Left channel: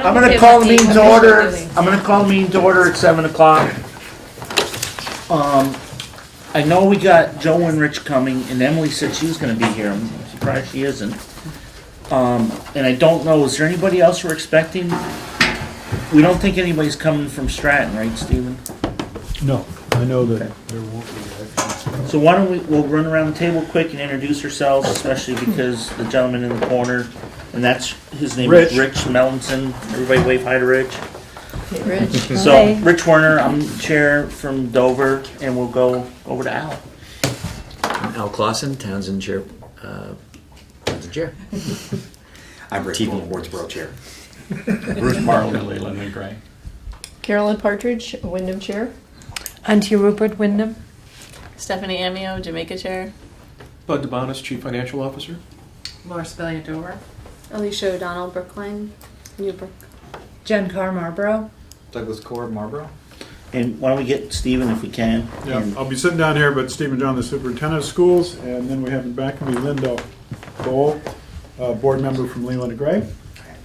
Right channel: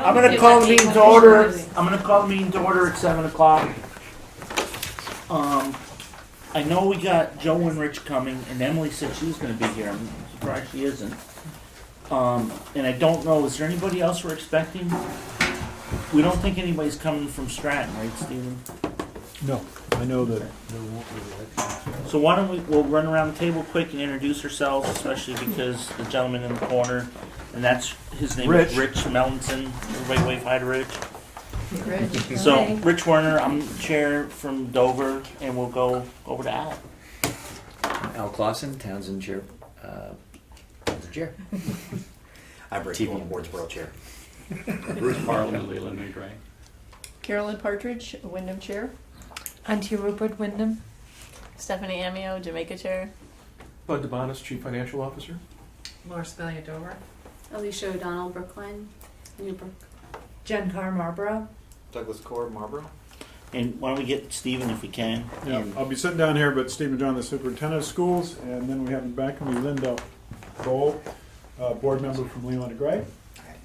I'm going to call the meeting to order. I'm going to call the meeting to order at 7 o'clock. I know we got Joe and Rich coming, and Emily said she was going to be here. I'm surprised she isn't. And I don't know, is there anybody else we're expecting? We don't think anybody's coming from Stratton, right, Stephen? No, I know that Okay. there won't be. So why don't we'll run around the table quick and introduce ourselves, especially because the gentleman in the corner, and that's, his name Rich. is Rich Mellinson. Everybody wave hi to Rich. Rich. So, Rich Werner, I'm chair from Dover, and we'll go over to Al. Al Clausen, Townsend Chair. Chair. I'm Rich Wardsboro Chair. Bruce Marlowe, Leland and Gray. Carolyn Partridge, Wyndham Chair. Auntie Rupert Wyndham. Stephanie Amio, Jamaica Chair. Bud DeBonis, Chief Financial Officer. Laura Spellia Dover. Alicia O'Donnell, Brookline, Newbrook. Jen Carr Marlboro. Douglas Cord, Marlboro. And why don't we get Stephen if we can? Yeah, And I'll be sitting down here, but Stephen John, the superintendent of schools, and then we have in back of me Linda Bowl, board member from Leland and Gray,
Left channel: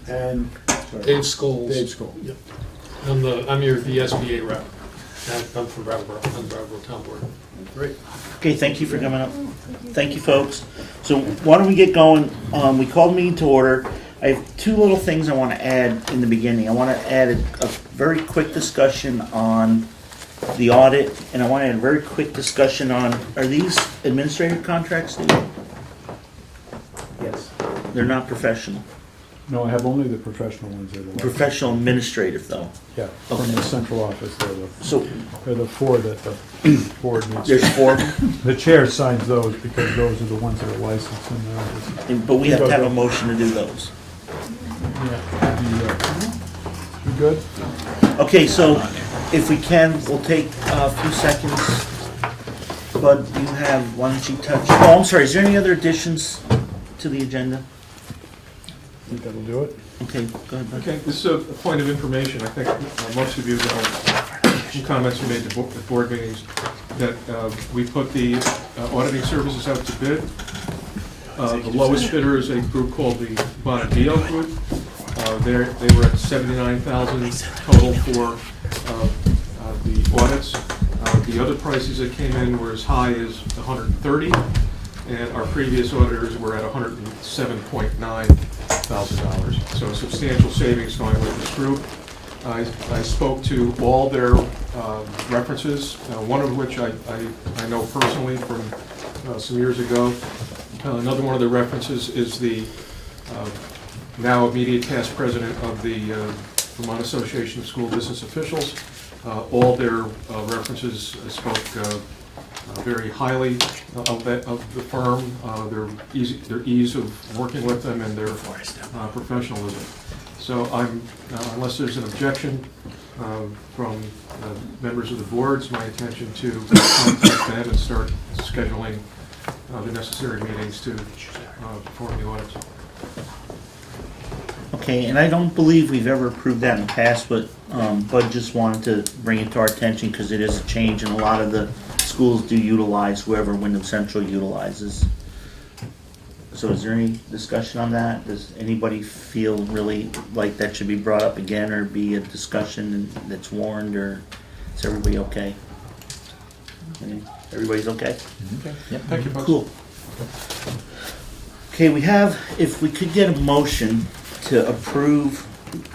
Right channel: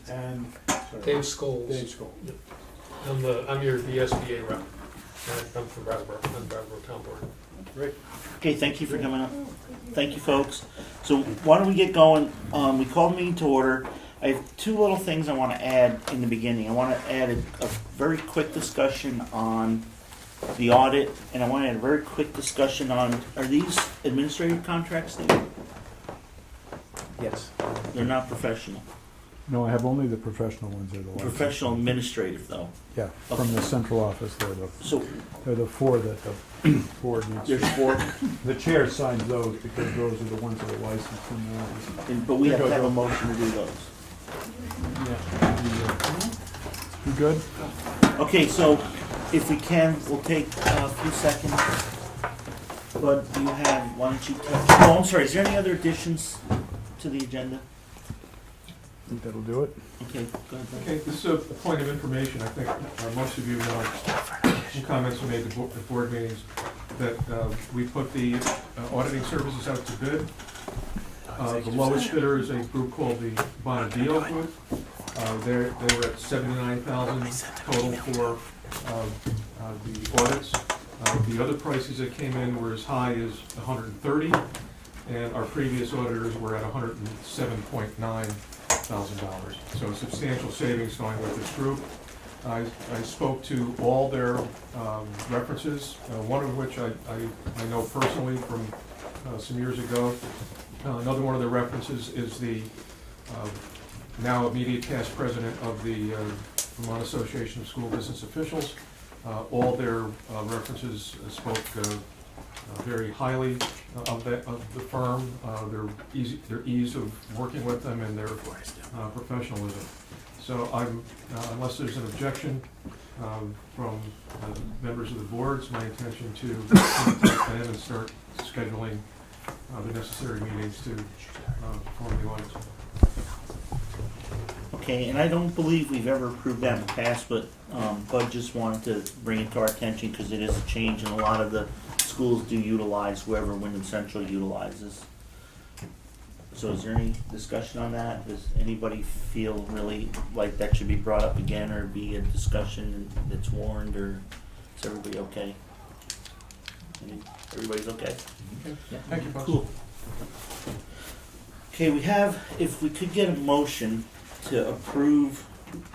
and sorry, Dave Scholes. Dave Scholl. Yep. I'm your VSBA rep. I'm from Brattleboro. I'm Brattleboro Town Board. Great. Okay, thank you for coming up. Thank you, folks. So why don't we get going? We called the meeting to order. I have two little things I want to add in the beginning. I want to add a very quick discussion on the audit, and I want to add a very quick discussion on, are these administrative contracts, Steve? Yes. They're not professional. No, I have only the professional ones. Professional administrative, though. Yeah, Okay. from the central office. So They're the four that the board needs. there's four, The chair signs those because those are the ones that are licensed in the office. but we have to have a motion to do those. Yeah. You good? Okay, so if we can, we'll take a few seconds. Bud, you have, why don't you touch, oh, I'm sorry, is there any other additions to the agenda? I think that'll do it. Okay, go ahead, Bud. Okay, this is a point of information. I think most of you know, some comments we made at board meetings, that we put the auditing services out to bid. The lowest bidder is a group called the Bonadillo Group. They were at $79,000 total for the audits. The other prices that came in were as high as $130,000, and our previous auditors were at $107.9 thousand. So a substantial savings going with this group. I spoke to all their references, one of which I know personally from some years ago. Another one of the references is the now immediate past president of the Vermont Association of School Business Officials. All their references spoke very highly of the firm, their ease of working with them, and their professionalism. So unless there's an objection from members of the boards, my intention to contact them and start scheduling the necessary meetings to perform the audits. Okay, and I don't believe we've ever approved that in the past, but Bud just wanted to bring it to our attention because it is a change, and a lot of the schools do utilize whoever Wyndham Central utilizes. So is there any discussion on that? Does anybody feel really like that should be brought up again or be a discussion that's warned, or is everybody okay? Everybody's okay? Okay. Thank you, folks. Cool. Okay, we have, if we could get a motion to approve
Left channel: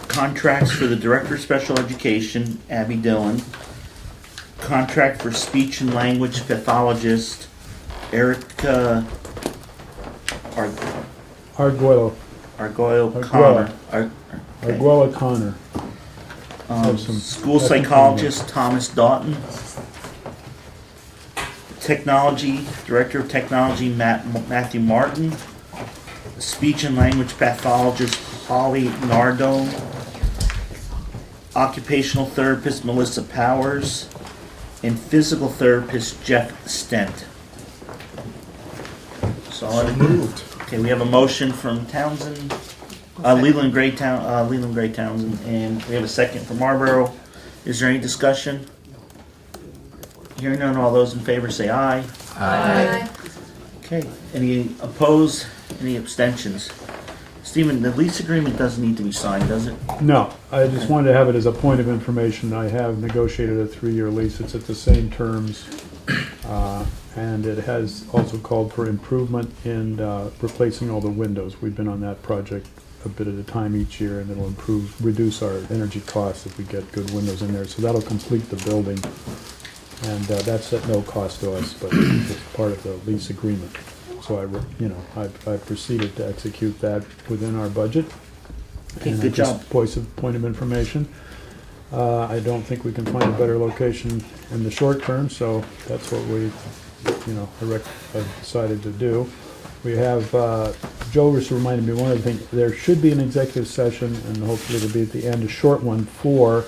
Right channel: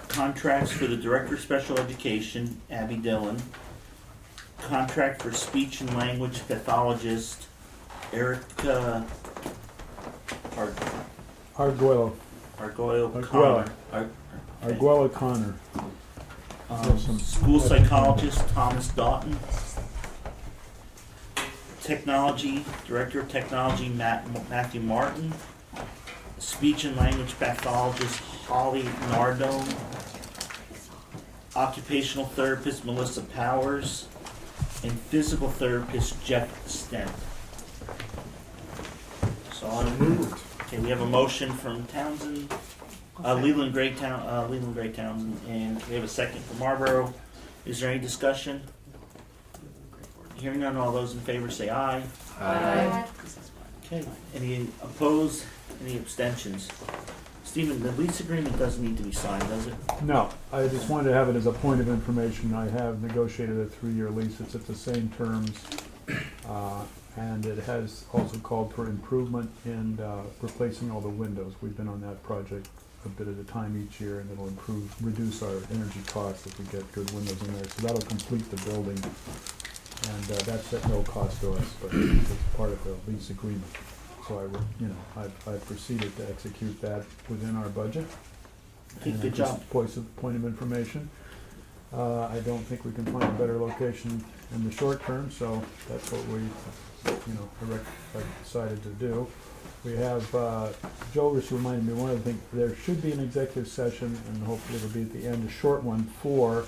contracts for the Director of Special Education, Abby Dillon, contract for speech and language pathologist, Erica Arguello Connor. Arguello Connor. School psychologist, Thomas Doughton. Technology, Director of Technology, Matthew Martin. Speech and language pathologist, Holly Nardone. Occupational therapist, Melissa Powers. And physical therapist, Jeff Stent. So moved. Okay, we have a motion from Townsend, Leland Gray Townsend, and we have a second from Marlboro. Is there any discussion? Hearing none, all those in favor say aye. Aye. Okay, any opposed, any abstentions? Stephen, the lease agreement doesn't need to be signed, does it? No, I just wanted to have it as a point of information. I have negotiated a 3-year lease. It's at the same terms. And it has also called for improvement in replacing all the windows. We've been on that project a bit at a time each year, and it'll reduce our energy costs if we get good windows in there. So that'll complete the building. And that's at no cost to us, but it's part of the lease agreement. So I've proceeded to execute that within our budget. Okay, And good just job. point of information. I don't think we can find a better location in the short term, so that's what we, I've decided to do. We have, Joe just reminded me one other thing. There should be an executive session, and hopefully it'll be at the end, a short one for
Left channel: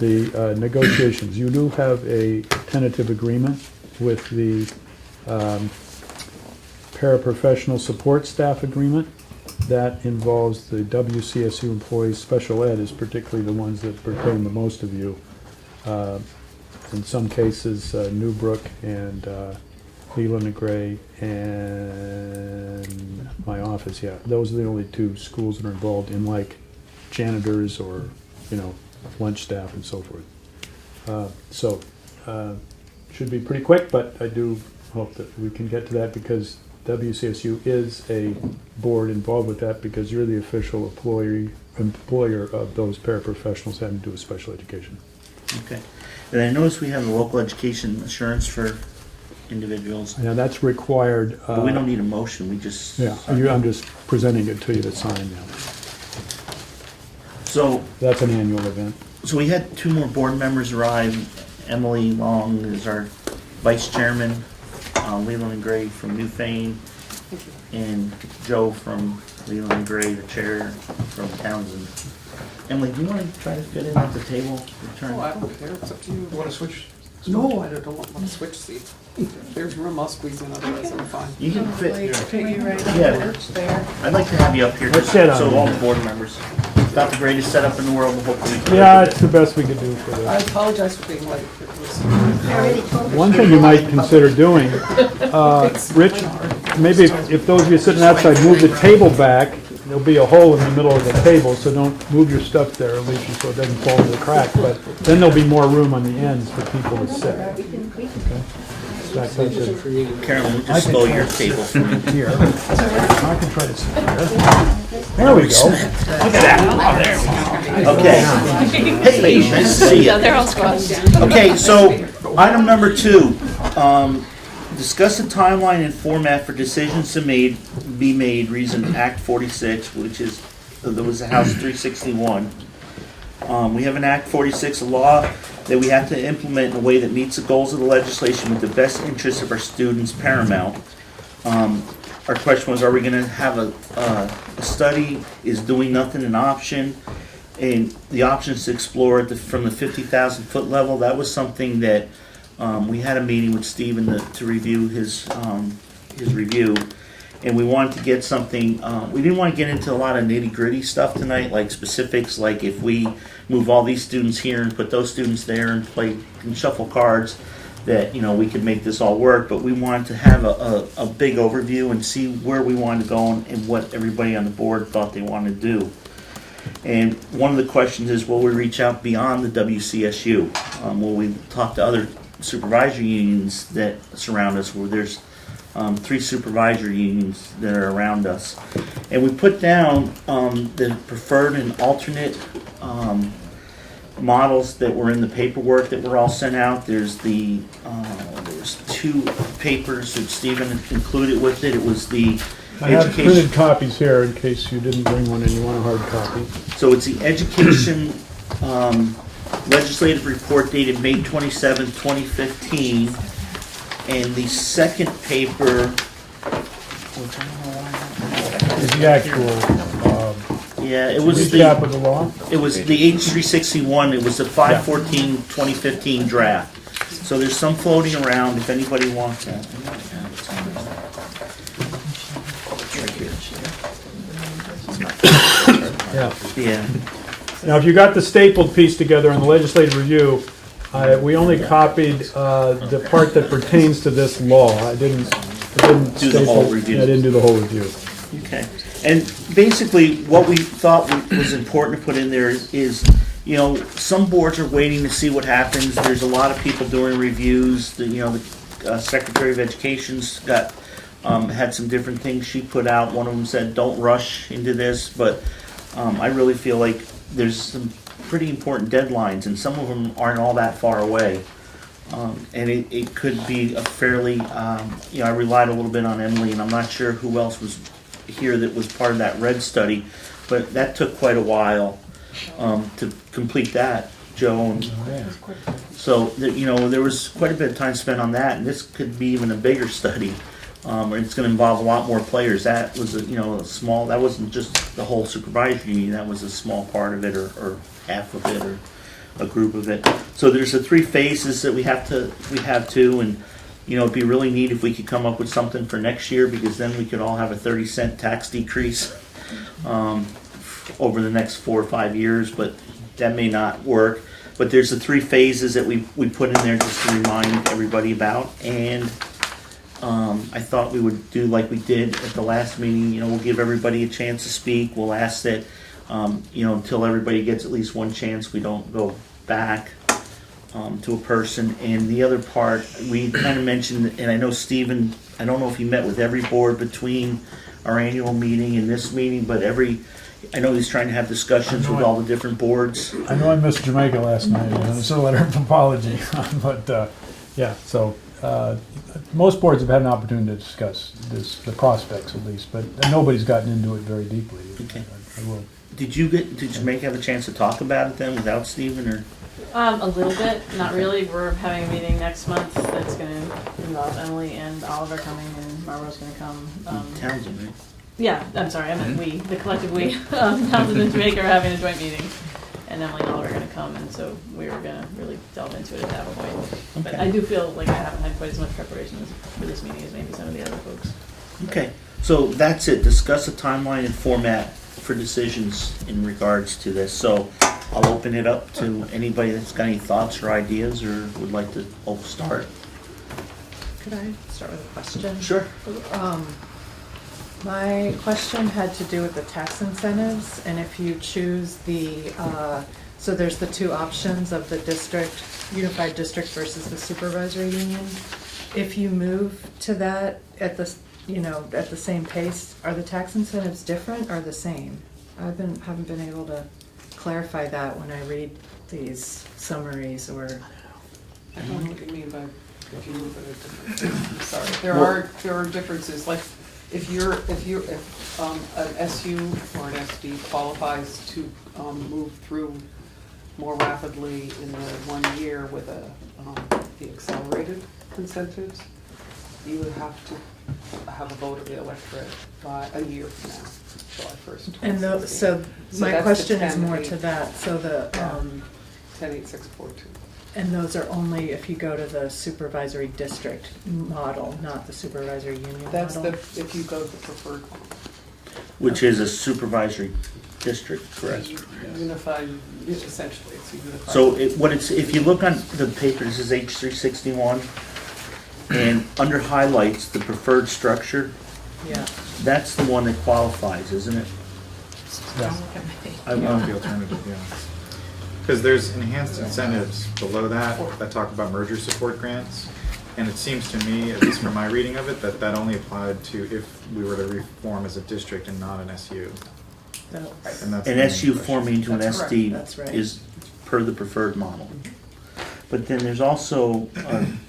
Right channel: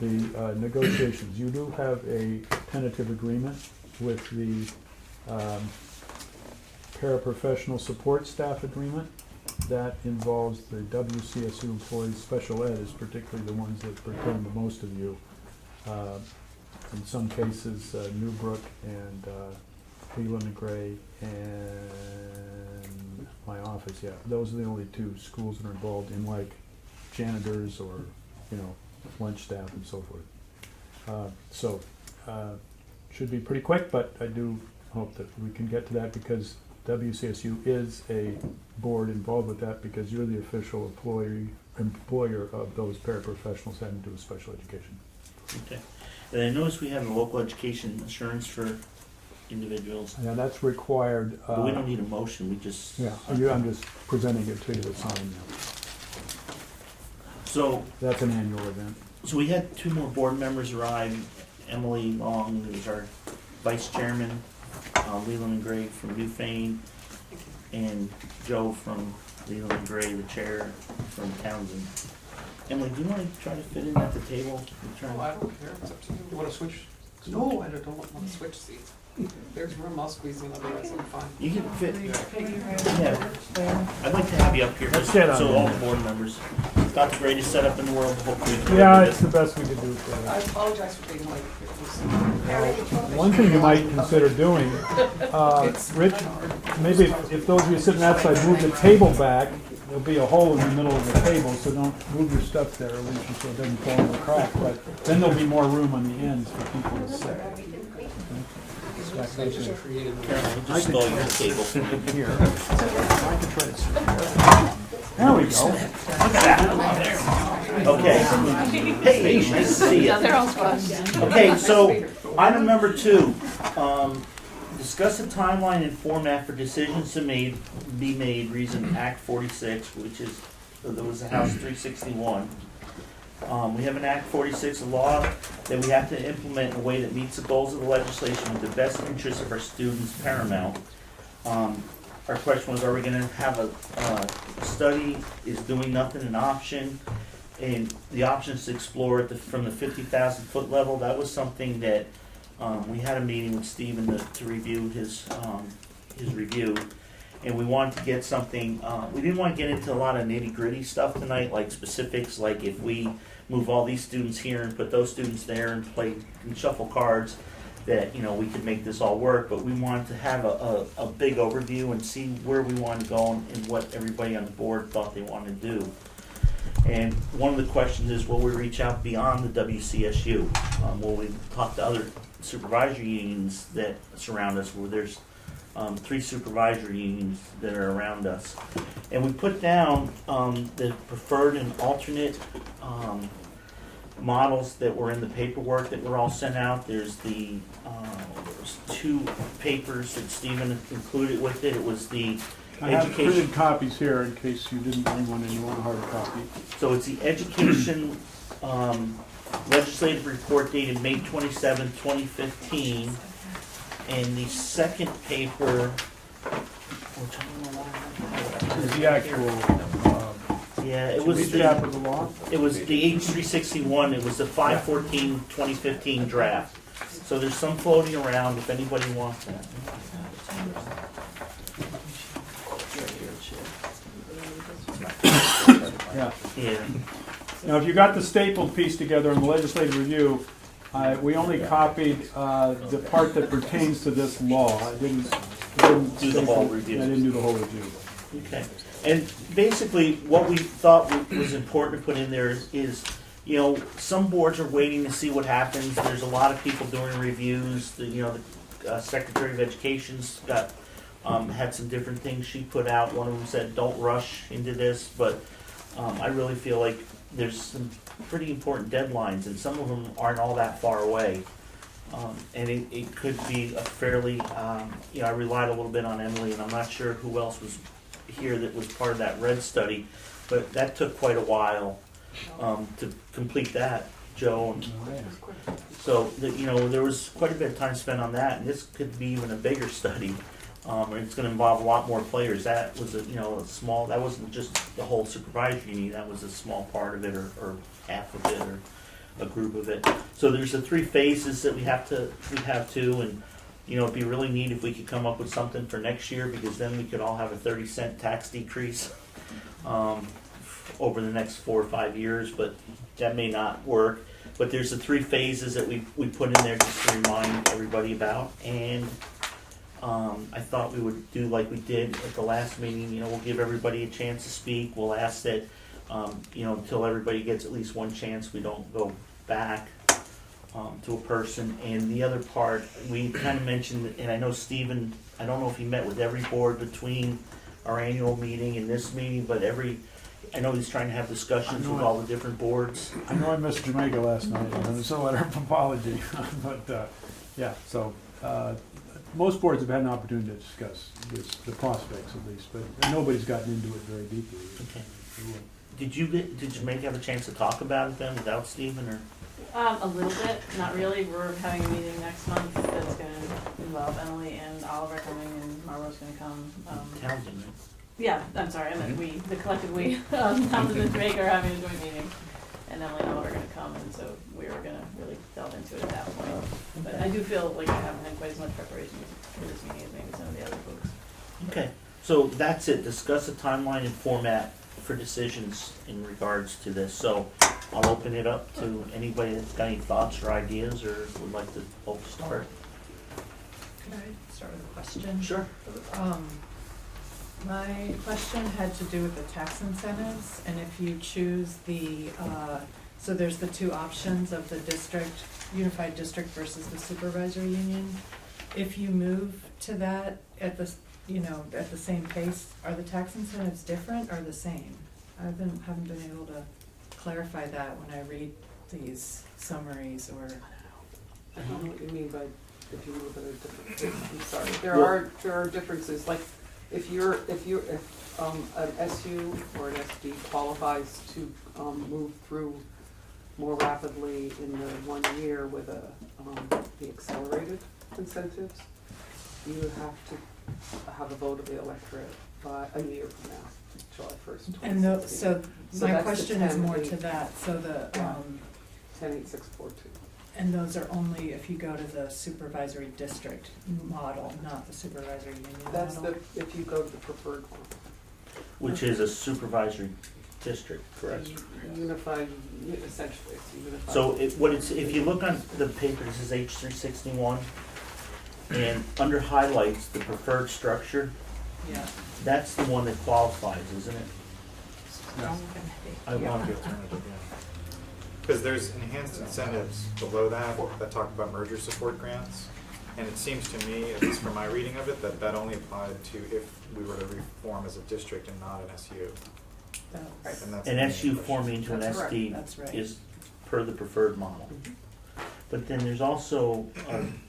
the negotiations. You do have a tentative agreement with the paraprofessional support staff agreement. That involves the WCSU employees. Special ed is particularly the ones that pertain the most of you. In some cases, Newbrook and Leland and Gray and my office, yeah. Those are the only 2 schools that are involved in like janitors or, lunch staff and so forth. Should be pretty quick, but I do hope that we can get to that because WCSU is a board involved with that because you're the official employer of those paraprofessionals having to do with special education. Okay. And I noticed we have the local education assurance for individuals. Now that's required. But we don't need a motion, we just. Yeah, I'm just presenting it to you to sign now. So, That's an annual event. so we had 2 more board members arrive. Emily Long is our vice chairman, Leland and Gray from Newfane, and Joe from Leland and Gray, the chair from Townsend. Emily, do you want to try to fit in at the table? Return? Oh, I don't care, it's up to you. You want to switch? No, I don't want to switch seats. If there's room, I'll squeeze in, otherwise I'm fine. You can fit. Put you right Yeah. on the porch there. I'd like to have you up here, Let's just sit on so it. all the board members. It's not the greatest setup in the world, but hopefully. we can- Yeah, it's the best we can do for I this. apologize for being late. It was- One thing you might consider doing, Rich, maybe if those of you sitting outside move the table back, there'll be a hole in the middle of the table, so don't move your stuff there, Alicia, so it doesn't fall in the crack, but then there'll be more room on the ends for people to sit. Back like this. Carolyn, we just stole your table from you. Here. I can try to sit there. There we go. Okay. Hey, nice to see you. Yeah, they're all squashed. Okay, so item number 2, discuss the timeline and format for decisions to be made reason Act 46, which is, there was a House 361. We have an Act 46, a law that we have to implement in a way that meets the goals of the legislation with the best interests of our students paramount. Our question was, are we gonna have a study? Is doing nothing an option? And the options to explore from the 50,000-foot level, that was something that we had a meeting with Stephen to review his review. And we wanted to get something, we didn't want to get into a lot of nitty-gritty stuff tonight, like specifics, like if we move all these students here and put those students there and shuffle cards, that, we could make this all work. But we wanted to have a big overview and see where we wanted to go and what everybody on the board thought they wanted to do. And one of the questions is, will we reach out beyond the WCSU? Will we talk to other supervisory unions that surround us, where there's 3 supervisory unions that are around us? And we put down the preferred and alternate models that were in the paperwork that were all sent out. There's there's 2 papers that Stephen included with it. It was the I have education. printed copies here in case you didn't bring one and you want a hard copy. So it's the education legislative report dated May 27, 2015. And the second paper, which I don't know why I Is the actual yeah, it was recap of the law. it was the H361. It was the 5/14/2015 draft. So there's some floating around if anybody wants that. Yeah. Yeah. Now, if you got the stapled piece together on the legislative review, we only copied the part that pertains to this law. I didn't Do the whole staple- review. I didn't do the whole review. Okay, and basically, what we thought was important to put in there is, you know, some boards are waiting to see what happens. There's a lot of people doing reviews. The Secretary of Education's got, had some different things she put out. One of them said, don't rush into this, but I really feel like there's some pretty important deadlines, and some of them aren't all that far away. And it could be a fairly, you know, I relied a little bit on Emily, and I'm not sure who else was here that was part of that red study, but that took quite a while to complete that, Joe. And so, you know, there was quite a bit of time spent on that, and this could be even a bigger study. It's going to involve a lot more players. That was, you know, a small. That wasn't just the whole supervisory union. That was a small part of it, or half of it, or a group of it. So there's the 3 phases that we have to, and you know, it'd be really neat if we could come up with something for next year, because then we could all have a 30-cent tax decrease over the next 4 or 5 years. But that may not work. But there's the 3 phases that we put in there just to remind everybody about, and I thought we would do like we did at the last meeting. You know, we'll give everybody a chance to speak. We'll ask that, you know, until everybody gets at least one chance, we don't go back to a person. And the other part, we kind of mentioned, and I know Stephen, I don't know if he met with every board between our annual meeting and this meeting, but I know he's trying to have discussions with all the different boards. I know I missed Jamaica last night, and it's a letter of apology, but, yeah, so, most boards have had an opportunity to discuss the prospects at least, but nobody's gotten into it very deeply. Okay. I will. Did Jamaica have a chance to talk about it then without Stephen, or? A little bit, not really. We're having a meeting next month that's gonna involve Emily and Oliver coming, and Marlo's gonna come. Townsend, right? Yeah, I'm sorry, I meant we, the collective we. Townsend and Jamaica are having a joint meeting, and Emily and Oliver are gonna come, and so we were gonna really delve into it at that point. But Okay. I do feel like I haven't had quite as much preparation for this meeting as maybe some of the other folks. Okay, so that's it. Discuss a timeline and format for decisions in regards to this. So I'll open it up to anybody that's got any thoughts or ideas or would like to start. Could I start with a question? Sure. My question had to do with the tax incentives, and if you choose the, so there's the 2 options of the district, unified district versus the supervisory union. If you move to that at the, you know, at the same pace, are the tax incentives different or the same? Haven't been able to clarify that when I read these summaries, or. I don't know what you mean by if you move in a different, I'm sorry. There are differences, like if an SU or an SD qualifies to move through more rapidly in the 1 year with the accelerated incentives, you would have to have a vote of the electorate by a year from now, July 1st. And so my that's question the is more 10-8. to that, so the, 10.8642. and those are only if you go to the supervisory district model, not the supervisory union model? That's if you go to the preferred one. Which is a supervisory district, correct? Unified, essentially, it's a unified. So if you look on the paper, this is H361, and under highlights, the preferred structure, Yeah. that's the one that qualifies, isn't it? Yes. I want the alternative, yeah. Because there's enhanced incentives below that talk about merger support grants. And it seems to me, at least from my reading of it, that only applied to if we were to reform as a district and not an SU. That's- And that's An the SU main question. forming into an That's correct. SD That's right. is per the preferred model. But then there's also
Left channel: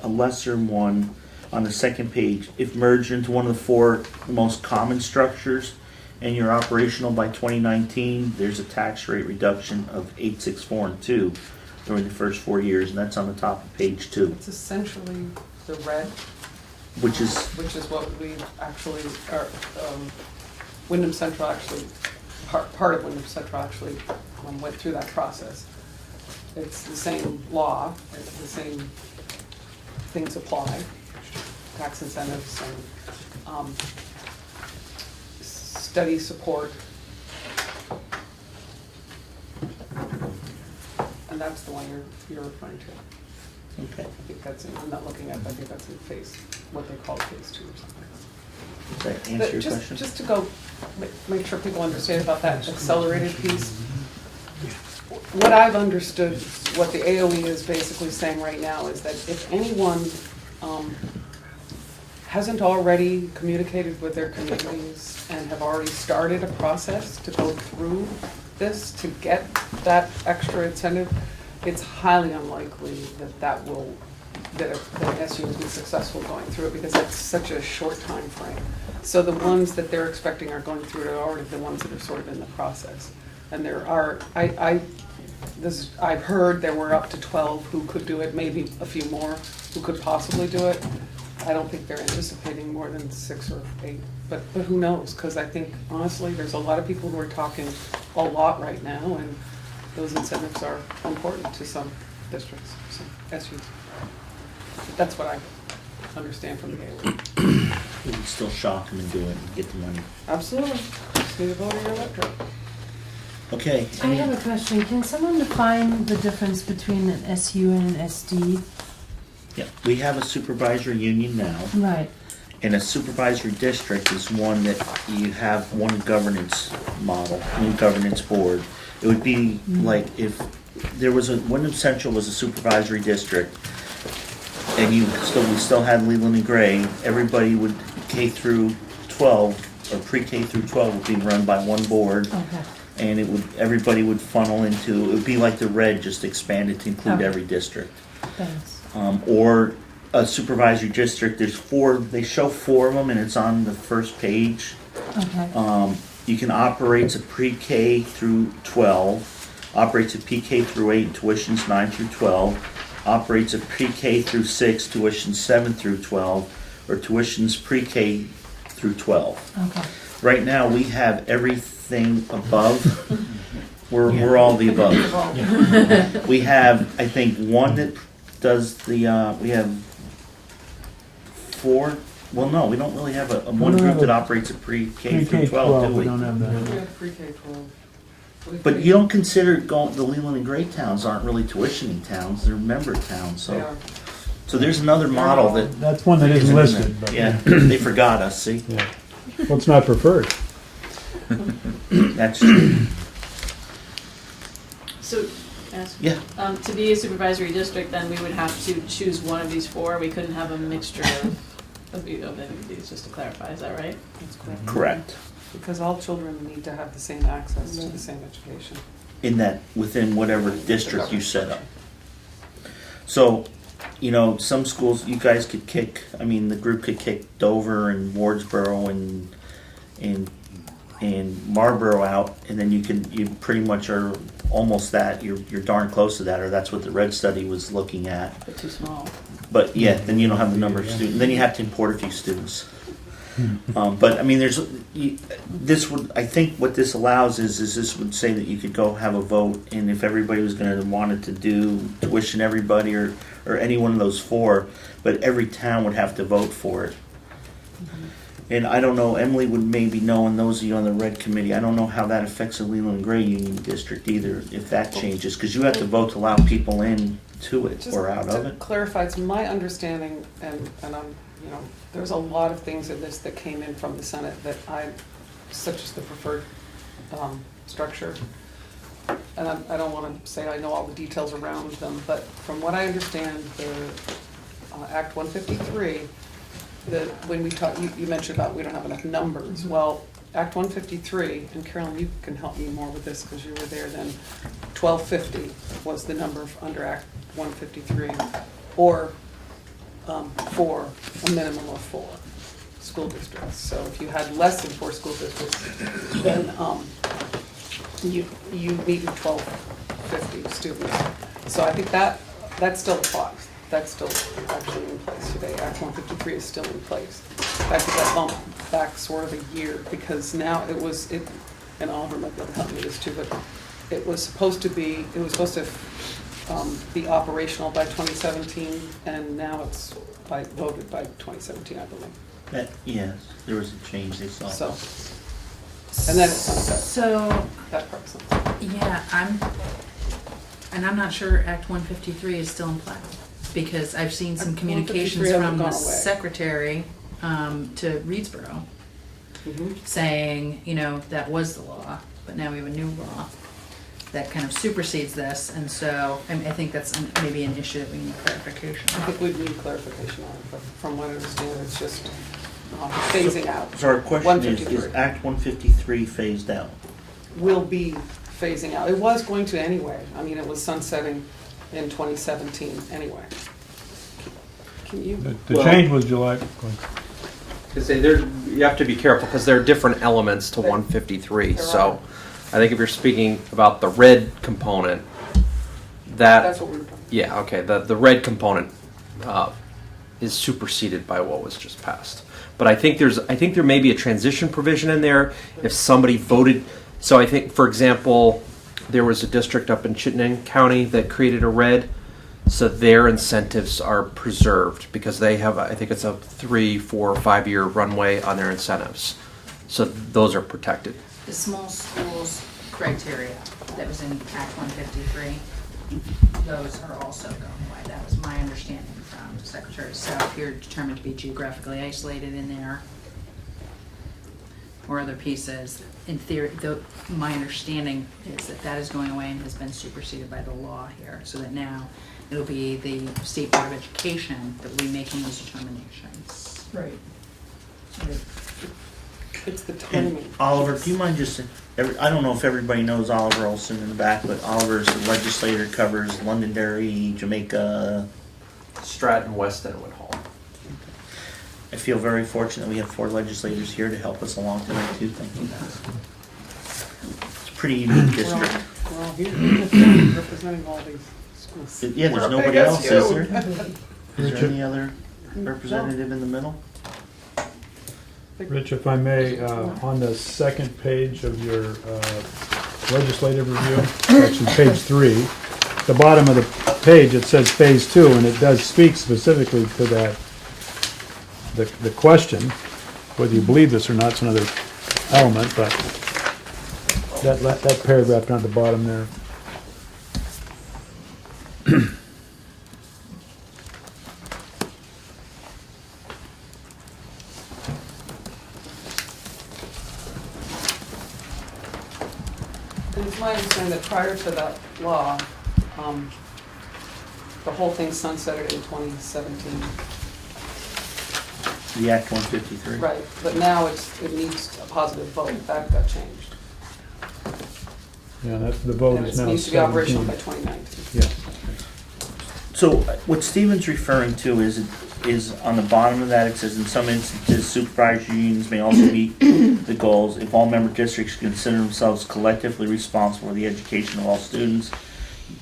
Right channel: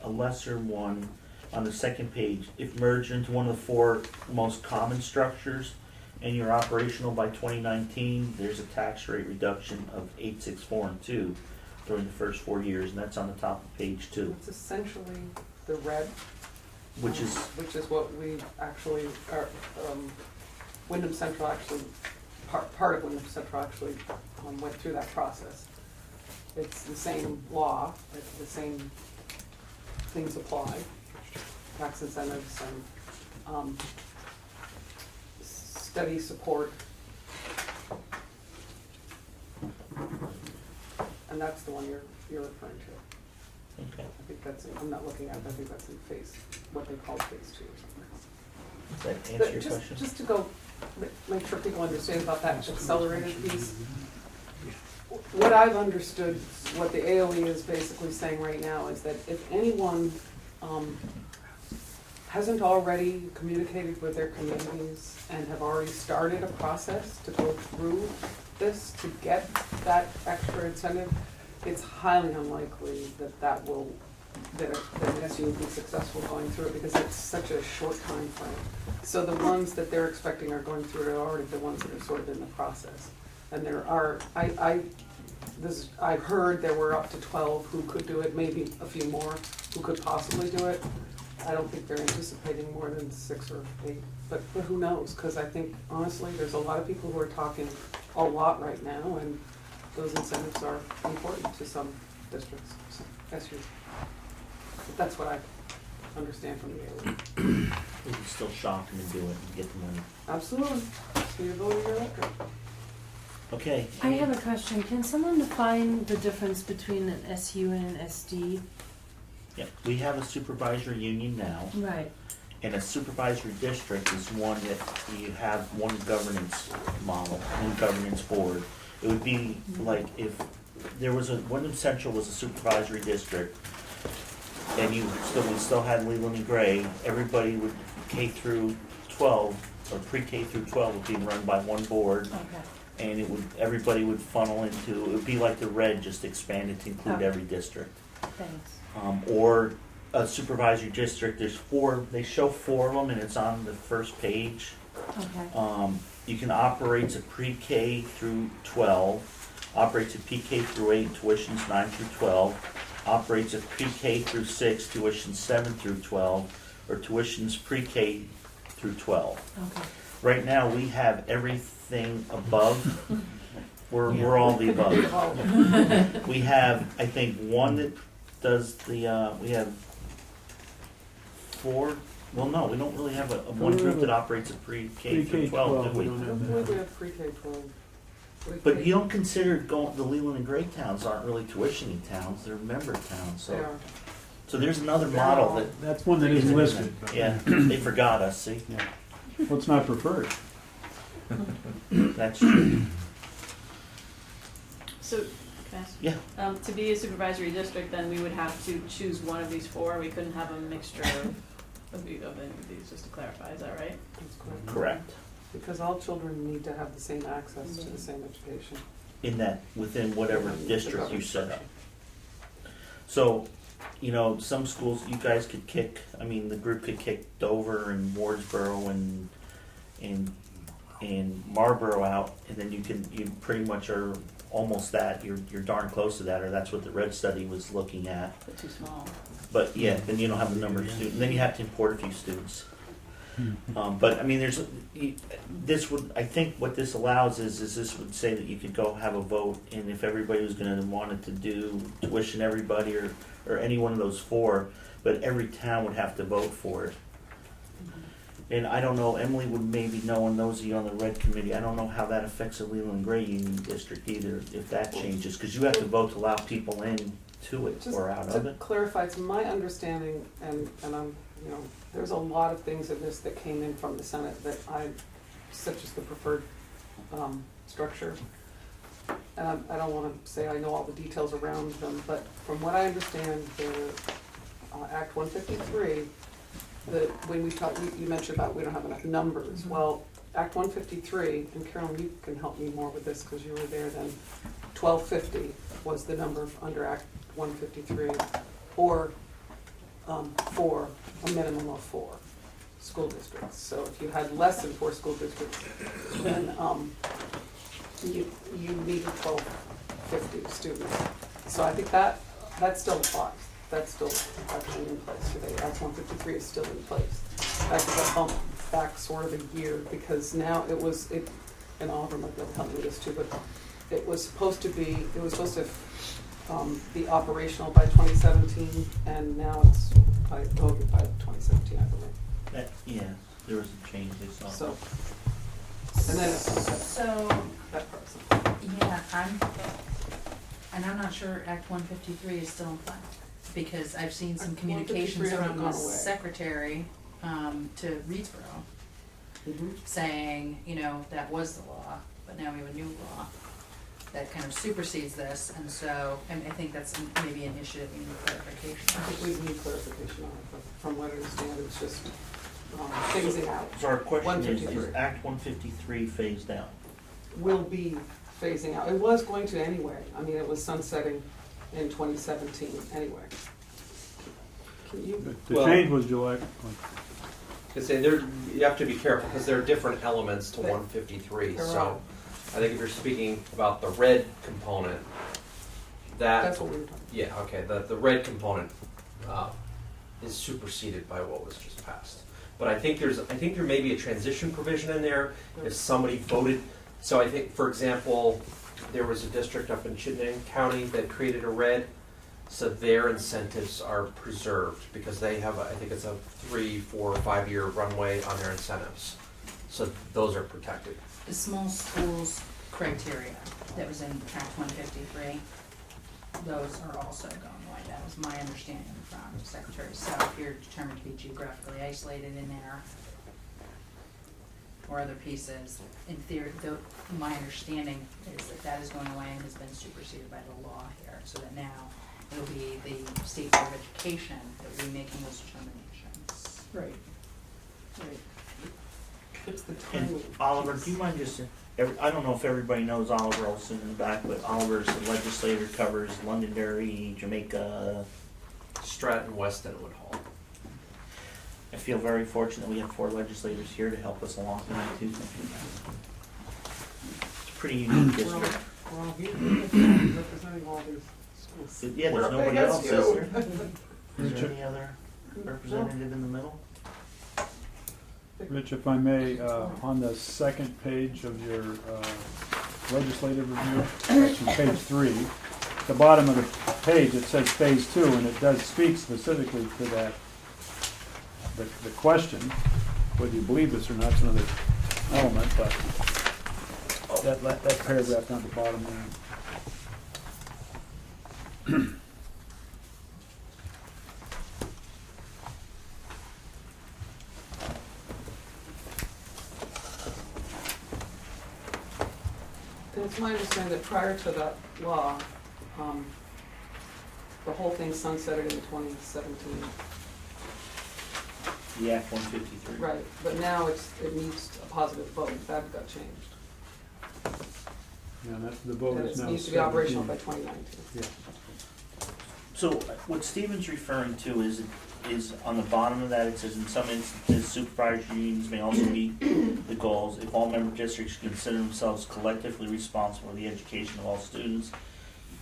a lesser one on the second page. If merged into one of the 4 most common structures and you're operational by 2019, there's a tax rate reduction of 864 and 2 during the first 4 years, and that's on the top of page 2, It's essentially the red. which is Which is what we actually, Wyndham Central actually, part of Wyndham Central actually went through that process. It's the same law, the same things apply, tax incentives and study support. and that's the one you're referring to. Okay. I think that's, I'm not looking at it, but I think that's in phase, what they call phase 2 or something. Does that But answer your question? just to go, make sure people understand about that accelerated piece. What I've understood, what the AOE is basically saying right now is that if anyone hasn't already communicated with their communities and have already started a process to go through this to get that extra incentive, it's highly unlikely that an SU will be successful going through it because it's such a short time frame. So the ones that they're expecting are going through it are already the ones that are sort of in the process. And there are, I've heard there were up to 12 who could do it, maybe a few more who could possibly do it. I don't think they're anticipating more than 6 or 8, but who knows? Because I think honestly, there's a lot of people who are talking a lot right now, and those incentives are important to some districts, some SUs. But that's what I understand from the AOE. We can still shock them and do it and get the money. Absolutely. Just need a vote of your electorate. Okay. I have a question. Can someone define the difference between an SU and an SD? Yeah, we have a supervisory union now, Right. and a supervisory district is one that you have one governance model, one governance board. It would be like if there was Wyndham Central was a supervisory district, and we still had Leland and Gray, everybody would K through 12, or pre-K through 12 would be run by one board. Okay. And everybody would funnel into, it would be like the red, just expanded to include Okay. every district. Thanks. Or a supervisory district, there's 4, they show 4 of them and it's on the first page. Okay. You can operate a pre-K through 12, operates a PK through 8, tuitions 9 through 12, operates a pre-K through 6, tuitions 7 through 12, or tuitions pre-K through 12. Okay. Right now, we have everything above. We're all the above. We have, I think, one that does the, we have 4, well, no, we don't really have a one don't group have that a operates a pre-K through Pre-K 12, do we we? don't have that. We have pre-K 12. But you don't consider the Leland and Gray towns aren't really tuitioning towns, they're member towns, They so. are. So there's another model that. That's one that isn't in there. listed, but. Yeah, they forgot us, see? Yeah. Well, it's not preferred. That's true. So, can I ask? Yeah. To be a supervisory district, then we would have to choose one of these 4, we couldn't have a mixture of any of these, just to clarify, is that right? That's correct. Correct. Because all children need to have the same access to the same education. In that, within whatever district you set up. So, you know, some schools, you guys could kick, I mean, the group could kick Dover and Wardsboro and Marlboro out, and then you pretty much are almost that, you're darn close to that, or that's what the Red study was looking at. But too small. But yeah, then you don't have the number of students, then you have to import a few students. But I mean, I think what this allows is this would say that you could go have a vote, and if everybody was gonna wanted to do tuition everybody or any one of those 4, but every town would have to vote for it. And I don't know, Emily would maybe know, and those of you on the Red Committee, I don't know how that affects the Leland and Gray Union District either, if that changes, because you have to vote to allow people in to it Just or out of to it. clarify, it's my understanding, and I'm, you know, there's a lot of things in this that came in from the Senate that such as the preferred structure. And I don't wanna say I know all the details around them, but from what I understand, the Act 153, when we talked, you mentioned about we don't have enough numbers. Well, Act 153, and Carolyn, you can help me more with this because you were there then, 1250 was the number under Act 153, or 4, a minimum of 4 school districts. So if you had less than 4 school districts, then you needed 1250 students. So I think that still applies. That's still actually in place today. Act 153 is still in place. I took that bump back sort of a year because now and Oliver might be able to help me with this too, but it was supposed to be operational by 2017, and now it's voted by 2017, I believe. Yes, there was a change they saw. So, and then it's sunset. So, That part's sunset. yeah, And I'm not sure Act 153 is still in play, because I've seen some Act communications 153 hasn't from the gone away. secretary to Reedsboro Mhm. saying, you know, that was the law, but now we have a new law that kind of supersedes this, and so I think that's maybe an issue that we need clarification I on. think we need clarification on it, but from what I understand, it's just phasing out. So our question is 153. Act 153 phased out? Will be phasing out. It was going to anyway. I mean, it was sunsetting in 2017 anyway. Can you? The Well- change was July. Because you have to be careful because there are different elements to 153. There So are. I think if you're speaking about the red component, That's what we were talking. yeah, okay, the red component is superseded by what was just passed. But I think there may be a transition provision in there if somebody voted. So I think, for example, there was a district up in Chittenden County that created a red, so their incentives are preserved because they have, I think it's a 3, 4, 5 year runway on their incentives. So those are protected. The small schools criteria that was in Act 153, those are also going away. That was my understanding from Secretary So if you're determined to be geographically isolated in there or other pieces, in theory, my understanding is that that is going away and has been superseded by the law here, so that now it'll be the State Board of Education that will be making those determinations. Right. It's the And timing. Oliver, do you mind just, I don't know if everybody knows Oliver Olson in the back, but Oliver's the legislator, covers Londonderry, Jamaica. Stratton, Weston, and Woodhull. I feel very fortunate we have 4 legislators here to help us along tonight too. Thank you. It's a pretty unique district. Well, he's representing all these schools. Yeah, there's Well, nobody I guess else, is you. there? Is there any other representative in the middle? Rich, if I may, on the second page of your legislative review, actually page 3, the bottom of the page, it says phase 2, and it does speak specifically to that, the question, whether you believe this or not is another element, but that paragraph down at the bottom there. And it's my understanding that prior to that law, the whole thing sunsetted in 2017. The Act 153? Right, but now it needs a positive vote. That got changed. Yeah, the vote And is it now needs to be operational by 17. 2019. Yeah. So what Stephen's referring to is on the bottom of that, it says in some instances supervisory unions may also meet the goals if all member districts consider themselves collectively responsible for the education of all students.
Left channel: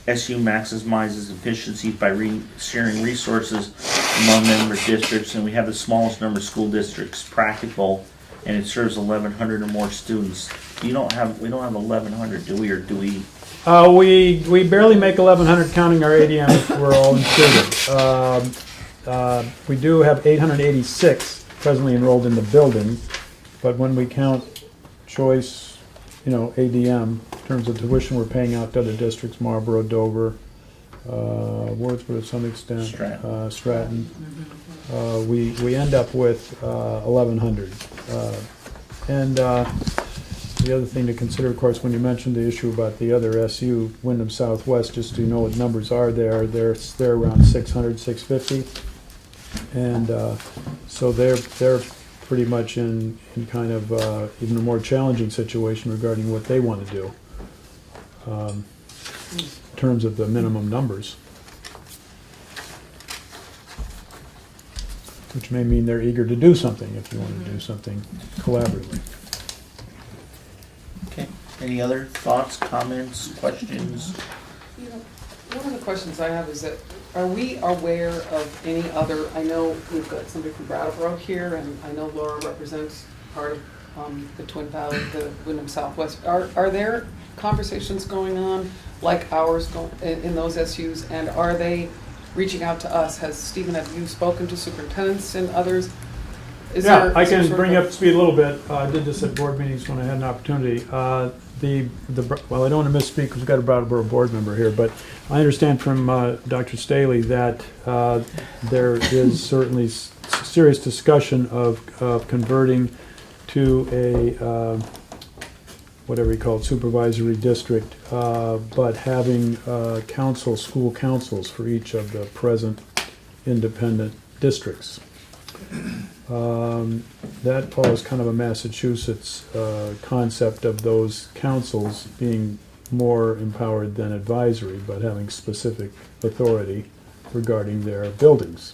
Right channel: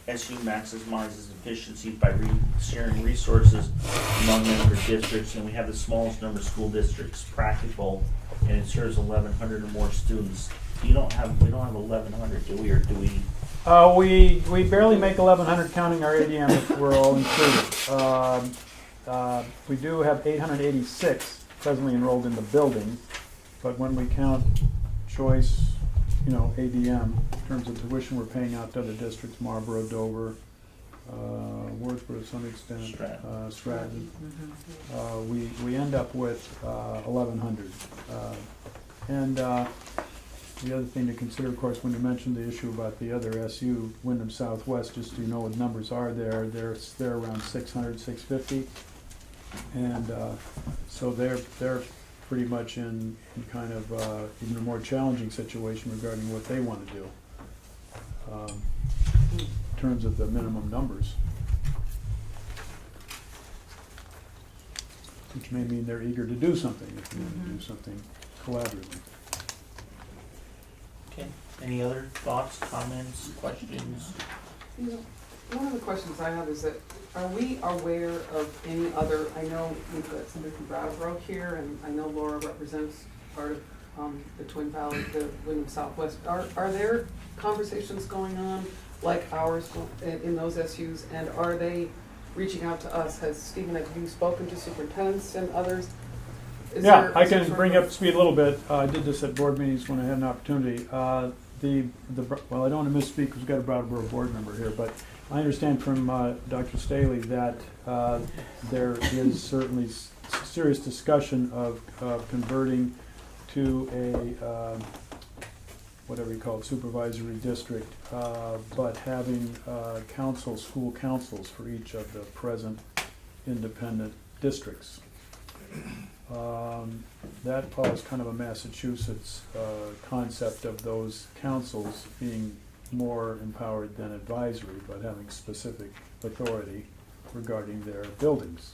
SU maximizes efficiency by sharing resources among member districts, and we have the smallest number of school districts practical, and it serves 1,100 or more students. We don't have 1,100, do we, or do we? We barely make 1,100 counting our ADM if we're all included. We do have 886 presently enrolled in the building, but when we count choice, ADM, in terms of tuition we're paying out to other districts, Marlboro, Dover, Wordsworth to some extent, Stratton, we end up with 1,100. And the other thing to consider, of course, when you mentioned the issue about the other SU, Wyndham Southwest, just so you know what numbers are there, they're around 600, 650. And so they're pretty much in kind of even a more challenging situation regarding what they want to do in terms of the minimum numbers. Which may mean they're eager to do something if you want to do something collaboratively. Okay. Any other thoughts, comments, questions? One of the questions I have is that, are we aware of any other, I know we've got somebody from Brattleboro here, and I know Laura represents part of the Twin Valley, the Wyndham Southwest. Are there conversations going on like ours in those SUs, and are they reaching out to us? Stephen, have you spoken to superintendents and others? I can bring you up to speed a little bit. I did this at board meetings when I had an opportunity. well, I don't want to misspeak, because we've got a Brattleboro board member here, but I understand from Dr. Staley that there is certainly serious discussion of converting to a, whatever you call it, supervisory district, but having school councils for each of the present independent districts. That follows kind of a Massachusetts concept of those councils being more empowered than advisory, but having specific authority regarding their buildings.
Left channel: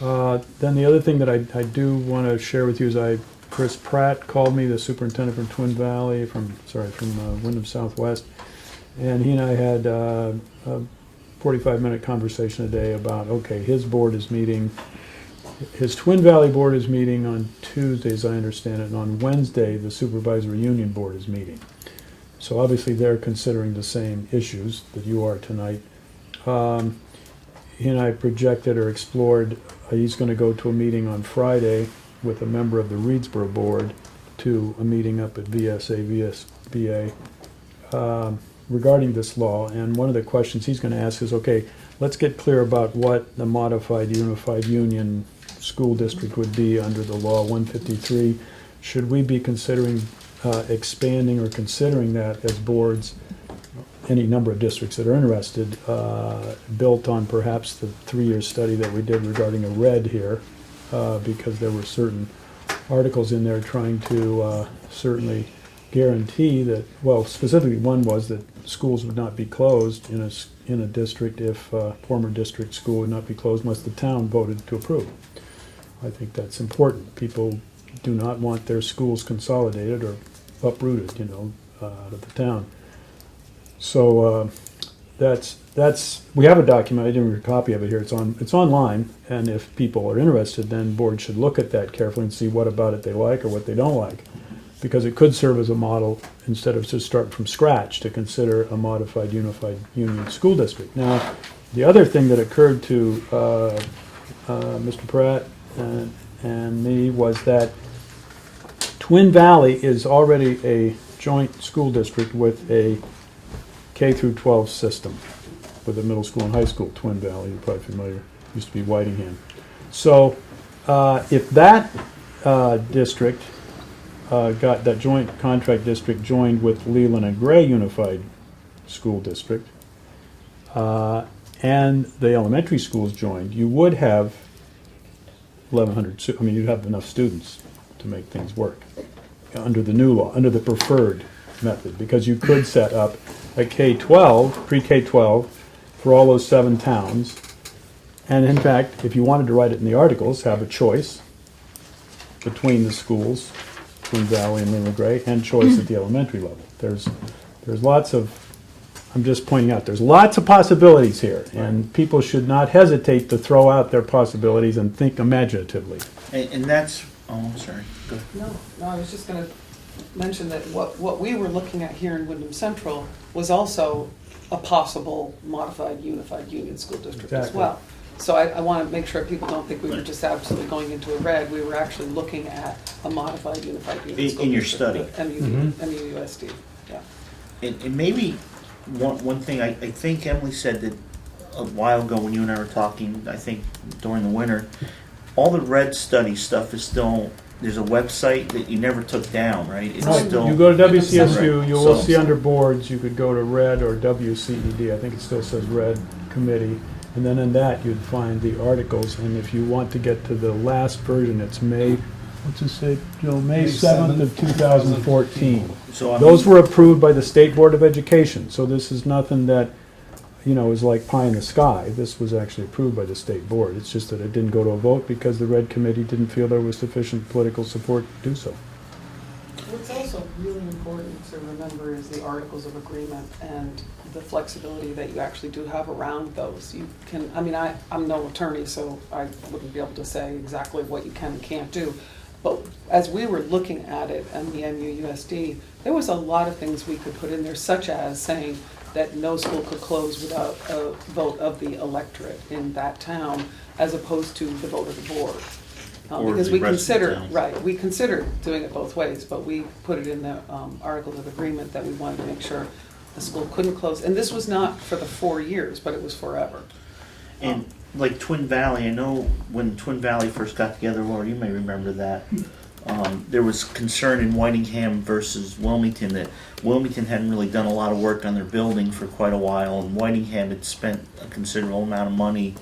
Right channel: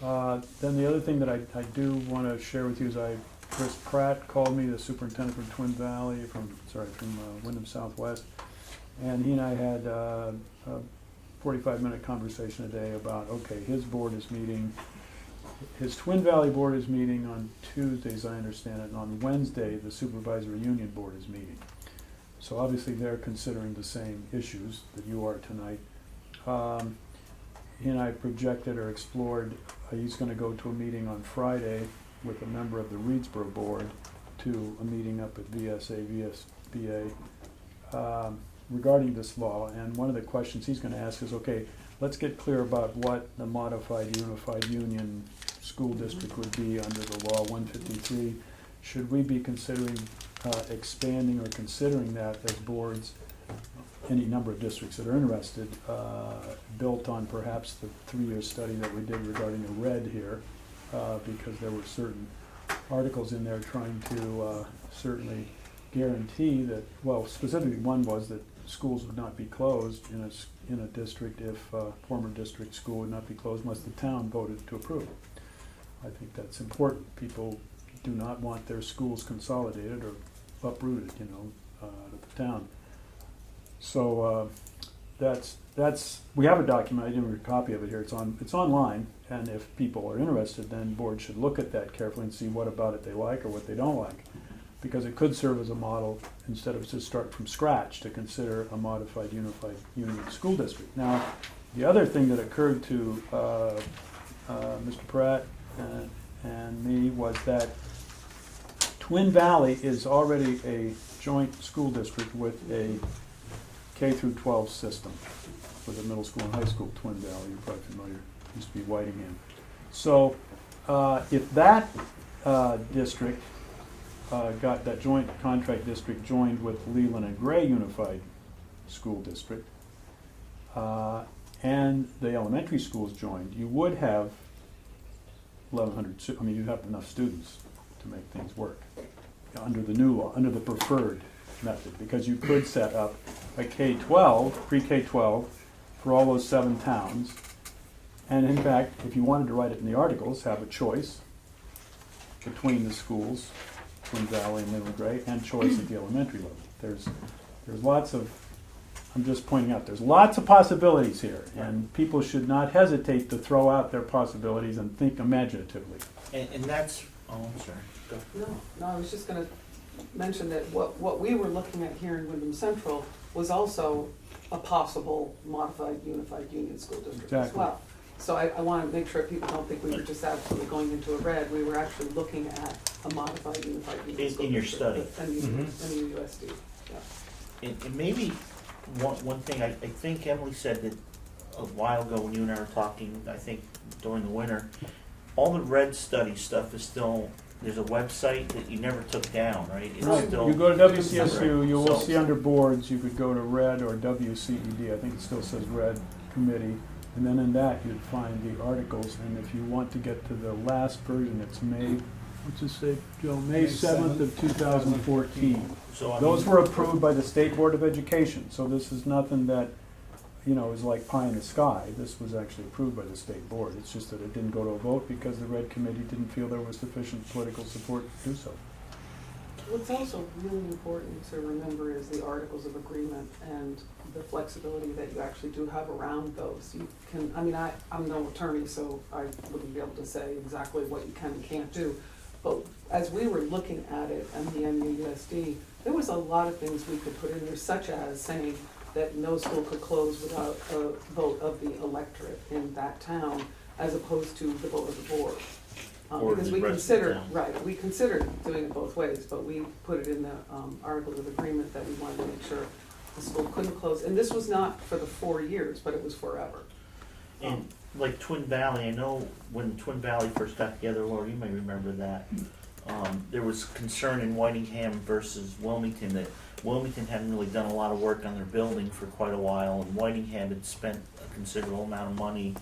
Then the other thing that I do want to share with you is Chris Pratt called me, the superintendent from Twin Valley, from Wyndham Southwest, and he and I had a 45-minute conversation today about, okay, his board is meeting, his Twin Valley board is meeting on Tuesday, as I understand it, and on Wednesday, the supervisory union board is meeting. So obviously they're considering the same issues that you are tonight. He and I projected or explored, he's going to go to a meeting on Friday with a member of the Reedsboro board to a meeting up at VSBA regarding this law. And one of the questions he's going to ask is, okay, let's get clear about what the modified unified union school district would be under the law 153. Should we be considering expanding or considering that as boards, any number of districts that are interested, built on perhaps the 3-year study that we did regarding a red here, because there were certain articles in there trying to certainly guarantee that, well, specifically one was that schools would not be closed in a district if former district school would not be closed unless the town voted to approve. I think that's important. People do not want their schools consolidated or uprooted, out of the town. So we have a document. I didn't read a copy of it here. It's online, and if people are interested, then board should look at that carefully and see what about it they like or what they don't like, because it could serve as a model instead of just start from scratch to consider a modified unified union school district. Now, the other thing that occurred to Mr. Pratt and me was that Twin Valley is already a joint school district with a K through 12 system with a middle school and high school. Twin Valley, you're probably familiar, used to be Whitingham. So if that district got that joint contract district joined with Leland and Gray Unified School District, and the elementary schools joined, you would have 1,100, you'd have enough students to make things work under the new law, under the preferred method, because you could set up a K-12, pre-K-12, for all those 7 towns, and in fact, if you wanted to write it in the articles, have a choice between the schools, Twin Valley and Leland Gray, and choice at the elementary level. There's lots of, I'm just pointing out, there's lots of possibilities here, and people should not hesitate to throw out their possibilities and think imaginatively. And that's, I'm sorry, go ahead. No, I was just gonna mention that what we were looking at here in Wyndham Central was also a possible modified unified union school district as Exactly. well. So I want to make sure people don't think we were just absolutely going into a red. We were actually looking at a modified unified union school In your district. study. MUUSD, yeah. And maybe one thing, I think Emily said that a while ago when you and I were talking, I think during the winter, all the red study stuff is still, there's a website that you never took down, right? It's still. You go to WCSU, Right. you will So- see under boards, you could go to red or WCED, I think it still says red committee, and then in that you'd find the articles, and if you want to get to the last version, it's what's it say, Joe, May 7th of 2014. So Those were approved by the State Board of Education, so this is nothing that, is like pie in the sky. This was actually approved by the state board. It's just that it didn't go to a vote because the red committee didn't feel there was sufficient political support to do so. What's also really important to remember is the articles of agreement and the flexibility that you actually do have around those. You can, I'm no attorney, so I wouldn't be able to say exactly what you can and can't do. But as we were looking at it and the MUUSD, there was a lot of things we could put in there, such as saying that no school could close without a vote of the electorate in that town, as opposed to the vote of the board. Or Because the we rest of the considered, towns. right, we considered doing it both ways, but we put it in the Articles of Agreement that we wanted to make sure the school couldn't close. And this was not for the 4 years, but it was forever. And like Twin Valley, I know when Twin Valley first got together, Laura, you may remember that. There was concern in Whitingham versus Wilmington that Wilmington hadn't really done a lot of work on their building for quite a while, and Whitingham had spent a considerable amount of money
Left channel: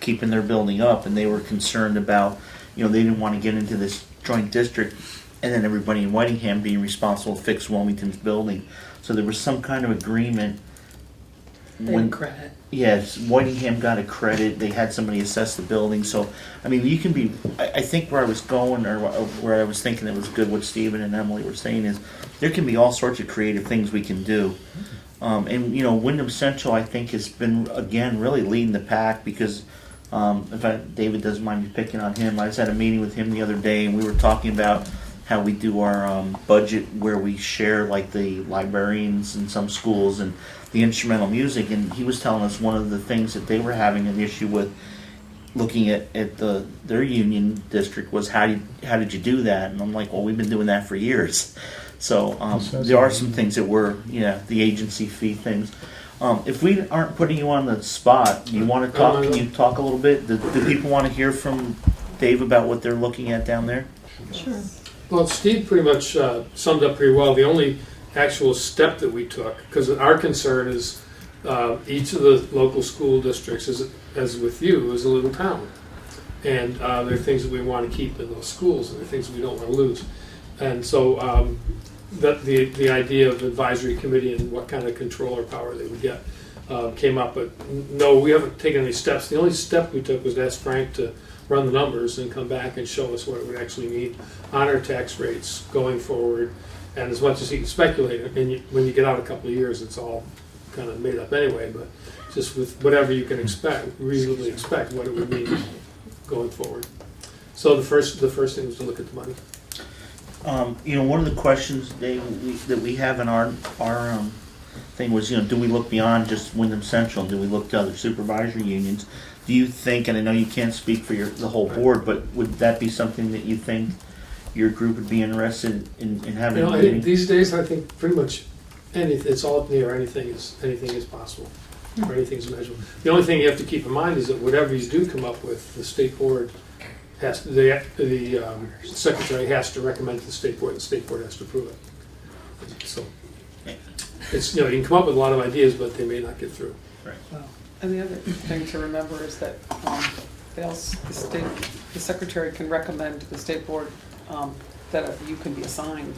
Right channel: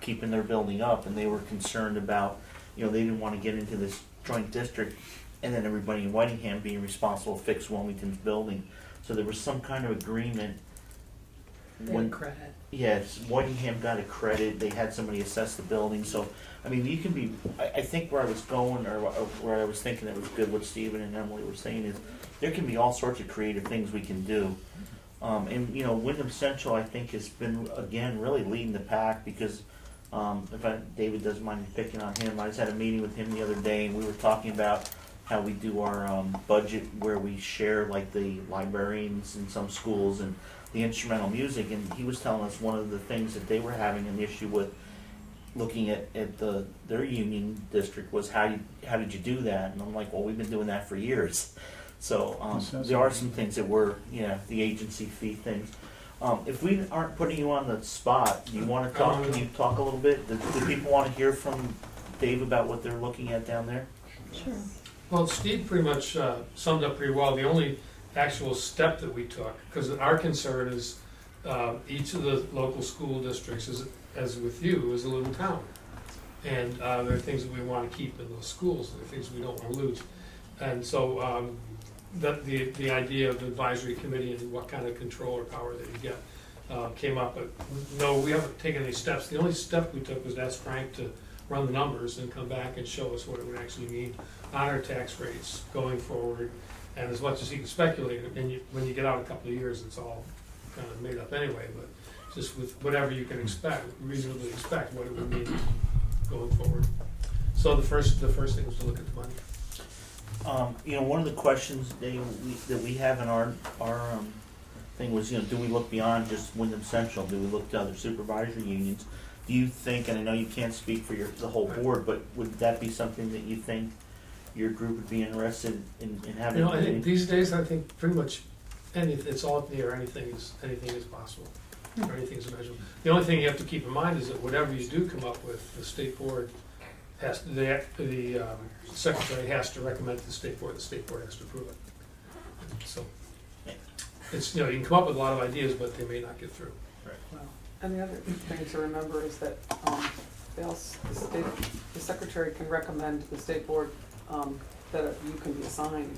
keeping their building up, and they were concerned about, they didn't want to get into this joint district and then everybody in Whitingham being responsible to fix Wilmington's building. So there was some kind of agreement. Credit. Yes, Whitingham got a credit, they had somebody assess the building, so, you can be, I think where I was going, or where I was thinking it was good, what Stephen and Emily were saying is, there can be all sorts of creative things we can do. Wyndham Central, I think, has been, again, really leading the pack, because, in fact, David doesn't mind me picking on him, I just had a meeting with him the other day, and we were talking about how we do our budget, where we share, like, the librarians in some schools, and the instrumental music, and he was telling us one of the things that they were having an issue with looking at their union district was how did you do that? And I'm like, well, we've been doing that for years. So there are some things that were, the agency fee things. If we aren't putting you on the spot, you want to talk? Can you talk a little bit? Do people want to hear from Dave about what they're looking at down there? Sure. Well, Steve pretty much summed up pretty well. The only actual step that we took, because our concern is each of the local school districts, as with you, is a little town. And there are things that we want to keep in those schools, and there are things we don't want to lose. And so the idea of advisory committee and what kind of control or power they would get came up. But no, we haven't taken any steps. The only step we took was to ask Frank to run the numbers and come back and show us what it would actually mean on our tax rates going forward. And as much as he can speculate, and when you get out a couple of years, it's all kind of made up anyway, but just with whatever you can expect, reasonably expect what it would mean going forward. So the first thing was to look at the money. One of the questions, Dave, that we have in our thing was, do we look beyond just Wyndham Central? Do we look to other supervisory unions? Do you think, and I know you can't speak for the whole board, but would that be something that you think your group would be interested in having a meeting? These days, I think pretty much anything, it's all up in the air. Anything is possible, or anything is measurable. The only thing you have to keep in mind is that whatever you do come up with, the state board has to, the secretary has to recommend to the state board, and the state board has to approve it. So it's, you can come up with a lot of ideas, but they may not get through. And the other thing to remember is that the secretary can recommend to the state board that you can be assigned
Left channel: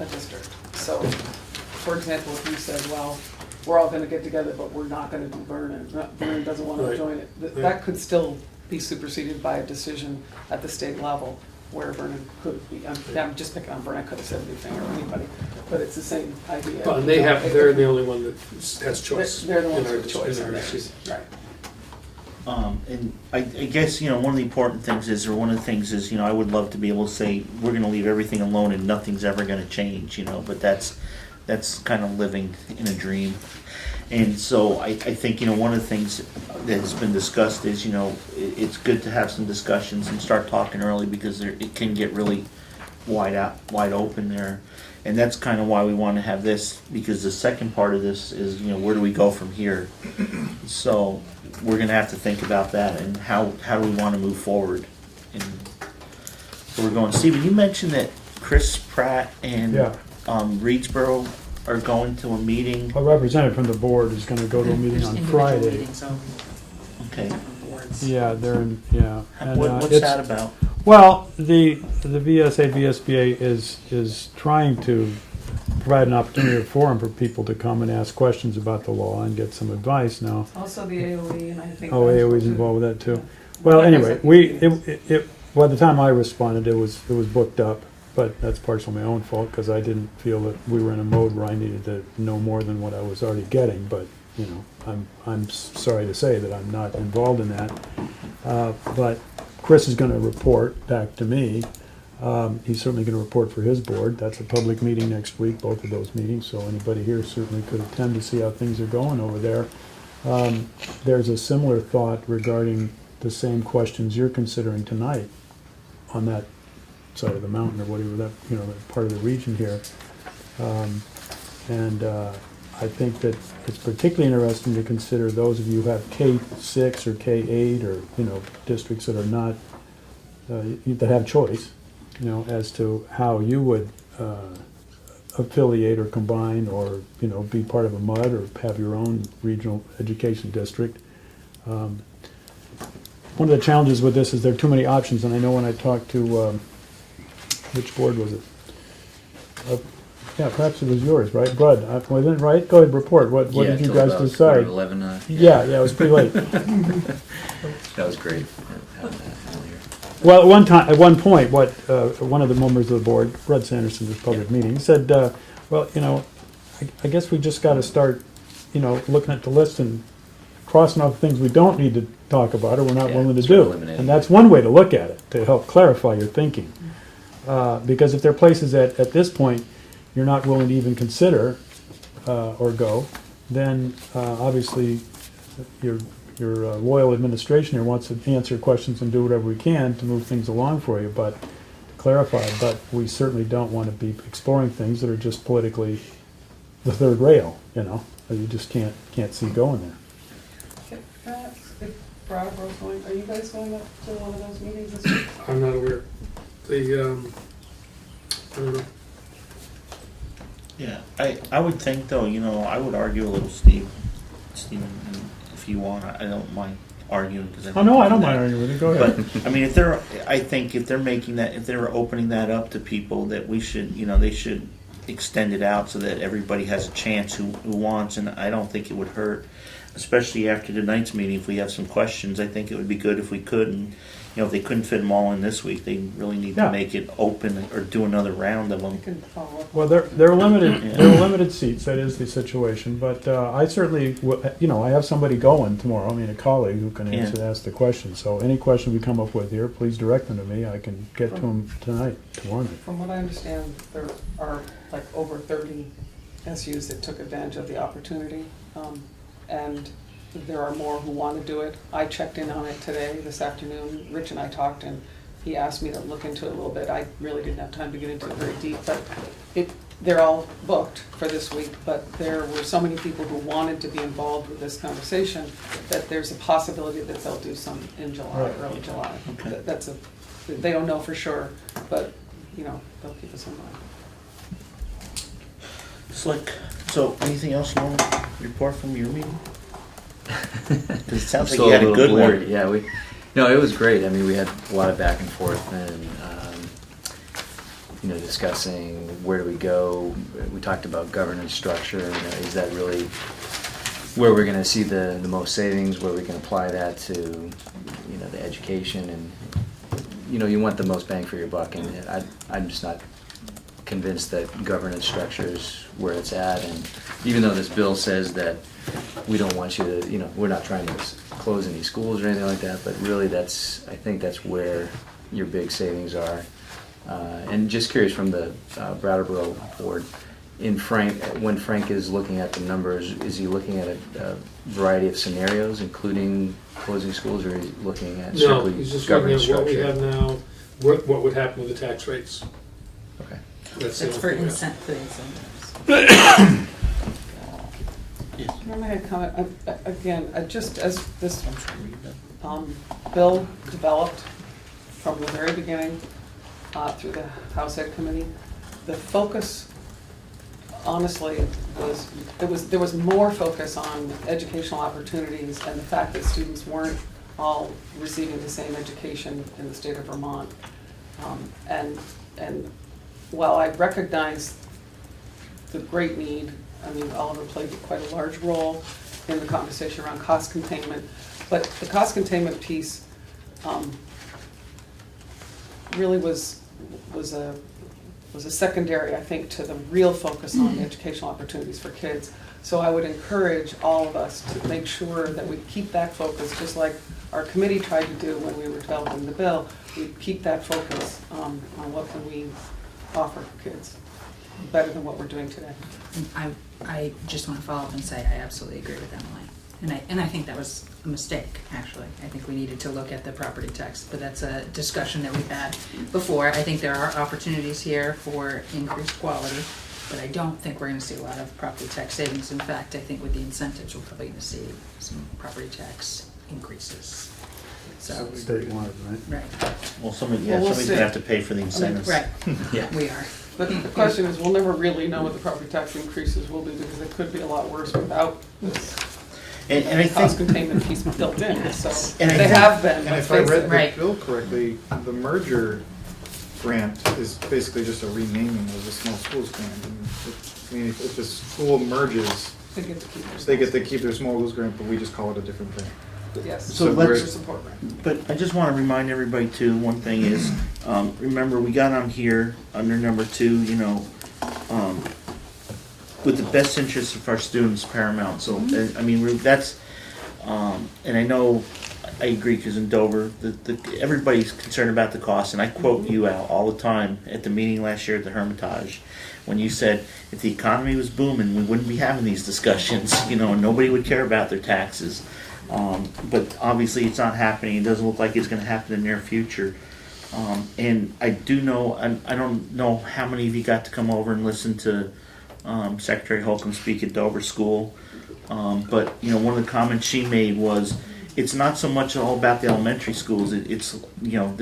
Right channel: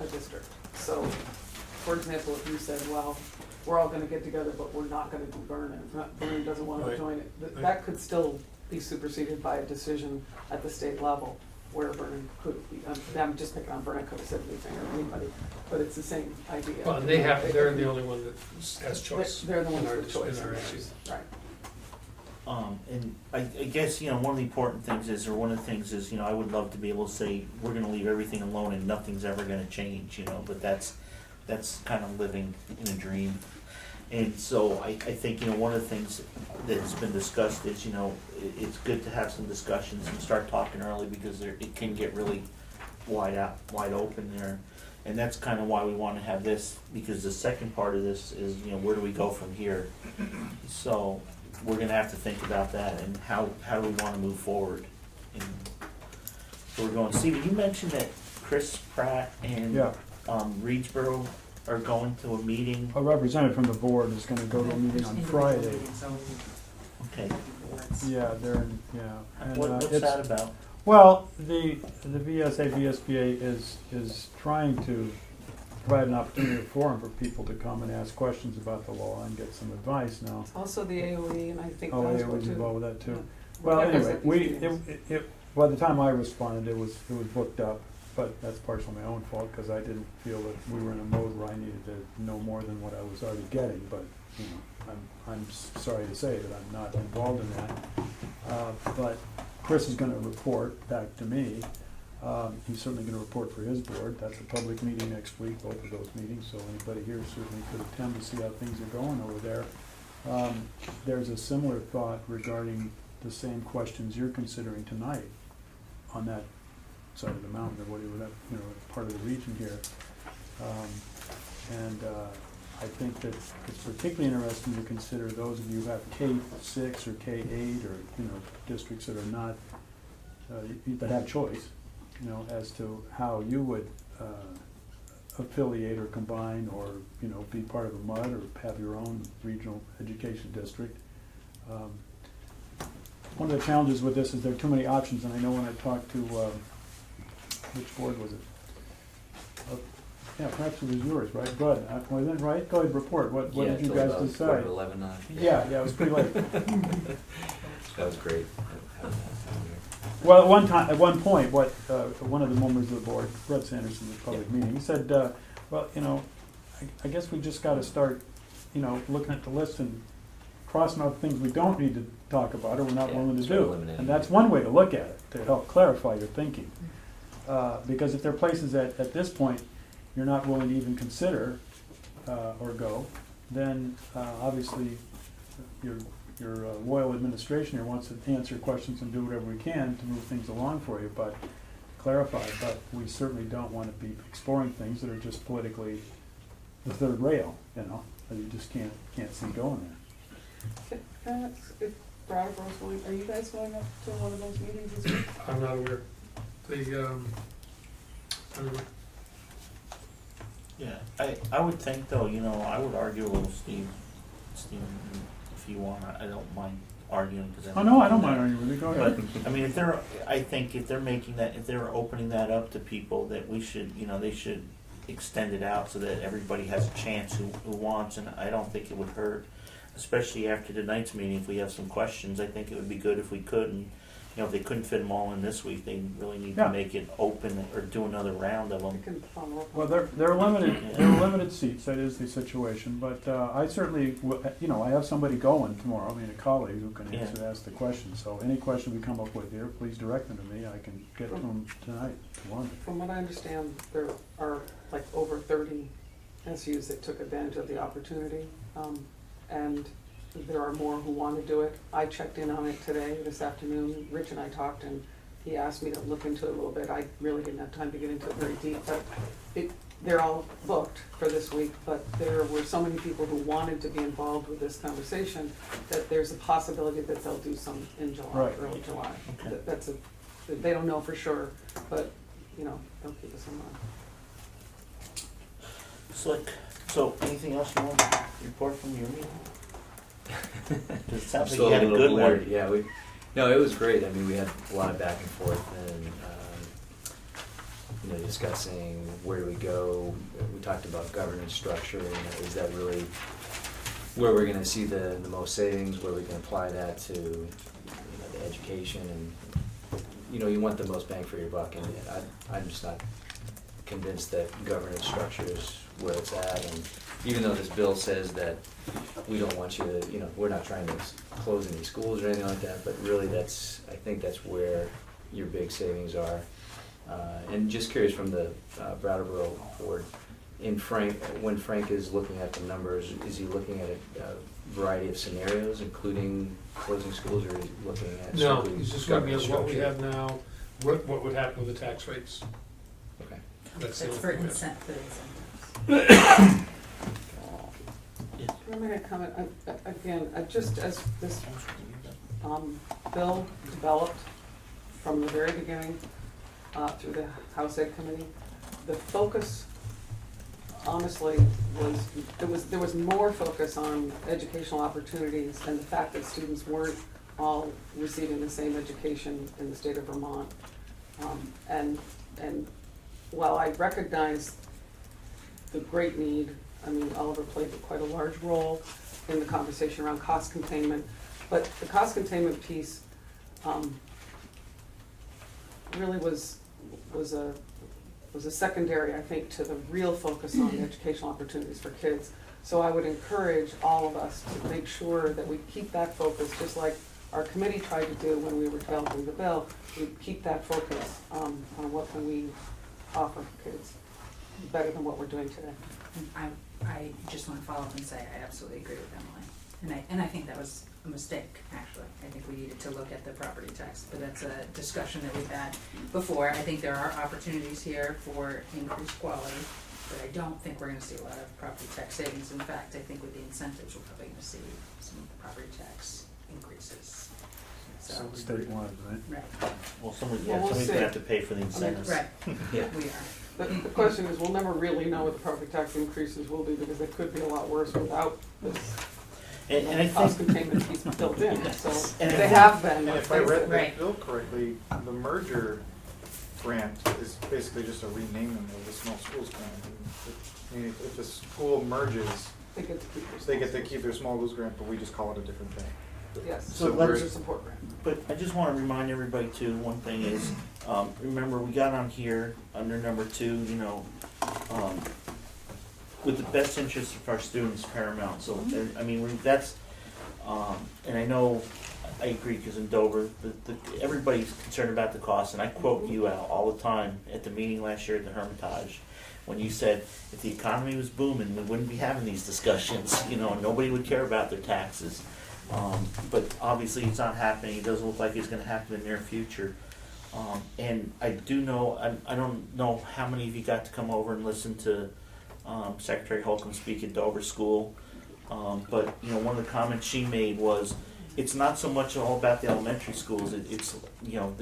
a district. So, for example, if you said, well, we're all going to get together, but we're not going to do Vernon. Vernon doesn't want to join it. That could still be superseded by a decision at the state level where Vernon could be. I'm just picking on Vernon. I could have said anything or anybody, but it's the same idea. Well, and they're the only one that has choice. They're the ones with choice. Right. And I guess, one of the important things is, or one of the things is, I would love to be able to say, we're going to leave everything alone and nothing's ever going to change, but that's kind of living in a dream. And so I think, one of the things that has been discussed is, it's good to have some discussions and start talking early, because it can get really wide open there. And that's kind of why we want to have this, because the second part of this is, where do we go from here? So we're going to have to think about that and how do we want to move forward. And so we're going. Stephen, you mentioned that Chris Pratt and Reedsboro are going to a meeting. A representative from the board is going to go to a meeting on Friday. Okay. Yeah, they're in, yeah. And, what's that about? Well, the VSA-VSBA is trying to provide an opportunity, a forum for people to come and ask questions about the law and get some advice now. Also the AOE, and I think. Oh, AOE's involved with that too. Well, anyway, by the time I responded, it was booked up, but that's partially my own fault, because I didn't feel that we were in a mode where I needed to know more than what I was already getting. But I'm sorry to say that I'm not involved in that. But Chris is going to report back to me. He's certainly going to report for his board. That's a public meeting next week, both of those meetings, so anybody here certainly could attend to see how things are going over there. There's a similar thought regarding the same questions you're considering tonight on that side of the mountain or whatever that, you know, part of the region here. And I think that it's particularly interesting to consider those of you who have K-6 or K-8 or, you know, districts that are not, that have choice, you know, as to how you would affiliate or combine or, you know, be part of a MUD or have your own regional education district. One of the challenges with this is there are too many options, and I know when I talked to, which board was it? Yeah, perhaps it was yours, right? Bud, wasn't it right? Go ahead, report. What Yeah, did you till guys about decide? 11, Yeah, it was pretty late. That was great. Well, at one point, one of the members of the board, Rudd Sanderson, was public meeting, he said, well, you know, I guess we just got to start, you know, looking at the list and crossing off things we don't need to talk about or we're not Yeah, willing to sort of do. eliminate And it. that's one way to look at it, to help clarify your thinking. Because if there are places at this point you're not willing to even consider or go, then obviously your loyal administration here wants to answer questions and do whatever we can to move things along for you, but clarify. But we certainly don't want to be exploring things that are just politically the third rail, you know, that you just can't see going there. If Brattleboro's going, are you guys going up to one of those meetings this week? I'm not aware. I don't know. Yeah, I would think though, you know, I would argue a little, Steve, if you want, I don't mind arguing. Cause Oh, no, I don't mind arguing with you, go ahead. But, I mean, I think if they're making that, if they're opening that up to people, that we should, you know, they should extend it out so that everybody has a chance who wants, and I don't think it would hurt, especially after tonight's meeting, if we have some questions, I think it would be good if we could, and, you know, if they couldn't fit them all in this week, they really need Yeah. to make it open or do another round of I them. can follow up. Well, they're limited. Yeah. There are limited seats. That is the situation. But I certainly, you know, I have somebody going tomorrow. I mean, a colleague who can ask the question. So any question we come up with here, please direct them to me. I can get to them tonight, tomorrow night. From what I understand, there are like over 30 SUs that took advantage of the opportunity, and there are more who want to do it. I checked in on it today, this afternoon. Rich and I talked, and he asked me to look into it a little bit. I really didn't have time to get into it very deep, but they're all booked for this week, but there were so many people who wanted to be involved with this conversation that there's a possibility that they'll do some in July, early July. Okay. They don't know for sure, but, you know, they'll keep us in mind. Slick. So, anything else you want to report from your meeting? Because it sounds like Still you had a little good blurry. one. Yeah, no, it was great. I mean, we had a lot of back and forth and, you know, discussing where do we go. We talked about governance structure, you know, is that really where we're gonna see the most savings, where we can apply that to, you know, the education and, you know, you want the most bang for your buck, and I'm just not convinced that governance structure is where it's at, and even though this bill says that we don't want you to, you know, we're not trying to close any schools or anything like that, but really I think that's where your big savings are. And just curious from the Brattleboro board, when Frank is looking at the numbers, is he looking at a variety of scenarios, including closing schools, or is he looking at No, strictly he's just looking governance at what we structure? have now, what would happen with the tax rates. Okay. That's the It's only for thing. incentives. Can I make a comment? Again, just as this bill developed from the very beginning through the House Ed Committee, the focus honestly there was more focus on educational opportunities and the fact that students weren't all receiving the same education in the state of Vermont. And while I recognize the great need, I mean, Oliver played quite a large role in the conversation around cost containment, but the cost containment piece really was a secondary, I think, to the real focus on the educational opportunities for kids. So I would encourage all of us to make sure that we keep that focus, just like our committee tried to do when we were developing the bill. We keep that focus on what can we offer kids better than what we're doing today. I just want to follow up and say I absolutely agree with Emily. And I think that was a mistake, actually. I think we needed to look at the property tax, but that's a discussion that we've had before. I think there are opportunities here for increased quality, but I don't think we're gonna see a lot of property tax savings. In fact, I think with the incentives, we're probably gonna see some property tax increases. So, Statewide, right? right, Well, somebody's Well, we'll gonna see. have to pay for the incentives. right, Yeah. we are. But the question is, we'll never really know what the property tax increases will be, because it could be a lot worse without this And I cost think, containment piece built in, so And I they think- have been, And let's if I face read it. the Right. bill correctly, the merger grant is basically just a renaming of the small schools grant. I mean, if the school merges, They get to keep their. they get to keep their small schools grant, but we just call it a different thing. Yes, So so let's- their support grant. but I just wanna remind everybody too, one thing is, remember, we got on here, under number 2, you know, with the best interests of our students paramount, so, I mean, that's, and I know, I agree, cause in Dover, everybody's concerned about the cost, and I quote you out all the time at the meeting last year at the Hermitage, when you said, if the economy was booming, we wouldn't be having these discussions, you know, and nobody would care about their taxes. But obviously, it's not happening, it doesn't look like it's gonna happen in the near future. And I do know, I don't know how many of you got to come over and listen to Secretary Holcomb speak at Dover School. But, you know, one of the comments she made was, it's not so much all about the elementary schools, it's, you know,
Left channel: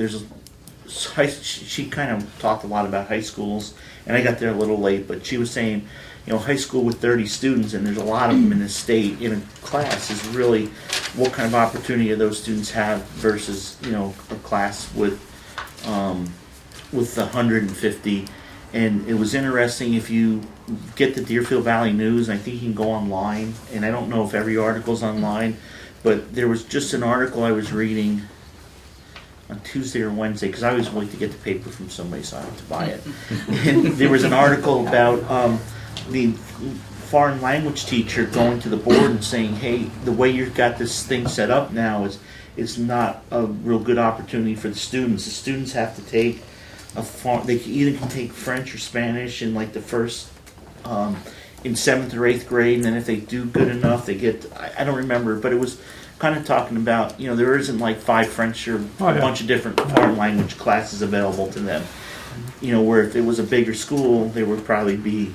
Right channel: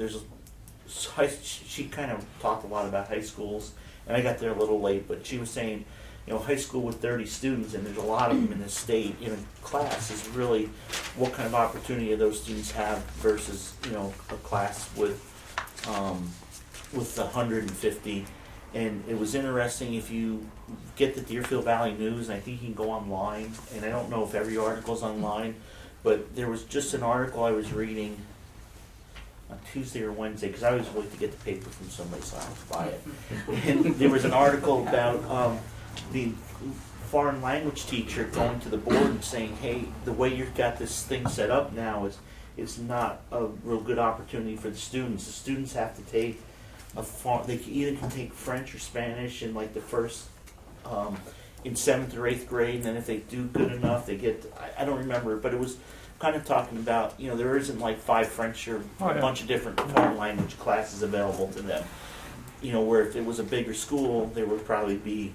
she kind of talked a lot about high schools, and I got there a little late, but she was saying, you know, high school with 30 students, and there's a lot of them in the state, in a class, is really what kind of opportunity do those students have versus, you know, a class with 150. And it was interesting, if you get the Deerfield Valley News, and I think you can go online, and I don't know if every article's online, but there was just an article I was reading on Tuesday or Wednesday, because I always wait to get the paper from somebody so I don't have to buy it. And there was an article about the foreign language teacher going to the board and saying, hey, the way you've got this thing set up now is it's not a real good opportunity for the students. The students have to take they either can take French or Spanish in like the first, in 7th or 8th grade, and then if they do good enough, they get, I don't remember, but it was kind of talking about, you know, there isn't like 5 French or a bunch of different foreign language classes available to them. You know, where if it was a bigger school, there would probably be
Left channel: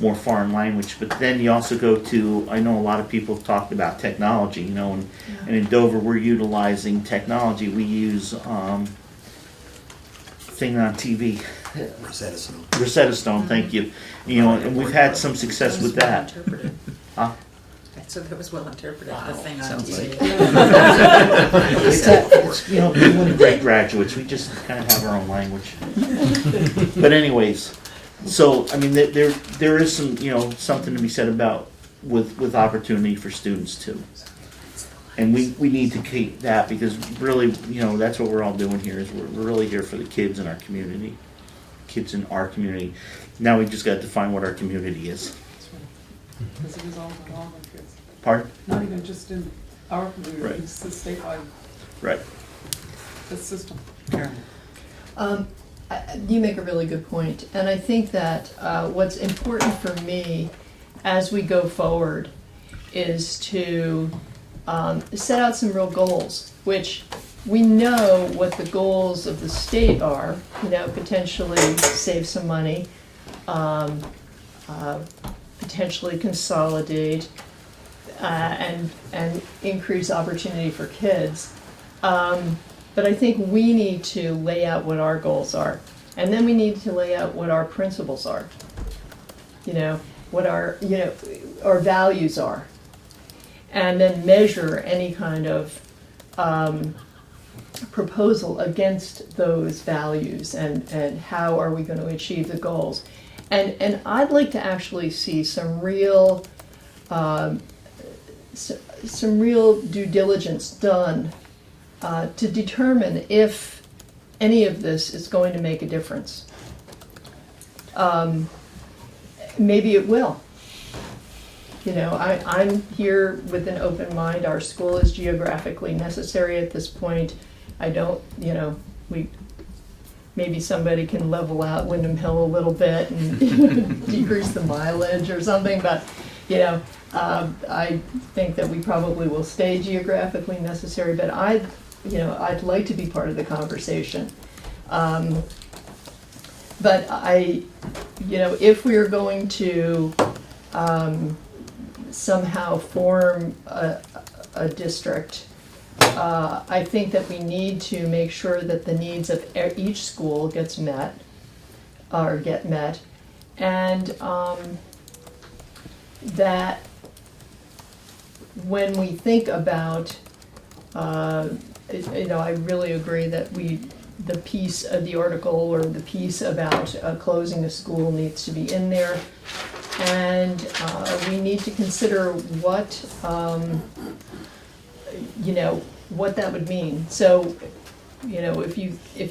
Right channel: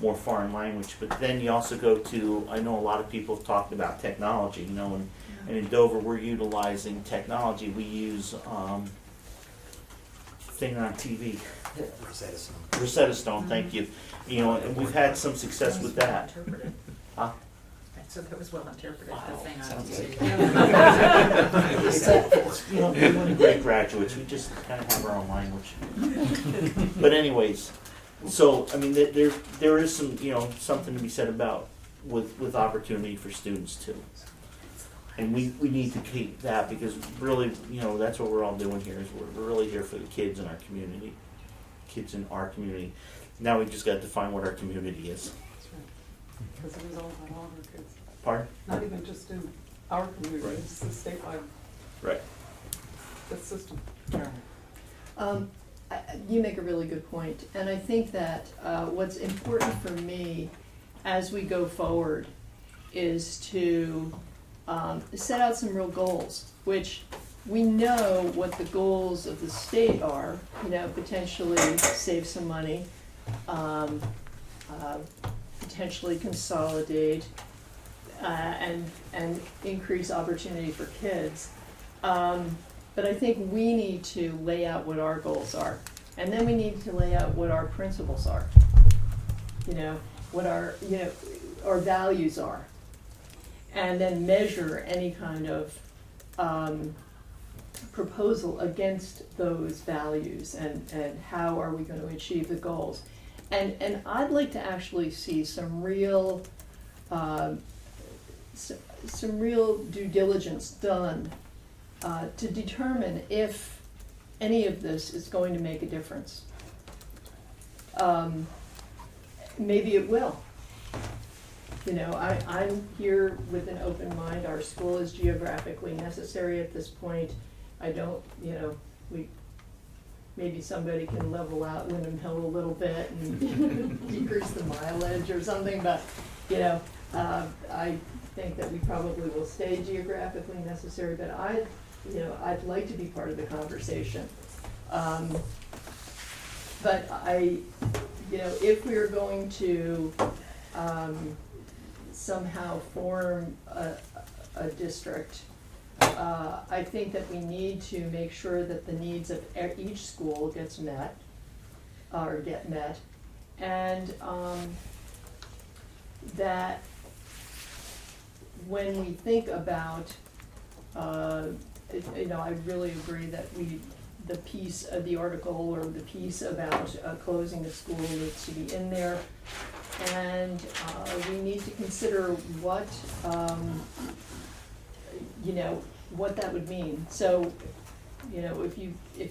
more foreign language. But then you also go to, I know a lot of people have talked about technology, you know, and in Dover we're utilizing technology. We use thing on TV. Rosetta Stone, thank you. You know, and we've had some success with that. Huh? So that was well interpreted, the thing on Sounds TV. It's, you know, we're great graduates, we just kind of have our own language. But anyways, so, I mean, there is some, you know, something to be said about with opportunity for students too. And we need to keep that, because really, you know, that's what we're all doing here, is we're really here for the kids in our community. Kids in our community. Now we just got to define what our community is. Because it is all about all the kids, Pardon? not even just in our community, Right. it's the statewide, Right. the system. You make a really good point, and I think that what's important for me as we go forward is to set out some real goals, which we know what the goals of the state are, you know, potentially save some money, potentially consolidate, and increase opportunity for kids. But I think we need to lay out what our goals are, and then we need to lay out what our principles are. You know, what our values are, and then measure any kind of proposal against those values, and how are we going to achieve the goals. And I'd like to actually see some real due diligence done to determine if any of this is going to make a difference. Maybe it will. You know, I'm here with an open mind. Our school is geographically necessary at this point. I don't, you know, maybe somebody can level out Windham Hill a little bit and decrease the mileage or something, but, you know, I think that we probably will stay geographically necessary, but I'd like to be part of the conversation. But if we are going to somehow form a district, I think that we need to make sure that the needs of each school get met, and that when we think about, I really agree that the piece of the article or the piece about closing a school needs to be in there. And we need to consider what that would mean. So, if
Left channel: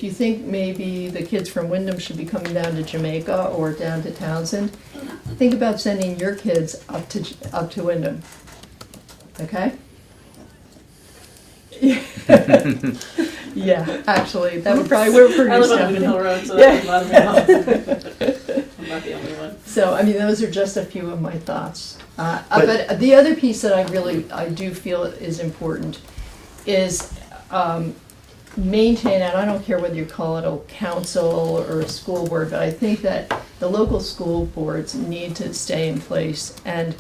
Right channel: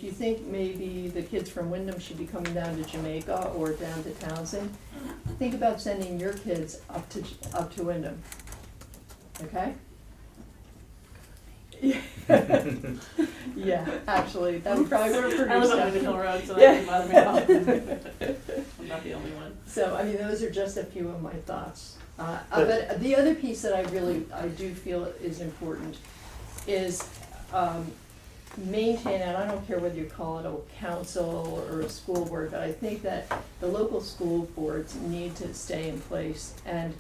you think maybe the kids from Wyndham should be coming down to Jamaica or down to Townsend, think about sending your kids up to Wyndham. Okay? Yeah, actually, that would probably work for I you, live on Stephanie. Hill Road, so Yeah. that doesn't bother me at all. I'm not the only one. So, I mean, those are just a few of my thoughts. But the other piece that I do feel is important is maintain, and I don't care whether you call it a council or a school board, but I think that the local school boards need to stay in place. And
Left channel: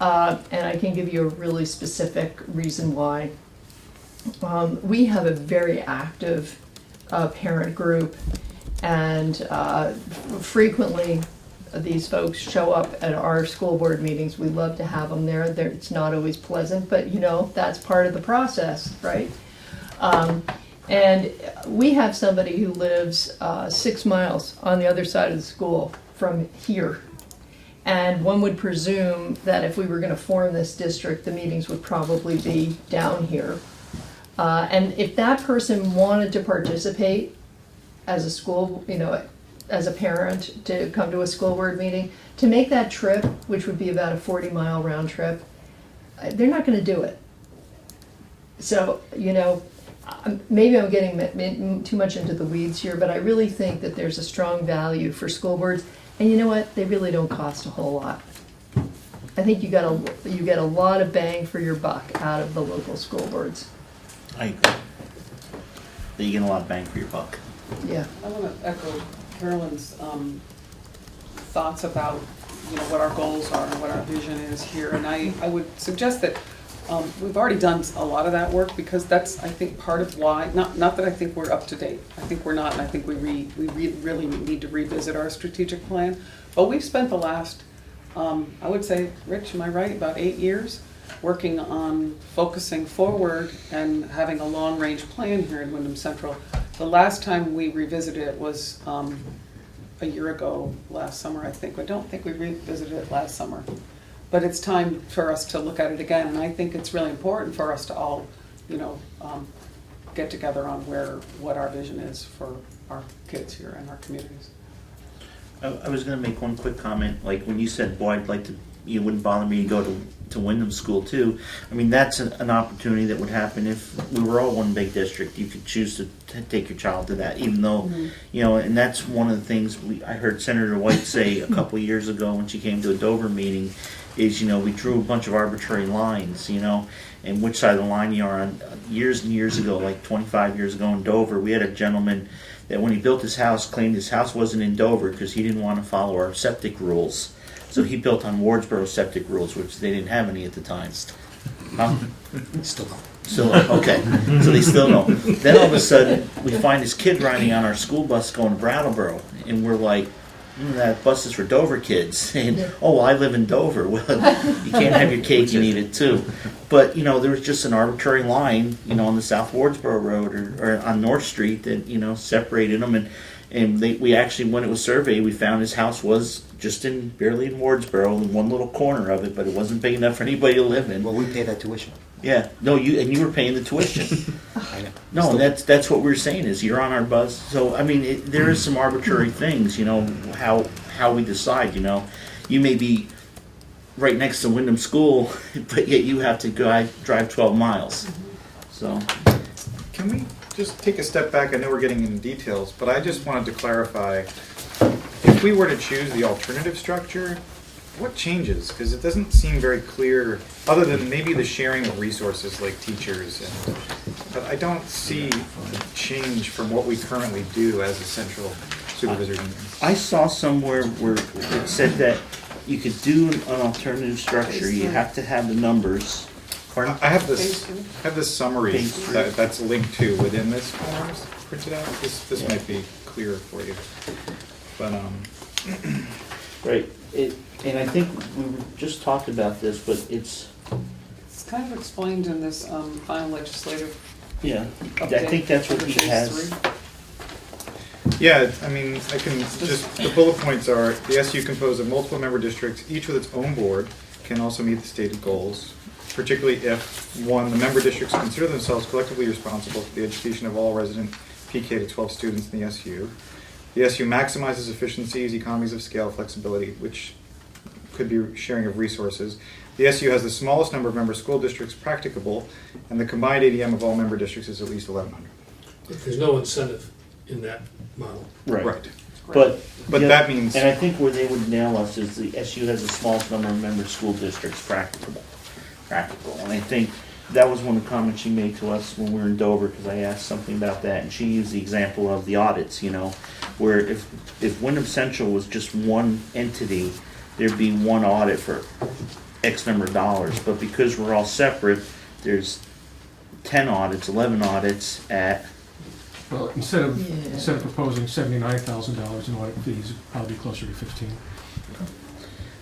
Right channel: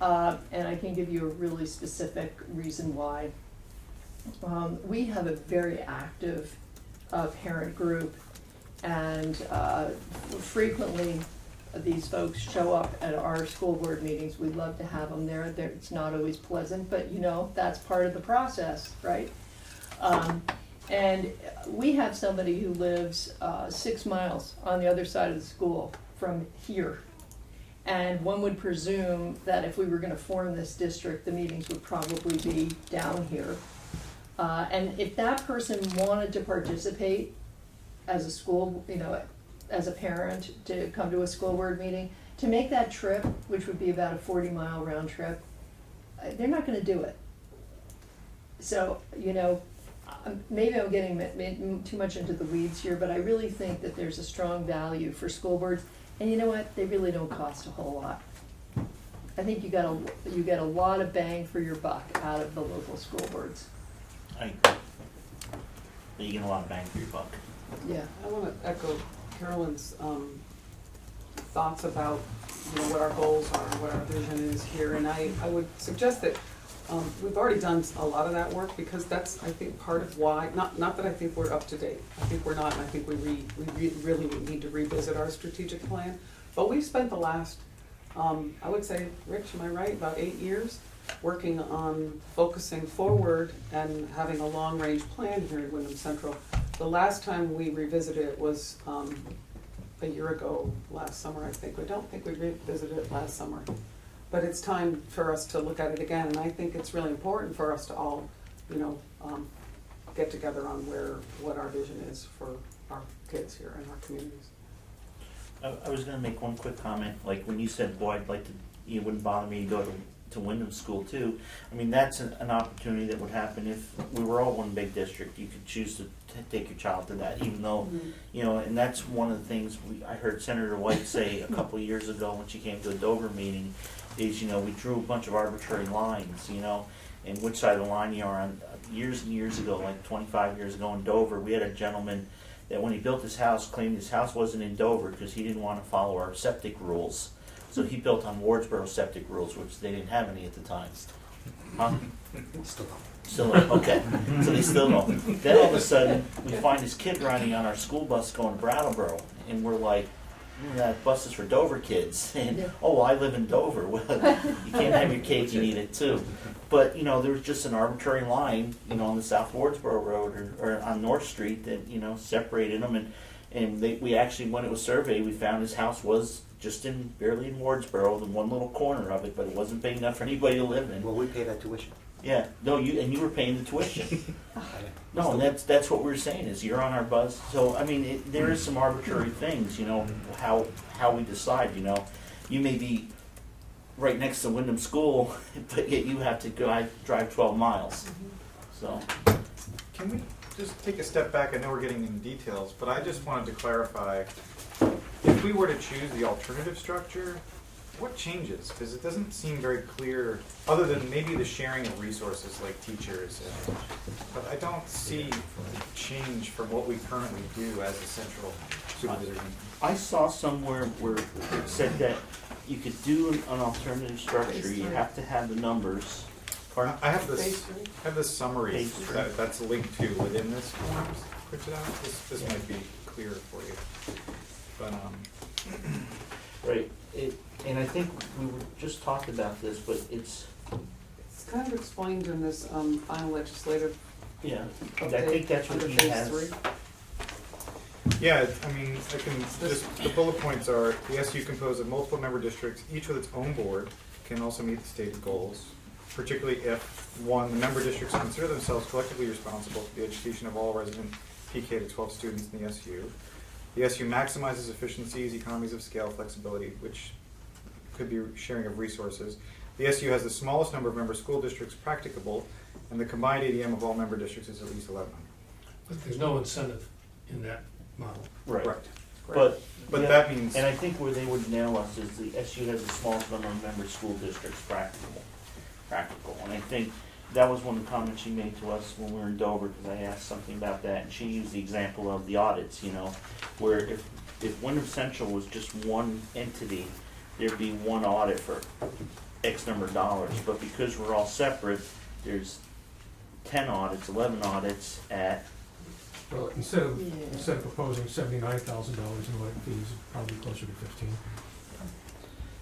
I can give you a really specific reason why. We have a very active parent group, and frequently these folks show up at our school board meetings. We love to have them there. It's not always pleasant, but that's part of the process, right? And we have somebody who lives 6 miles on the other side of the school from here. And one would presume that if we were going to form this district, the meetings would probably be down here. And if that person wanted to participate as a school, as a parent, to come to a school board meeting, to make that trip, which would be about a 40-mile round trip, they're not going to do it. So, maybe I'm getting too much into the weeds here, but I really think that there's a strong value for school boards. And you know what? They really don't cost a whole lot. I think you get a lot of bang for your buck out of the local school boards. I agree. You get a lot of bang for your buck. Yeah. I want to echo Carolyn's thoughts about what our goals are and what our vision is here. And I would suggest that we've already done a lot of that work, because that's, I think, part of why, not that I think we're up to date. I think we're not, and I think we really need to revisit our strategic plan. But we've spent the last, I would say, Rich, am I right, about 8 years working on focusing forward and having a long-range plan here in Wyndham Central. The last time we revisited it was a year ago, last summer, I think. I don't think we revisited it last summer. But it's time for us to look at it again, and I think it's really important for us to all, get together on what our vision is for our kids here and our communities. I was going to make one quick comment. Like when you said, boy, I'd like to, it wouldn't bother me to go to Wyndham School too. I mean, that's an opportunity that would happen if we were all one big district. You could choose to take your child to that, even though, and that's one of the things I heard Senator White say a couple of years ago when she came to a Dover meeting, is, we drew a bunch of arbitrary lines, and which side of the line you are on. Years and years ago, like 25 years ago in Dover, we had a gentleman that when he built his house, claimed his house wasn't in Dover because he didn't want to follow our septic rules. So he built on Wardsboro septic rules, which they didn't have any at the time. Huh? Still don't. Still don't. Okay. So they still don't. Then all of a sudden, we find this kid riding on our school bus going to Brattleboro, and we're like, that bus is for Dover kids. And, oh, well, I live in Dover. Well, you can't have your cake and eat it too. But, there was just an arbitrary line, on the South Wardsboro Road or on North Street that, separated them. And we actually, when it was surveyed, we found his house was just barely in Wardsboro, in one little corner of it, but it wasn't big enough for anybody to live in. Well, we pay that tuition. Yeah, no, you were paying the tuition. No, that's what we're saying is you're on our bus. So I mean, there is some arbitrary things, how we decide. You may be right next to Wyndham School, but yet you have to drive 12 miles. So Can we just take a step back? I know we're getting into details, but I just wanted to clarify, if we were to choose the alternative structure, what changes? Because it doesn't seem very clear, other than maybe the sharing of resources like teachers, but I don't see a change from what we currently do as a central supervisory union. I saw somewhere where it said that you could do an alternative structure, you have to have the numbers. Pardon? I have this summary Page three. that's linked to within this forms printed out. This might be clearer for you, but Right, and I think we were just talking about this, but it's, It's kind of explained in this final legislative yeah, I update. think that's what under he phase has. 3. yeah, I mean, I can just, the bullet points are, the SU composed of multiple member districts, each with its own board, can also meet the stated goals, particularly if, one, the member districts consider themselves collectively responsible for the education of all resident PK to 12 students in the SU. The SU maximizes efficiencies, economies of scale, flexibility, which could be sharing of resources. The SU has the smallest number of member school districts practicable, and the combined ADM of all member districts is at least 1,100. But there's no incentive in that model. Right. But yeah, that means, and I think where they would nail us is the SU has the smallest number of member school districts practicable. And I think that was one of the comments she made to us when we were in Dover, because I asked something about that, and she used the example of the audits, you know, where if Wyndham Central was just one entity, there'd be one audit for X number of dollars, but because we're all separate, there's 10 audits, 11 audits at, Well, instead of proposing $79,000 in audit fees, it'd probably be closer to 15.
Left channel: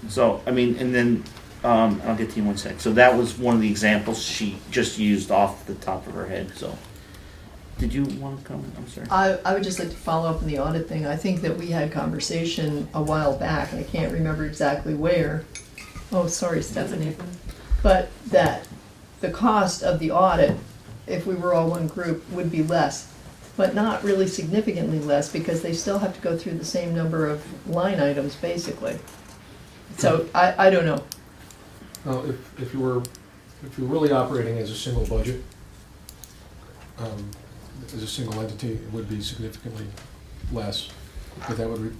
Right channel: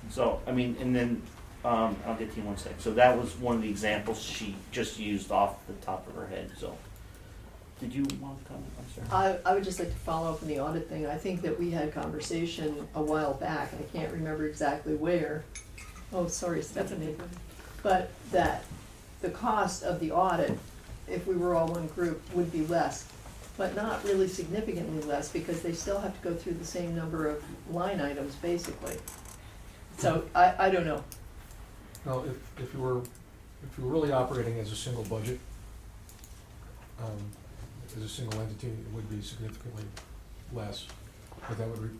so, I mean, and then, I'll get to you in one sec. So that was one of the examples she just used off the top of her head, so. Did you want to comment? I'm sorry. I would just like to follow up on the audit thing. I think that we had conversation a while back, and I can't remember exactly where. Oh, sorry, Stephanie. But that the cost of the audit, if we were all one group, would be less, but not really significantly less, because they still have to go through the same number of line items, basically. So I don't know. Well, if you were really operating as a single budget, as a single entity, it would be significantly less, but that would,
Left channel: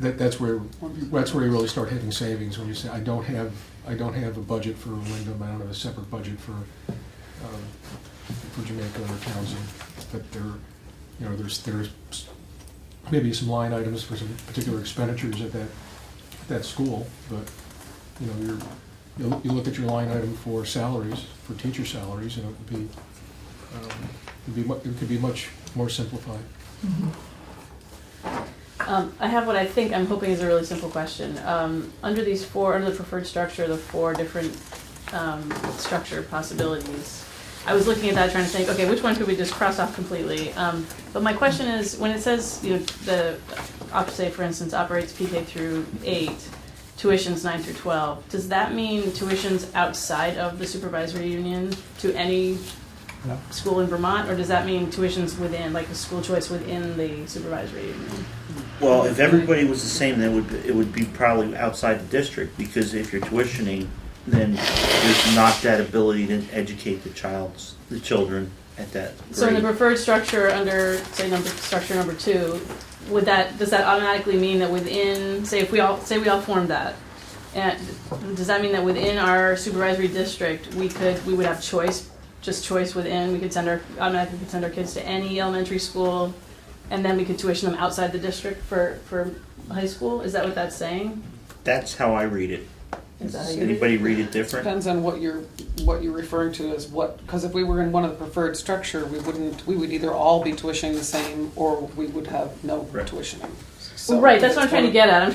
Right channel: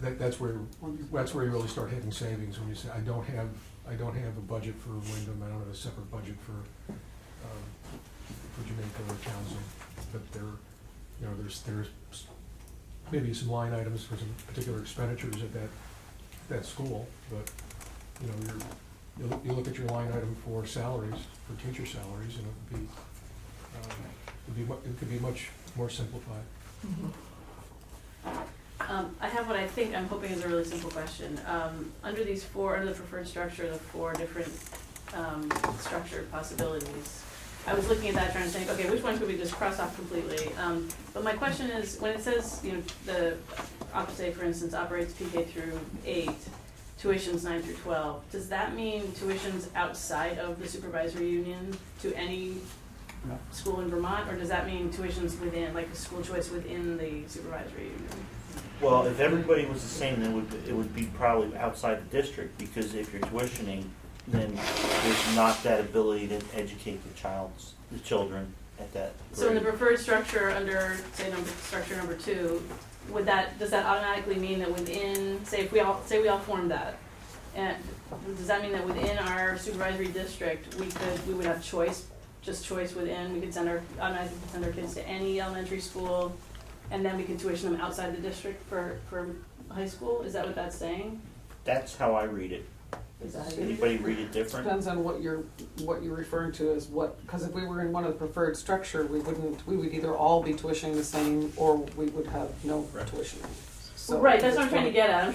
that's where you really start hitting savings, when you say, I don't have a budget for Wyndham, I don't have a separate budget for Jamaica or Townsend, but there's maybe some line items for some particular expenditures at that school, but, you look at your line item for salaries, for teacher salaries, and it could be much more simplified. I have what I'm hoping is a really simple question. Under the preferred structure, the 4 different structure possibilities, I was looking at that trying to think, okay, which one could we just cross off completely? But my question is, when it says, say for instance, operates PK through 8, tuitions 9 through 12, does that mean tuitions outside of the supervisory union to any school in Vermont, or does that mean tuitions within, like the school choice within the supervisory union? Well, if everybody was the same, then it would be probably outside the district, because if you're tuitioning, then there's not that ability to educate the children at that grade. So in the preferred structure under, say, structure number 2, does that automatically mean that within, say we all formed that, and does that mean that within our supervisory district we would have choice within, we could automatically send our kids to any elementary school, and then we could tuition them outside the district for high school? Is that what that's saying? That's how I read it. Does anybody read it different? Depends on what you're referring to as what, because if we were in one of the preferred structure, we would either all be tuitioning the same, or we would have no tuitioning. Well, right, that's what I'm trying to get at. I'm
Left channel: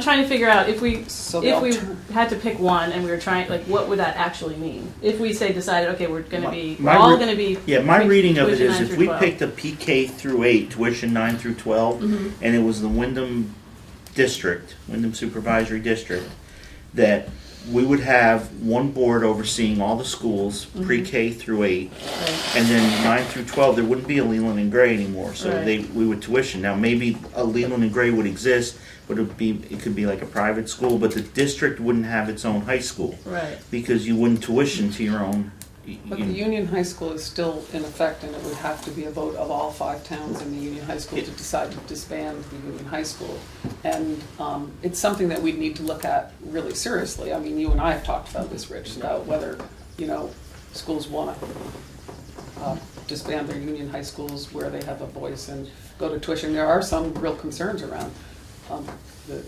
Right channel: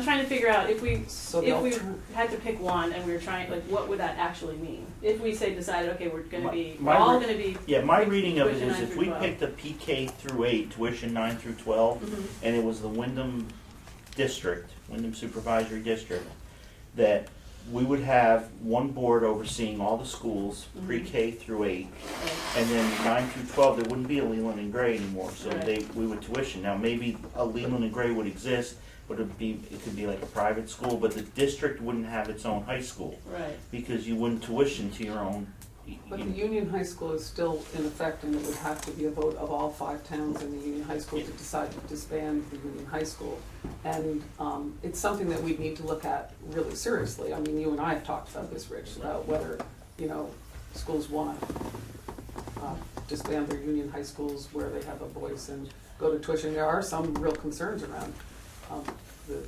trying to figure out if we had to pick one and we were trying, like, what would that actually mean? If we decided, okay, we're all gonna be. Yeah, my reading of it is, 9 if through we 12. picked a PK through 8, tuition 9 through 12, and it was the Wyndham district, Wyndham Supervisory District, that we would have one board overseeing all the schools, pre-K through 8, and then 9 through 12, there wouldn't be a Leland and Gray anymore, so we would tuition. Now, maybe a Leland and Gray would exist, but it could be like a private school, but the district wouldn't have its own high school. Right. Because you wouldn't tuition to your own But the Union High School is still in effect, and it would have to be a vote of all 5 towns in the Union High School to decide to disband the Union High School. And it's something that we need to look at really seriously. I mean, you and I have talked about this, Rich, about whether, schools want to disband their Union High Schools where they have a voice and go to tuition. There are some real concerns around the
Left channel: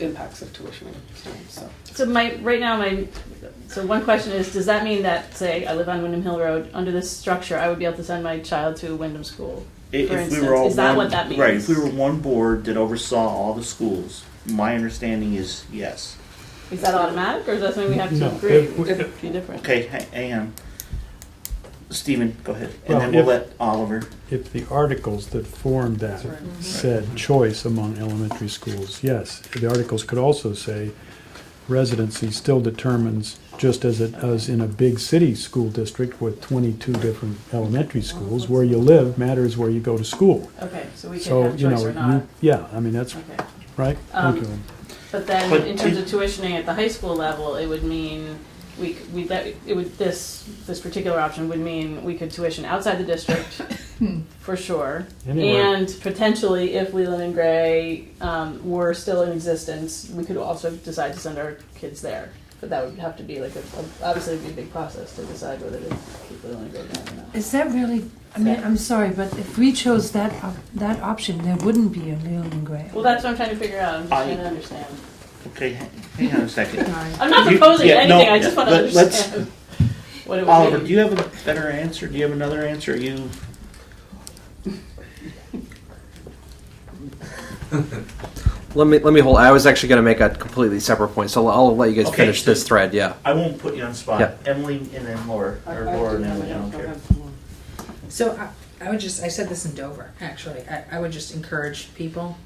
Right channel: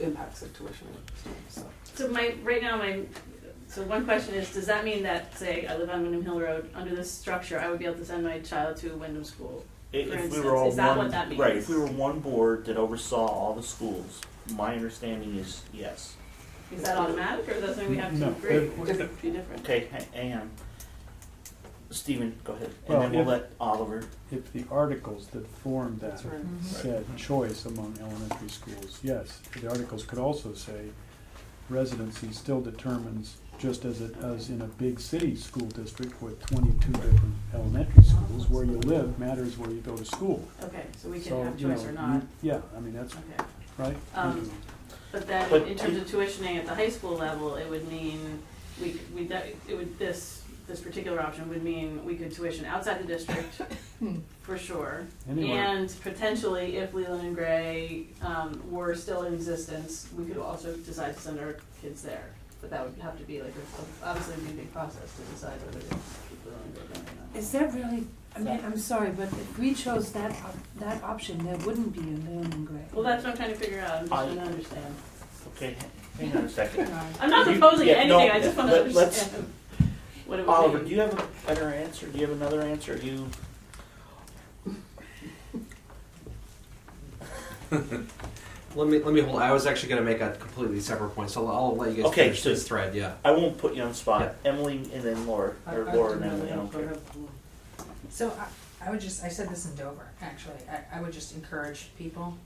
impacts of tuitioning students, so. So one question is, does that mean that, say, I live on Wyndham Hill Road, under this structure, I would be able to send my child to Wyndham School? For If we instance, were all is that one, what that means? right, if we were one board that oversaw all the schools, my understanding is yes. Is that automatic, or is that something we have to No, agree? if- Be different. Okay, hang on. Stephen, go ahead, and Well, then we'll if- let Oliver. If the articles that formed that That's right. said choice among elementary schools, yes. The articles could also say residency still determines, just as it does in a big city school district with 22 different elementary schools, where you live matters where you go to school. Okay, so we can So, have you choice know, or not. yeah, I mean, that's, Okay. right? Um, Thank you. But then, But in terms of tuitioning at the high school level, it would mean this particular option would mean we could tuition outside the district, for sure. Anywhere. And potentially, if Leland and Gray were still in existence, we could also decide to send our kids there. But that would have to be obviously it'd be a big process to decide whether to keep Leland and Gray down or not. Is that really, I mean, I'm sorry, but if we chose that option, there wouldn't be a Leland and Gray. Well, that's what I'm trying to figure out. I'm just trying to understand. Okay, hang on a second. I'm not You- proposing yeah, no, anything, I just want to let's- understand what it would Oliver, be. do you have a better answer? Do you have another answer? Let me hold. I was actually going to make a completely separate point, so I'll let you guys Okay, finish so- this thread. Yeah. I won't put you on the spot. Yeah. Emily and then Laura, or Laura and Emily, I don't care. So I would just, I said this in Dover, actually, I would just encourage people,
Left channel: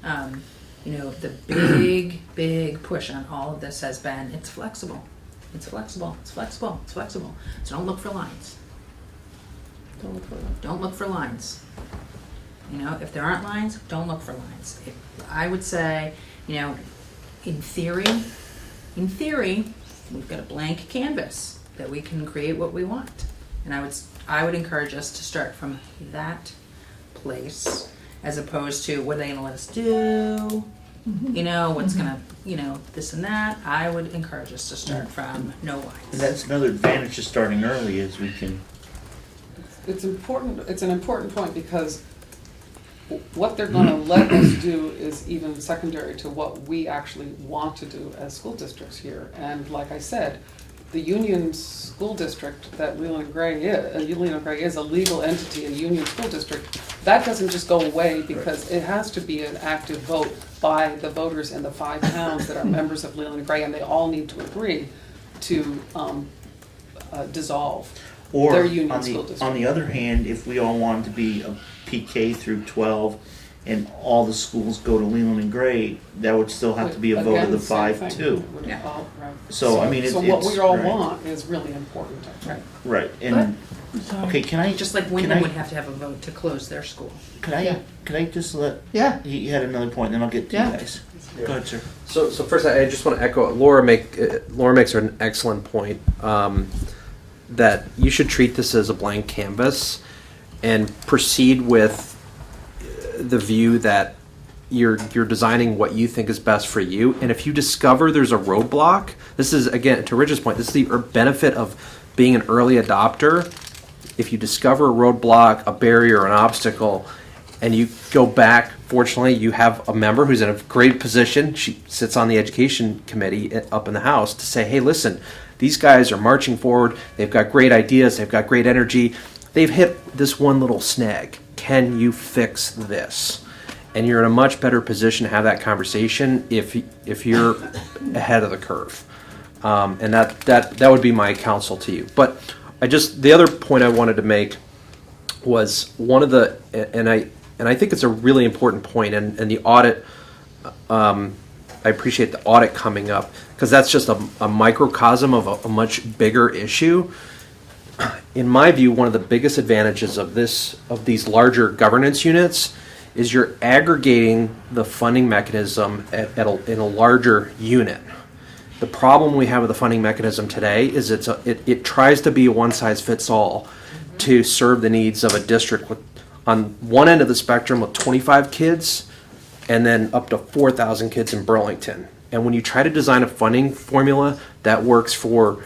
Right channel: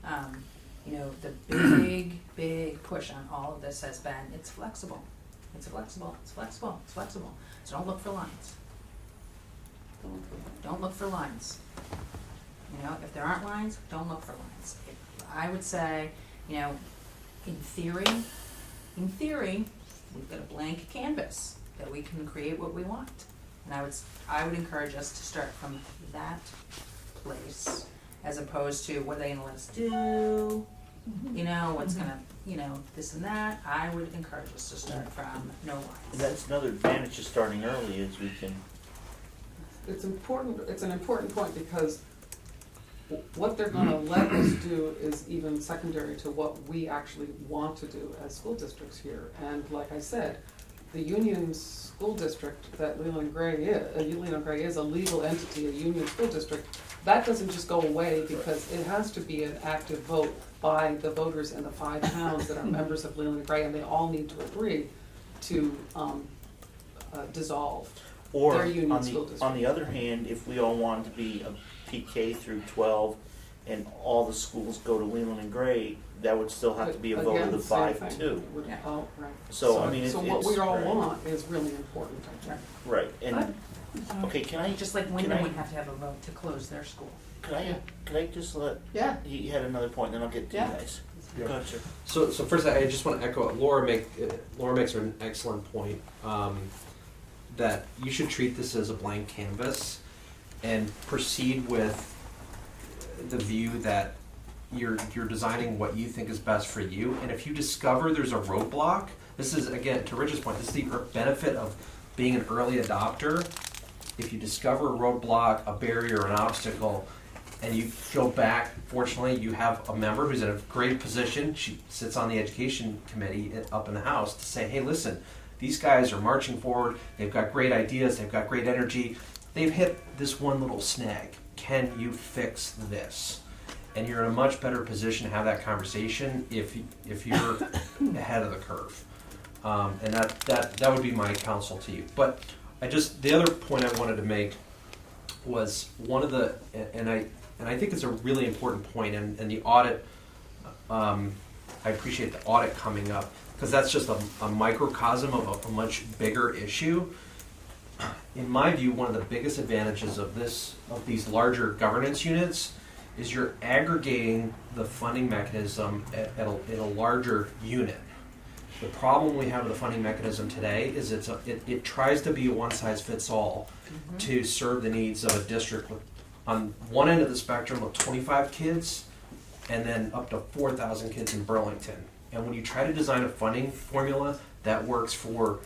the big push on all of this has been, it's flexible. It's flexible, it's flexible, it's flexible. So don't look for lines. Don't look for lines. If there aren't lines, don't look for lines. I would say, in theory, we've got a blank canvas that we can create what we want. And I would encourage us to start from that place as opposed to what are they gonna let us do? What's gonna, this and that. I would encourage us to start from no lines. And that's another advantage of starting early is we can, It's an important point because what they're gonna let us do is even secondary to what we actually want to do as school districts here. And like I said, the Union School District that Leland and Gray is a legal entity, a Union School District. That doesn't just go away because it has to be an active vote by the voters in the 5 towns that are members of Leland and Gray, and they all need to agree to dissolve or their Union on School District. on the other hand, if we all wanted to be a PK through 12 and all the schools go to Leland and Gray, that would still have to be a vote of Again, the same 5 thing. too. Would all- right. So, I mean, So it's- what we all right. want is really important. Right, and, okay, can I, Just like can Wyndham I- would have to have a vote to close their school. can I just let, Yeah. he had another point, then I'll get to Yeah. you guys. Go ahead, sir. So first, I just want to echo Laura makes an excellent point that you should treat this as a blank canvas and proceed with the view that you're designing what you think is best for you. And if you discover there's a roadblock, this is again to Rich's point. This is the benefit of being an early adopter. If you discover a roadblock, a barrier, an obstacle, and you go back, fortunately, you have a member who's in a great position. She sits on the education committee up in the House to say, hey, listen, these guys are marching forward. They've got great ideas. They've got great energy. They've hit this one little snag. Can you fix this? And you're in a much better position to have that conversation if you're ahead of the curve. And that would be my counsel to you. But the other point I wanted to make was one of the, and I think it's a really important point, and the audit, I appreciate the audit coming up, because that's just a microcosm of a much bigger issue. In my view, one of the biggest advantages of these larger governance units is you're aggregating the funding mechanism in a larger unit. The problem we have with the funding mechanism today is it tries to be a one-size-fits-all to serve the needs of a district with, on one end of the spectrum with 25 kids and then up to 4,000 kids in Burlington. And when you try to design a funding formula that works for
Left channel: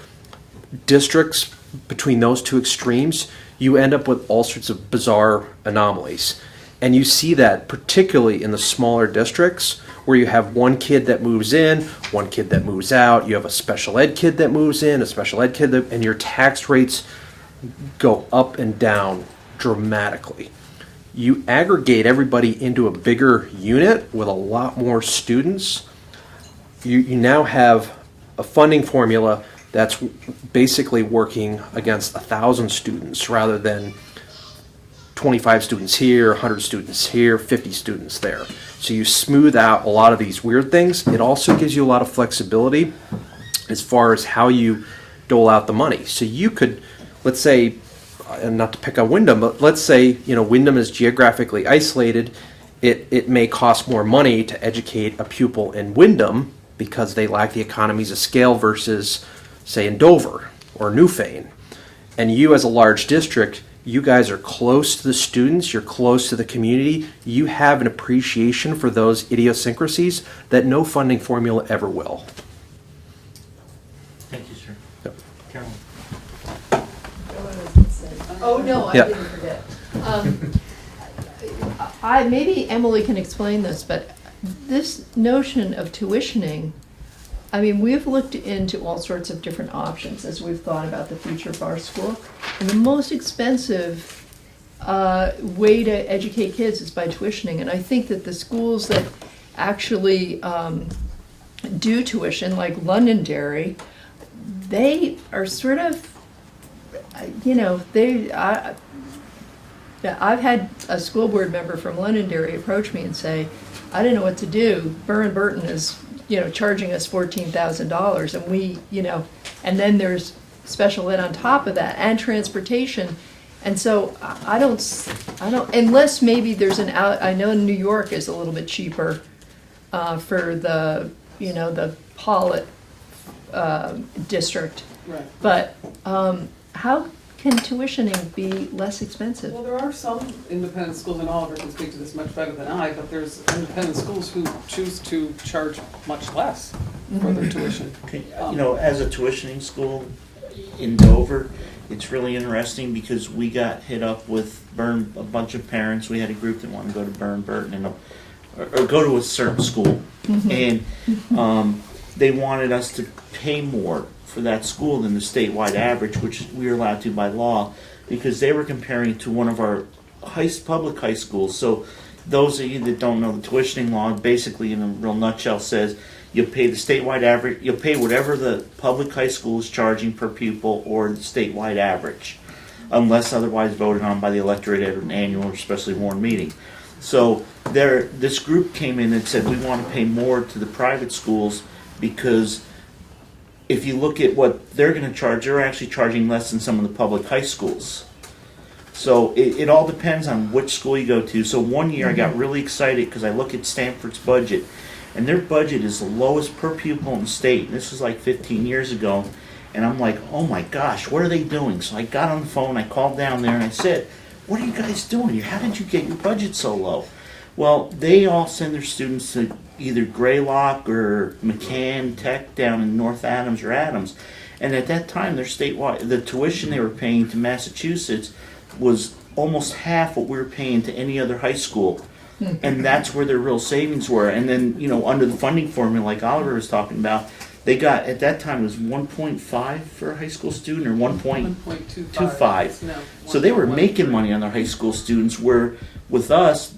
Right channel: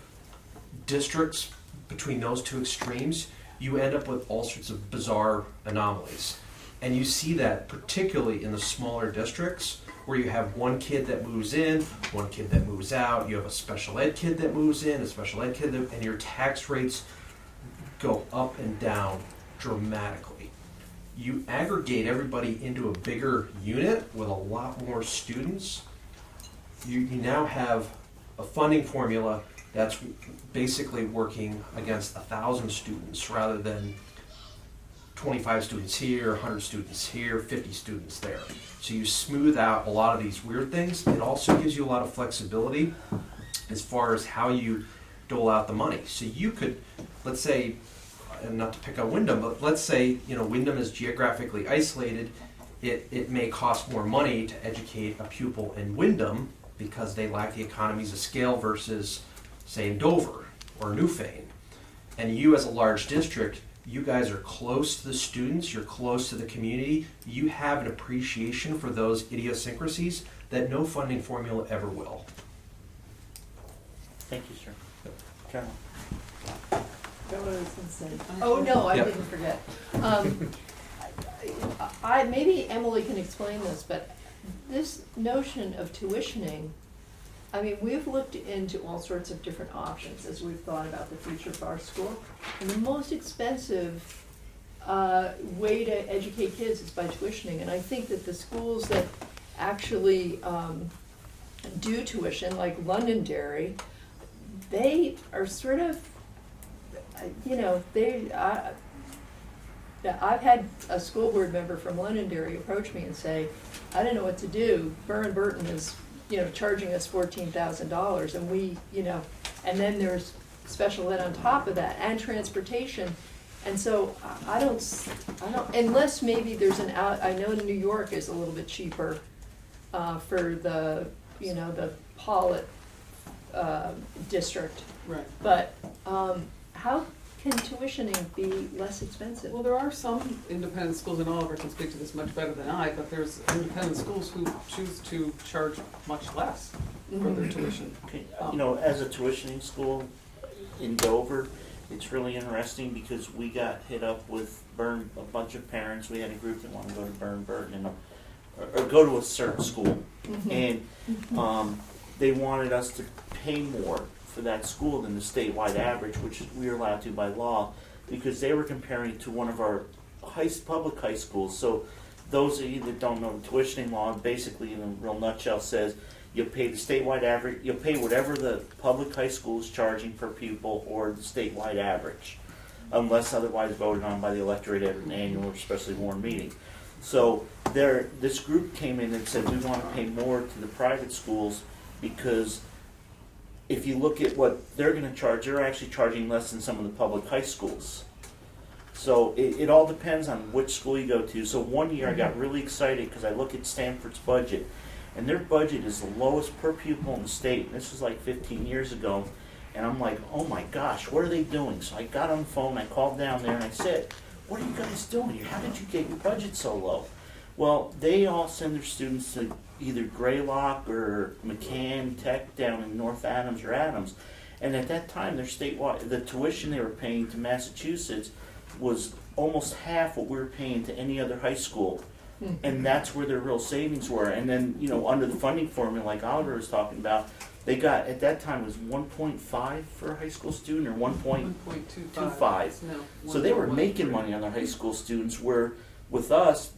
districts between those two extremes, you end up with all sorts of bizarre anomalies. And you see that particularly in the smaller districts where you have one kid that moves in, one kid that moves out, you have a special ed kid that moves in, a special ed kid that, and your tax rates go up and down dramatically. You aggregate everybody into a bigger unit with a lot more students. You now have a funding formula that's basically working against 1,000 students rather than 25 students here, 100 students here, 50 students there. So you smooth out a lot of these weird things. It also gives you a lot of flexibility as far as how you dole out the money. So you could, let's say, and not to pick on Wyndham, but let's say, Wyndham is geographically isolated. It may cost more money to educate a pupil in Wyndham because they lack the economies of scale versus, say, in Dover or Newfane. And you as a large district, you guys are close to the students, you're close to the community, you have an appreciation for those idiosyncrasies that no funding formula ever will. Thank you, sir. Yep. Carolyn. Oh, no, I Yeah. didn't forget. Maybe Emily can explain this, but this notion of tuitioning, I mean, we've looked into all sorts of different options as we've thought about the future of our school. And the most expensive way to educate kids is by tuitioning. And I think that the schools that actually do tuition, like Londonderry, they are sort of, I've had a school board member from Londonderry approach me and say, I didn't know what to do. Burton is, charging us $14,000 and we, and then there's special ed on top of that and transportation. And so I don't, unless maybe there's I know New York is a little bit cheaper for the, the Pollitt district. Right. But how can tuitioning be less expensive? Well, there are some independent schools, and Oliver can speak to this much better than I, but there's independent schools who choose to charge much less for their tuition. Okay, as a tuitioning school in Dover, it's really interesting because we got hit up with a bunch of parents. We had a group that wanted to go to Burton or go to a certain school, and they wanted us to pay more for that school than the statewide average, which we are allowed to by law, because they were comparing to one of our public high schools. So those of you that don't know the tuitioning law, basically in a real nutshell says you'll pay the statewide average, you'll pay whatever the public high school is charging per pupil or the statewide average, unless otherwise voted on by the electorate at an annual or specially warned meeting. So this group came in and said we want to pay more to the private schools because if you look at what they're going to charge, they're actually charging less than some of the public high schools. So it all depends on which school you go to. So one year I got really excited because I look at Stanford's budget, and their budget is the lowest per pupil in the state. This was like 15 years ago, and I'm like, oh my gosh, what are they doing? So I got on the phone, I called down there, and I said, what are you guys doing? How did you get your budget so low? Well, they all send their students to either Greylock or McCann Tech down in North Adams or Adams. And at that time, their statewide, the tuition they were paying to Massachusetts was almost half what we were paying to any other high school. And that's where their real savings were. And then, under the funding formula, like Oliver was talking about, they got, at that time, it was 1.5 for a high school student or 1.25. No, So they were 1.13. making money on their high school students, where with us,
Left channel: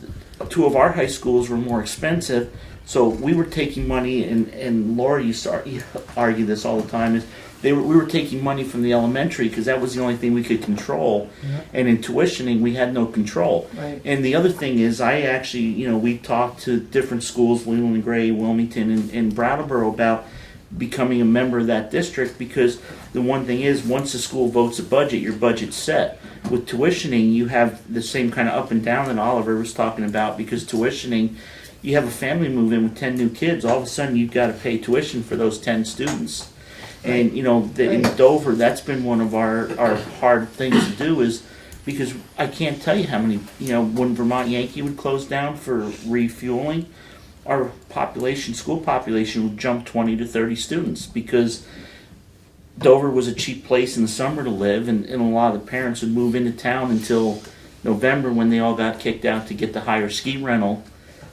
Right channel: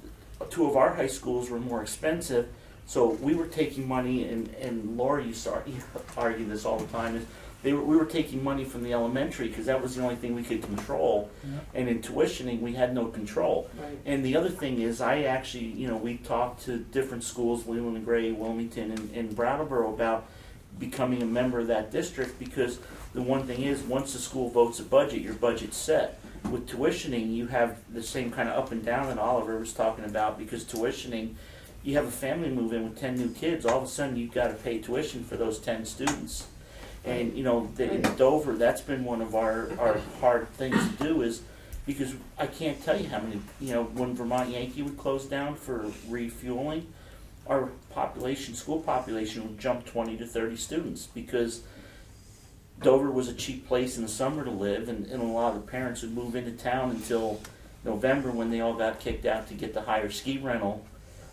two of our high schools were more expensive. So we were taking money, and Laura used to argue this all the time, is we were taking money from the elementary because that was the only thing we could control. And in tuitioning, we had no control. Right. And the other thing is, I actually, we talked to different schools, Leland and Gray, Wilmington, and Brattleboro, about becoming a member of that district, because the one thing is, once the school votes a budget, your budget's set. With tuitioning, you have the same kind of up and down that Oliver was talking about, because tuitioning, you have a family move in with 10 new kids, all of a sudden you've got to pay tuition for those 10 students. And, you know, in Dover, that's been one of our hard things to do, is because I can't tell you how many, you know, when Vermont Yankee would close down for refueling, our school population would jump 20 to 30 students, because Dover was a cheap place in the summer to live, and a lot of the parents would move into town until November, when they all got kicked out to get the higher ski rental.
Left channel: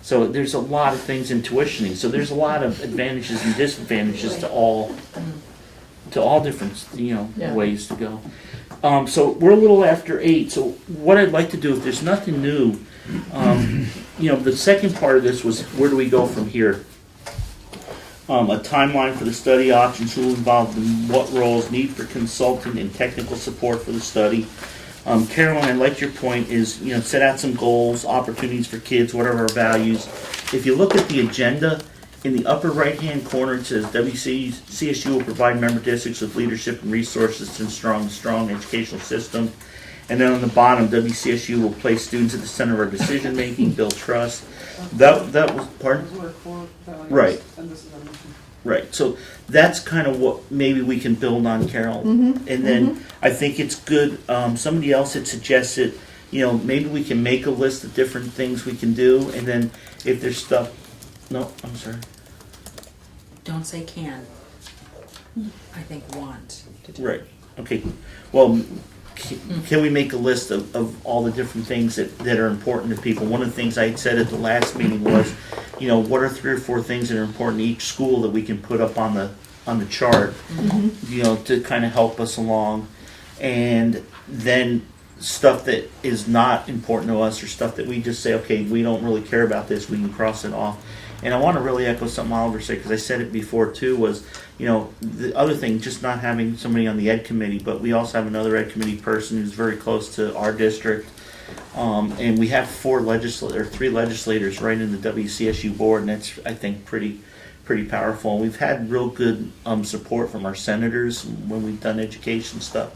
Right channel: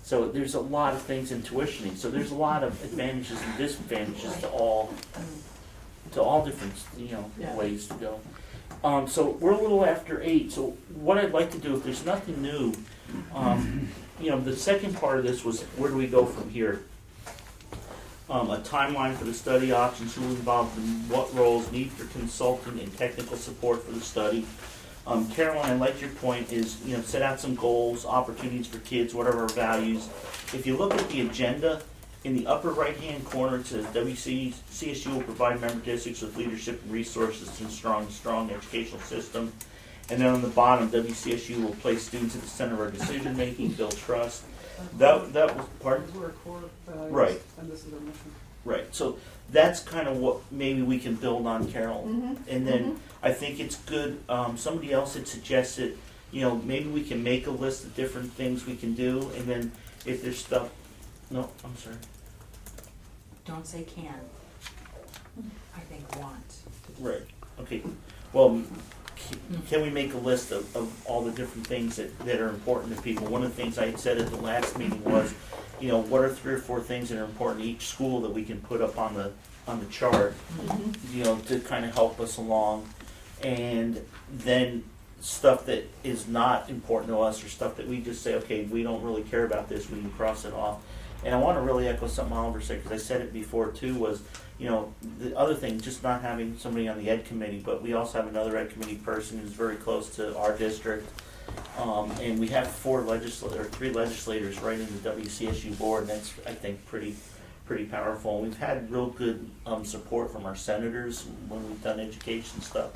So there's a lot of things in tuitioning. So there's a lot of advantages and disadvantages to all different, you know, Yeah. ways to go. So we're a little after 8. So what I'd like to do, if there's nothing new, you know, the second part of this was, where do we go from here? A timeline for the study options, who involved in what roles, need for consultant and technical support for the study. Carolyn, I like your point, is, you know, set out some goals, opportunities for kids, what are our values. If you look at the agenda, in the upper right-hand corner, it says WCSU will provide member districts with leadership and resources to strong educational system. And then on the bottom, WCSU will place students at the center of our decision-making, build trust. That was, pardon? Those were core values, Right. and this is our mission. Right, so that's kind of what maybe we can build on, Carol. And then I think it's good, somebody else had suggested, you know, maybe we can make a list of different things we can do, and then if there's stuff, no, I'm sorry. Don't say can. I think want. Right, okay, well, can we make a list of all the different things that are important to people? One of the things I had said at the last meeting was, you know, what are 3 or 4 things that are important to each school that we can put up on the chart, you know, to kind of help us along. And then stuff that is not important to us, or stuff that we just say, okay, we don't really care about this, we can cross it off. And I want to really echo something Oliver said, because I said it before too, was, you know, the other thing, just not having somebody on the ed committee, but we also have another ed committee person who's very close to our district. And we have 3 legislators right in the WCSU board, and that's, I think, pretty powerful. We've had real good support from our senators when we've done education stuff.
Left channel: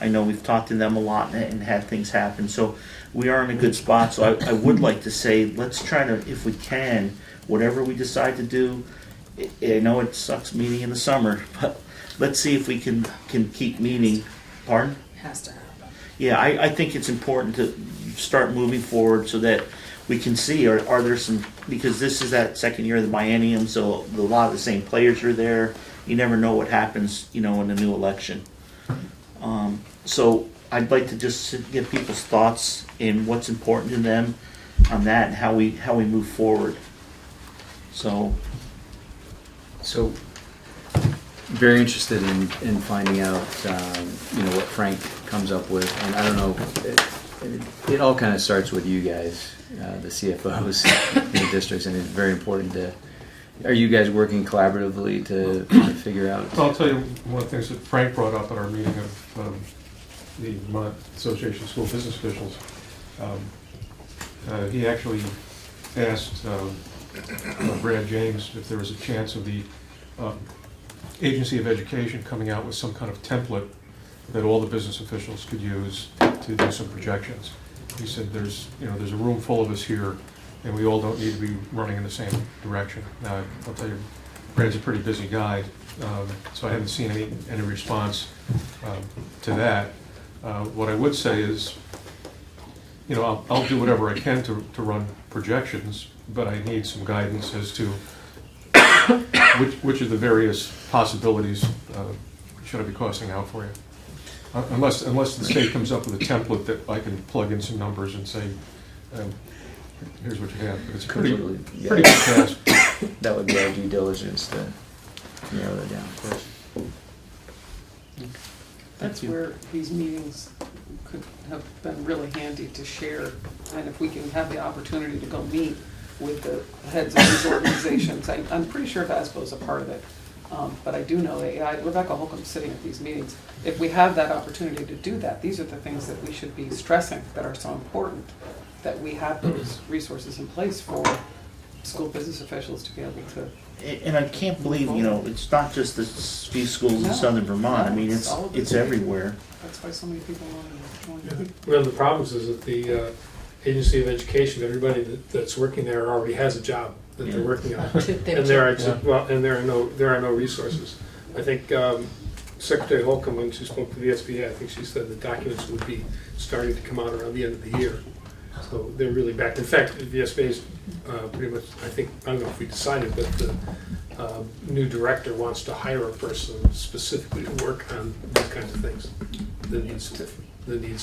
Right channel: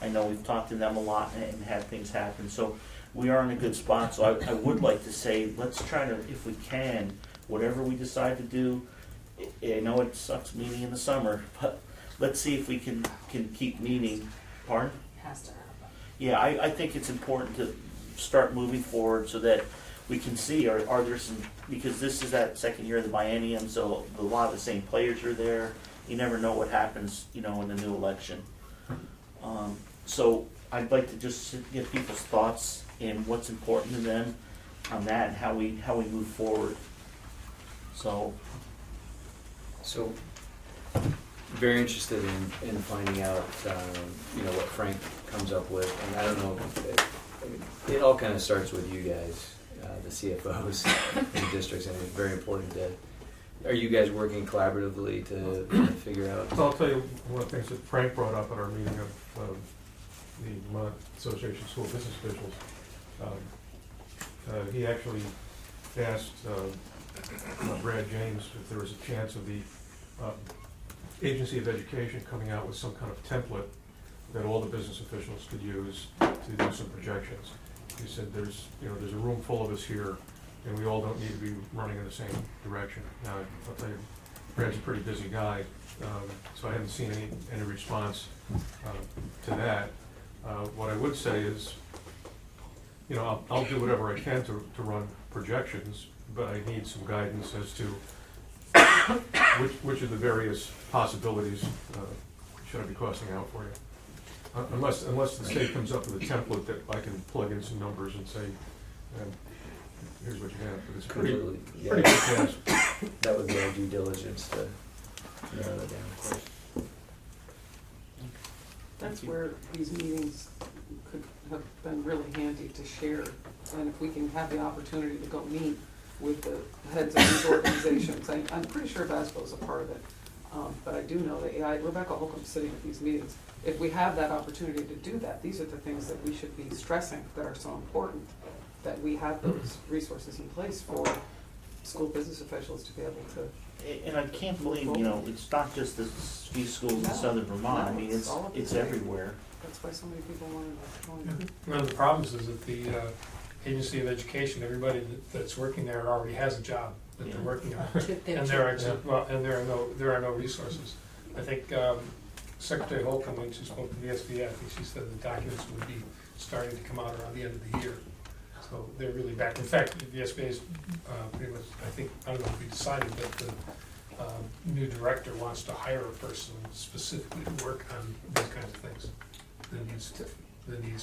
I know we've talked to them a lot and had things happen, so we are in a good spot. So I would like to say, let's try to, if we can, whatever we decide to do, I know it sucks meeting in the summer, but let's see if we can keep meeting. Pardon? Has to happen. Yeah, I think it's important to start moving forward so that we can see, are there some, because this is that second year of the biennium, so a lot of the same players are there. You never know what happens, you know, in a new election. So I'd like to just get people's thoughts in what's important to them on that, and how we move forward. So very interested in finding out, you know, what Frank comes up with, and I don't know, it all kind of starts with you guys, the CFOs in the districts, and it's very important to, are you guys working collaboratively to figure out? Well, I'll tell you one of the things that Frank brought up at our meeting of the Vermont Association of School Business Officials. He actually asked Brad James if there was a chance of the Agency of Education coming out with some kind of template that all the business officials could use to do some projections. He said there's a room full of us here, and we all don't need to be running in the same direction. Now, I'll tell you, Brad's a pretty busy guy, so I haven't seen any response to that. What I would say is, you know, I'll do whatever I can to run projections, but I need some guidance as to which of the various possibilities should I be costing out for you. Unless the state comes up with a template that I can plug in some numbers and say, here's what you have. But it's pretty big task. That would be our due diligence to narrow that down, of course. That's where these meetings could have been really handy to share, and if we can have the opportunity to go meet with the heads of these organizations. I'm pretty sure VASBO's a part of it, but I do know that Rebecca Holcomb's sitting at these meetings. If we have that opportunity to do that, these are the things that we should be stressing that are so important, that we have those resources in place for school business officials to be able to. And I can't believe, you know, it's not just the few schools in southern Vermont. I mean, it's everywhere. That's why so many people want to join. One of the problems is that the Agency of Education, everybody that's working there already has a job that they're working on. And there are no resources. I think Secretary Holcomb, when she spoke to the SBA, I think she said the documents would be starting to come out around the end of the year. So they're really back. In fact, the SBA is pretty much, I don't know if we decided, but the new director wants to hire a person specifically to work on these kinds of things, the needs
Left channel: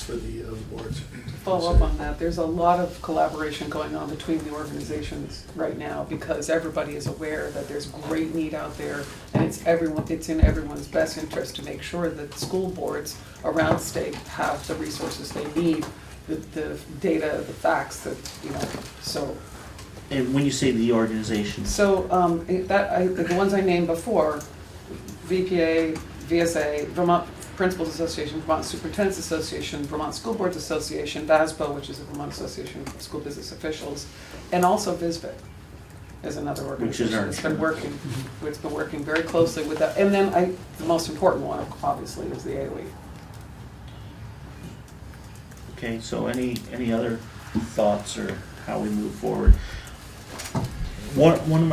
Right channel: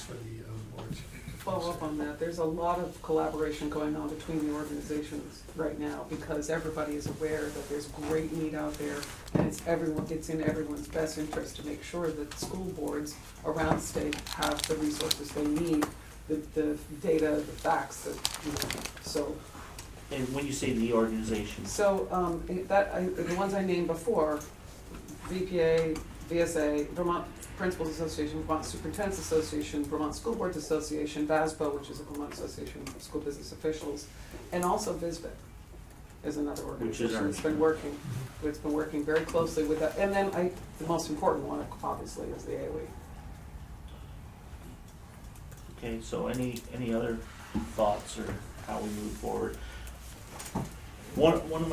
for the boards. Follow up on that, there's a lot of collaboration going on between the organizations right now because everybody is aware that there's great need out there and it's in everyone's best interest to make sure that school boards around state have the resources they need, the data, the facts that, so. And when you say the organization, So, the ones I named before, VPA, VSA, Vermont Principals Association, Vermont Superintendents Association, Vermont School Boards Association, VASBO, which is the Vermont Association of School Business Officials, and also VSBIT is another organization that's been working, it's been working very closely with that. And then the most important one, obviously, is the AOE. okay, so any other thoughts or how we move forward? One of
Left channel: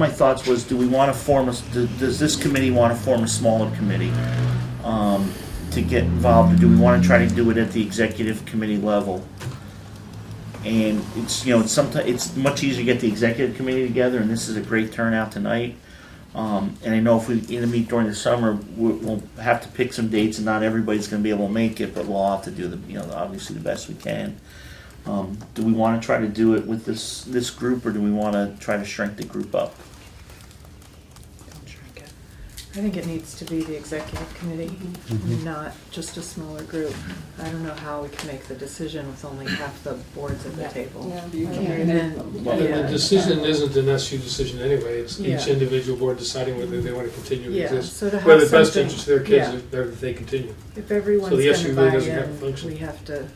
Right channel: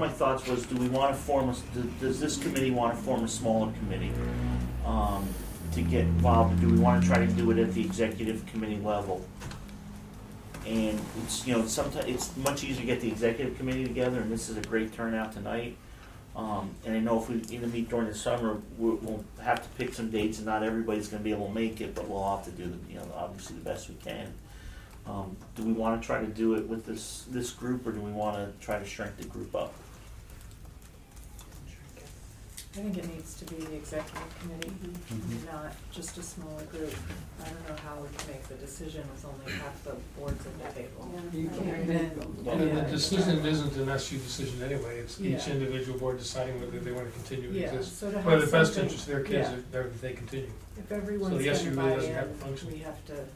my thoughts was, do we want to form does this committee want to form a smaller committee to get involved, or do we want to try to do it at the executive committee level? And it's sometimes it's much easier to get the executive committee together, and this is a great turnout tonight. And I know if we meet during the summer, we'll have to pick some dates, and not everybody's going to be able to make it, but we'll have to do obviously the best we can. Do we want to try to do it with this group, or do we want to try to shrink the group up? I think it needs to be the executive committee, not just a smaller group. I don't know how we can make the decision with only half the boards at the table. And then, The decision isn't an SU decision anyway, it's each individual board deciding whether they want to continue to exist. So to have Whether the best something- interest of their kids, if they continue. If everyone's So the gonna SU buy really doesn't have a in, function. we have to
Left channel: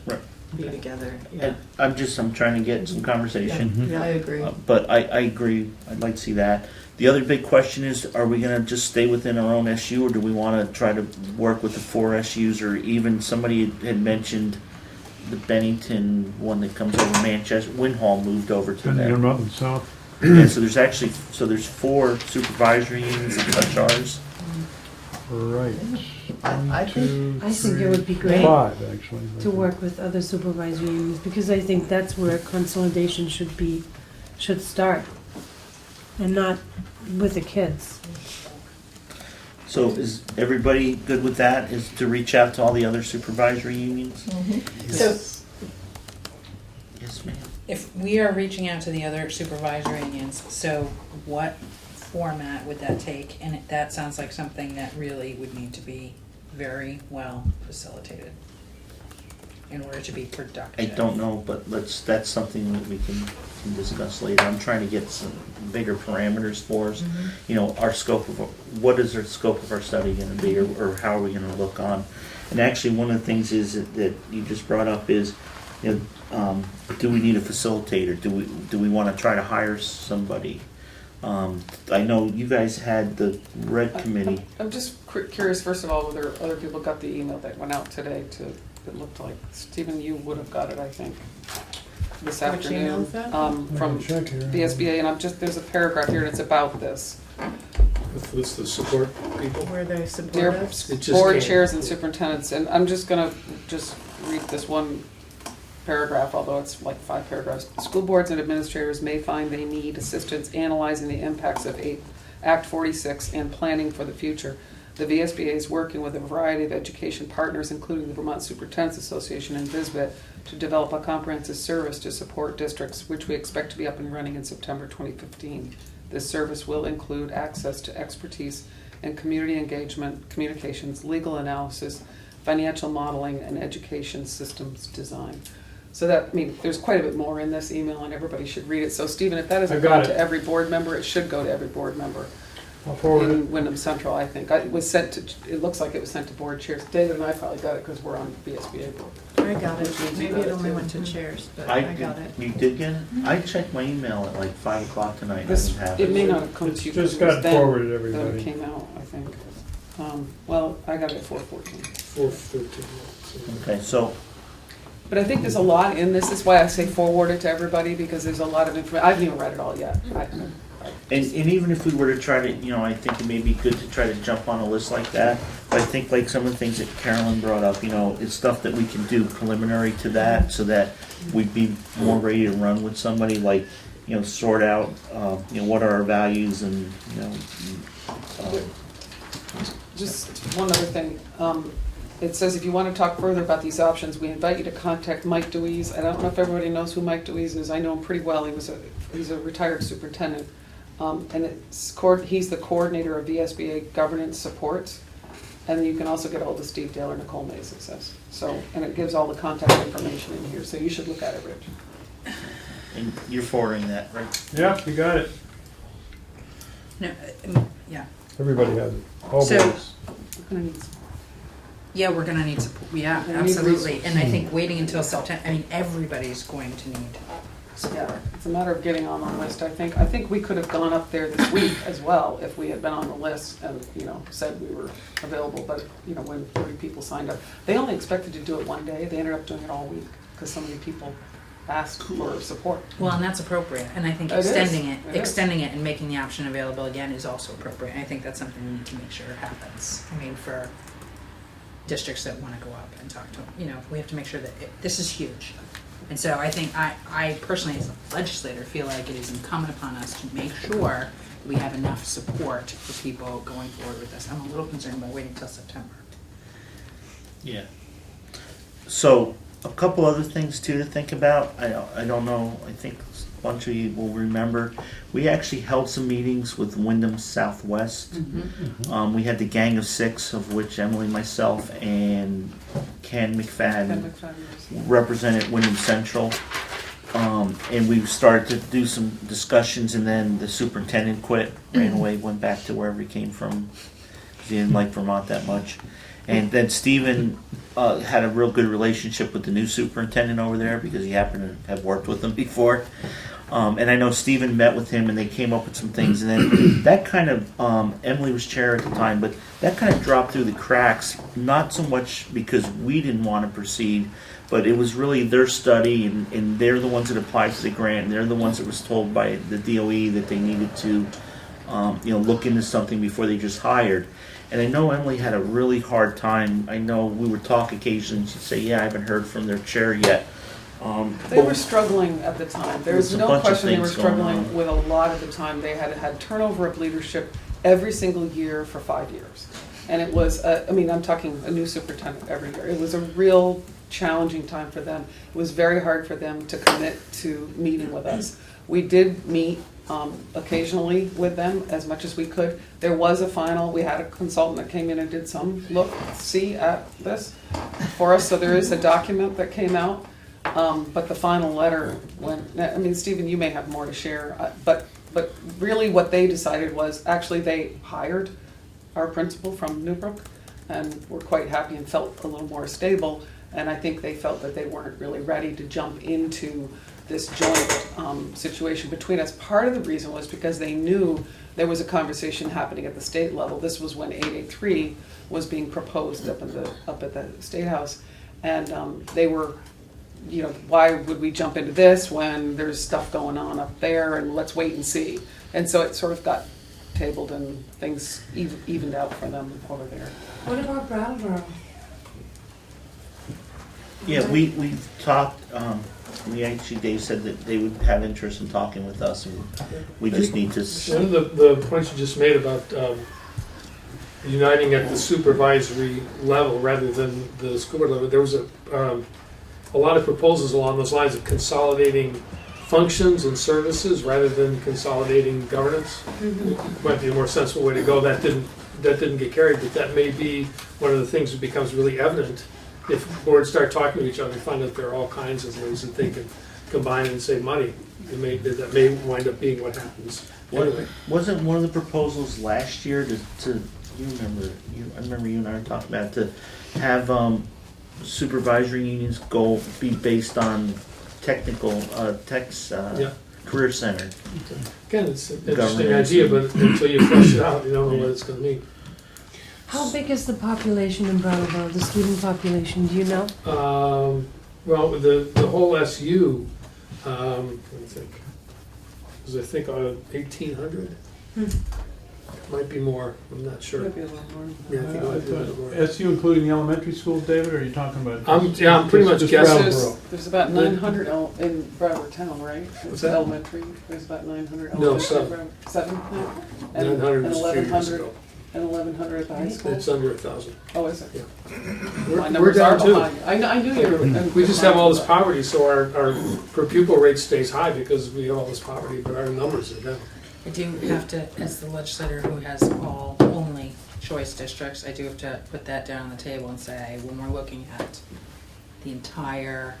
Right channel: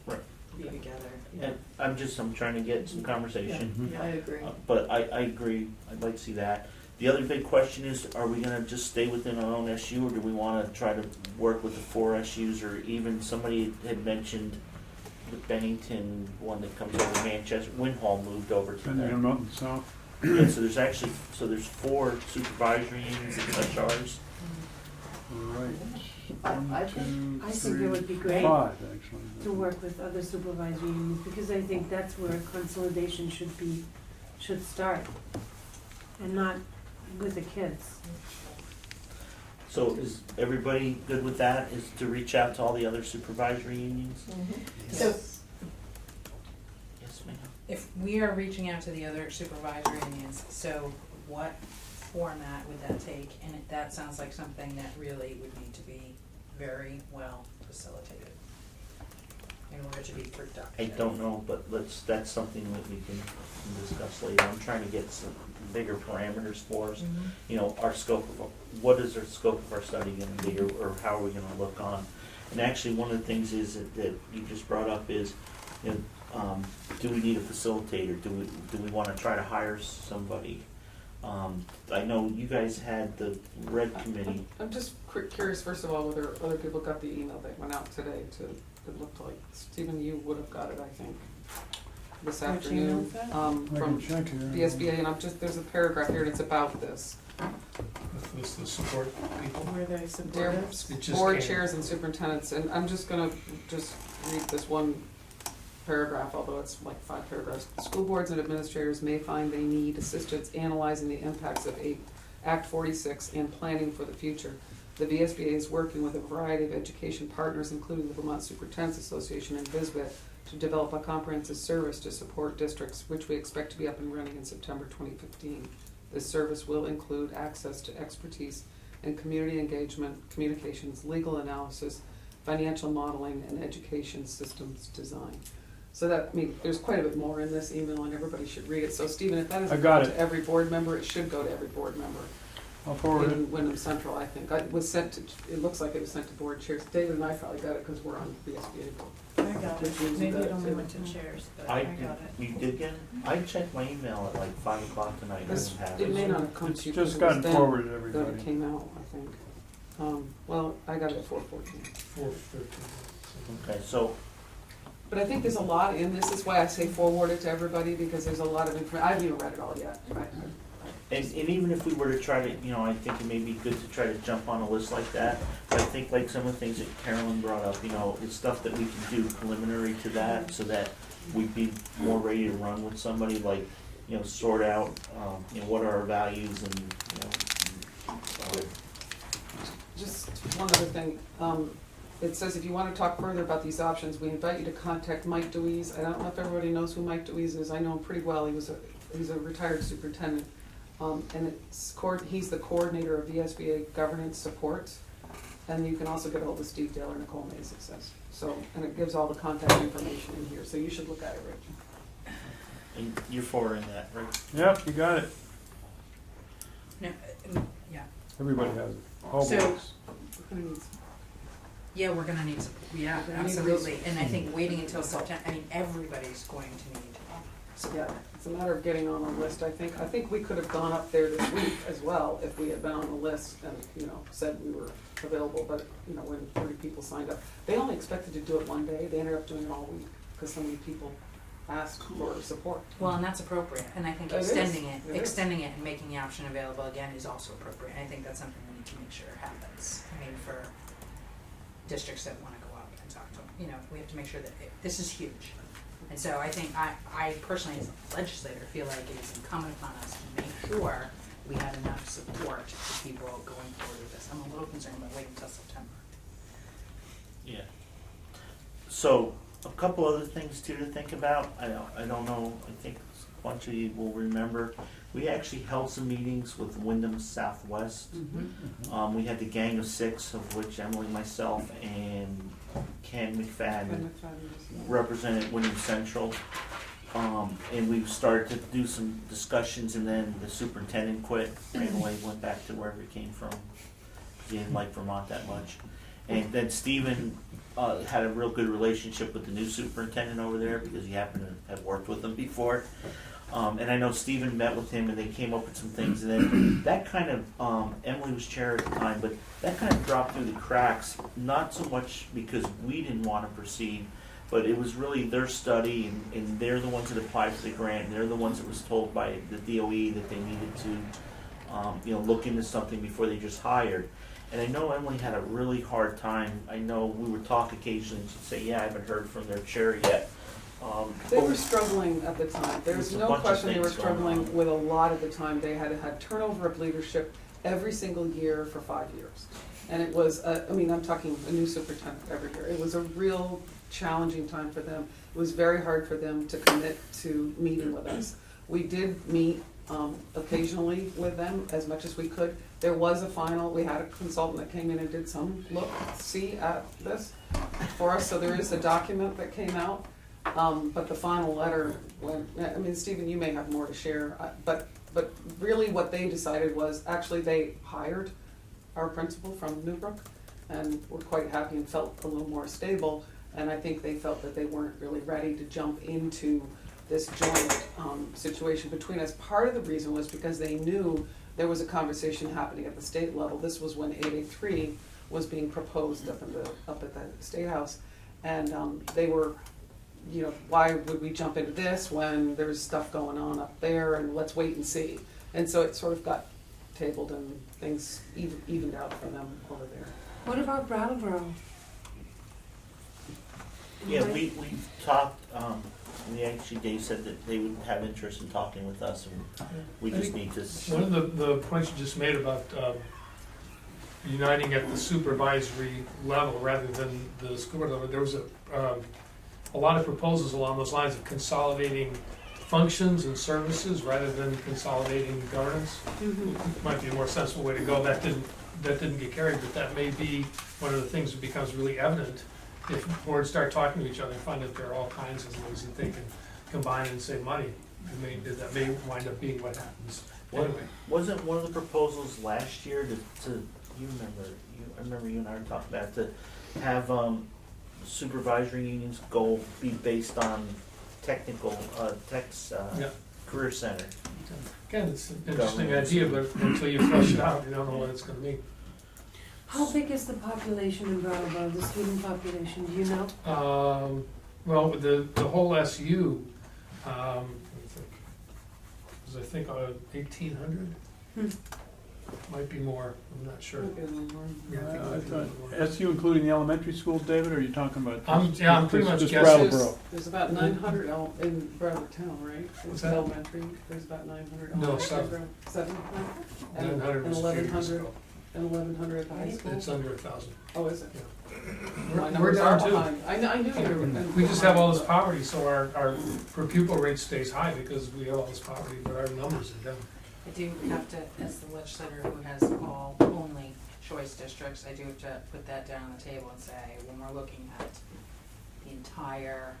be together, And I'm trying to get some conversation. I agree. But I agree, I'd like to see that. The other big question is, are we gonna just stay within our own SU, or do we wanna try to work with the 4 SUs, or even somebody had mentioned the Bennington one that comes over Manchester, Winhall moved over to Bennington them. Mountain South. Yeah, so there's 4 supervisory unions that touch ours. Right. I think- I think it would be great 5, actually. to work with other supervisory unions, because I think that's where consolidation should start, and not with the kids. So is everybody good with that, is to reach out to all the other supervisory unions? So Yes, ma'am. if we are reaching out to the other supervisory unions, so what format would that take? And that sounds like something that really would need to be very well facilitated in order to be productive. I don't know, but that's something that we can discuss later. I'm trying to get some bigger parameters for us. Our scope what is our scope of our study gonna be, or how are we gonna look on? And actually, one of the things is that you just brought up is, do we need a facilitator? Do we wanna try to hire somebody? I know you guys had the Red Committee. I'm just curious, first of all, whether other people got the email that went out today it looked like, Stephen, you would have got it, I think, this Which email afternoon. is that? From the SBA, and there's a paragraph here, and it's about this. With the support people. where they support Dear us. It just board came. chairs and superintendents, and I'm just gonna read this one paragraph, although it's like 5 paragraphs. School boards and administrators may find they need assistance analyzing the impacts of Act 46 and planning for the future. The VSBA is working with a variety of education partners, including the Vermont Superintendents Association and VSBIT, to develop a comprehensive service to support districts, which we expect to be up and running in September 2015. This service will include access to expertise in community engagement, communications, legal analysis, financial modeling, and education systems design. So there's quite a bit more in this email, and everybody should read it. So Stephen, if that I isn't got gone it. to every board member, it should go to every board member. I'll forward it. In Wyndham Central, I think. It was sent to, it looks like it was sent to board chairs. David and I probably got it because we're on VSBA board. I got it, maybe it only went to chairs, but I got it. You did get it? I checked my email at like 5 o'clock tonight. I This, didn't have it may it. not have come to you. It's just because it was gotten then forwarded to that everybody. it came out, I think. Well, I got it at 4:14. 413. Okay, so But I think there's a lot in this, is why I say forward it to everybody, because there's a lot of information, I haven't even read it all yet. And even if we were to try to, I think it may be good to try to jump on a list like that. But I think like some of the things that Carolyn brought up, it's stuff that we can do preliminary to that, so that we'd be more ready to run with somebody, like, sort out, what are our values and, Just one other thing, it says if you want to talk further about these options, we invite you to contact Mike Deweese. I don't know if everybody knows who Mike Deweese is, I know him pretty well, he's a retired superintendent. And he's the coordinator of VSBA governance supports, and you can also get all this detail or Nicole Mays, it says. So, and it gives all the contact information in here, so you should look at it, Rich. and you're forwarding that, right? Yep, you got it. No, yeah. Everybody has it. All So- boards. We're gonna need some- Yeah, we're gonna need support, yeah, We need absolutely, and I think waiting until September, everybody's going to need Yeah, support. it's a matter of getting on the list, I think. I think we could have gone up there this week as well if we had been on the list and, said we were available, but, when 30 people signed up. They only expected to do it one day, they ended up doing it all week, because so many people asked for support. Well, and that's appropriate, and I think It is. extending It is. extending it and making the option available again is also appropriate, and I think that's something we need to make sure happens. For districts that wanna go up and talk to them, we have to make sure that this is huge. And so I think I personally, as a legislator, feel like it is incumbent upon us to make sure we have enough support for people going forward with this. I'm a little concerned about waiting till September. Yeah. So, a couple other things too to think about. I don't know, I think a bunch of you will remember. We actually held some meetings with Wyndham Southwest. We had the Gang of Six, of which Emily, myself, and Ken McFadden represented Wyndham Central. And we started to do some discussions, and then the superintendent quit, ran away, went back to wherever he came from, 'cause he didn't like Vermont that much. And then Stephen had a real good relationship with the new superintendent over there, because he happened to have worked with him before. And I know Stephen met with him, and they came up with some things, and then that kind of, Emily was chair at the time, but that kind of dropped through the cracks, not so much because we didn't want to proceed, but it was really their study, and they're the ones that applied for the grant, and they're the ones that was told by the DOE that they needed to, look into something before they just hired. And I know Emily had a really hard time. I know we would talk occasionally, and she'd say, yeah, I haven't heard from their chair yet. They were struggling at the time. There was There's a no bunch of question they were things going struggling on. with a lot of the time. They had turnover of leadership every single year for 5 years. And it was, I'm talking a new superintendent every year. It was a real challenging time for them. It was very hard for them to commit to meeting with us. We did meet occasionally with them as much as we could. There was a final, we had a consultant that came in and did some see at this for us, so there is a document that came out. But the final letter Stephen, you may have more to share, but really what they decided was, actually they hired our principal from Newbrook and were quite happy and felt a little more stable, and I think they felt that they weren't really ready to jump into this joint situation between us. Part of the reason was because they knew there was a conversation happening at the state level. This was when 883 was being proposed up at the State House, and they were, why would we jump into this when there's stuff going on up there, and let's wait and see. And so it sort of got tabled and things evened out for them over there. What about Brattleboro? Yeah, we talked, Dave said that they would have interest in talking with us, and we just need to. One of the points you just made about uniting at the supervisory level rather than the school board level, there was a lot of proposals along those lines of consolidating functions and services rather than consolidating governance. Might be a more sensible way to go. That didn't get carried, but that may be one of the things that becomes really evident if boards start talking to each other and find out there are all kinds of ways that they can combine and save money. That may wind up being what happens. Anyway, Wasn't one of the proposals last year to I remember you and I were talking about to have supervisory unions be based on technical Yeah. career center. again, it's an interesting Governance idea, and- but until you flesh it out, you don't know what it's gonna mean. How big is the population in Brattleboro, the student population, do you know? Well, with the whole SU, let me think, was I think 1,800? Might be more, I'm not sure. Might be a little more. Yeah, I think it might be a little more. SU including the elementary schools, David, or are you talking about? I'm pretty much just guessing. Brattleboro? There's about 900 in Broward Town, right? What's that? Elementary, there's about 900 No, elementary. seven. 7? And 900 and is a few years 1,100 ago. and 1,100 at the high school? It's under 1,000. Oh, is it? Yeah. My We're numbers are down too. behind. I knew you were. We just have all this poverty, so our per pupil rate stays high because we have all this poverty, but our numbers are down. I do have to, as the legislator who has all only choice districts, I do have to put that down on the table and say, when we're looking at the entire,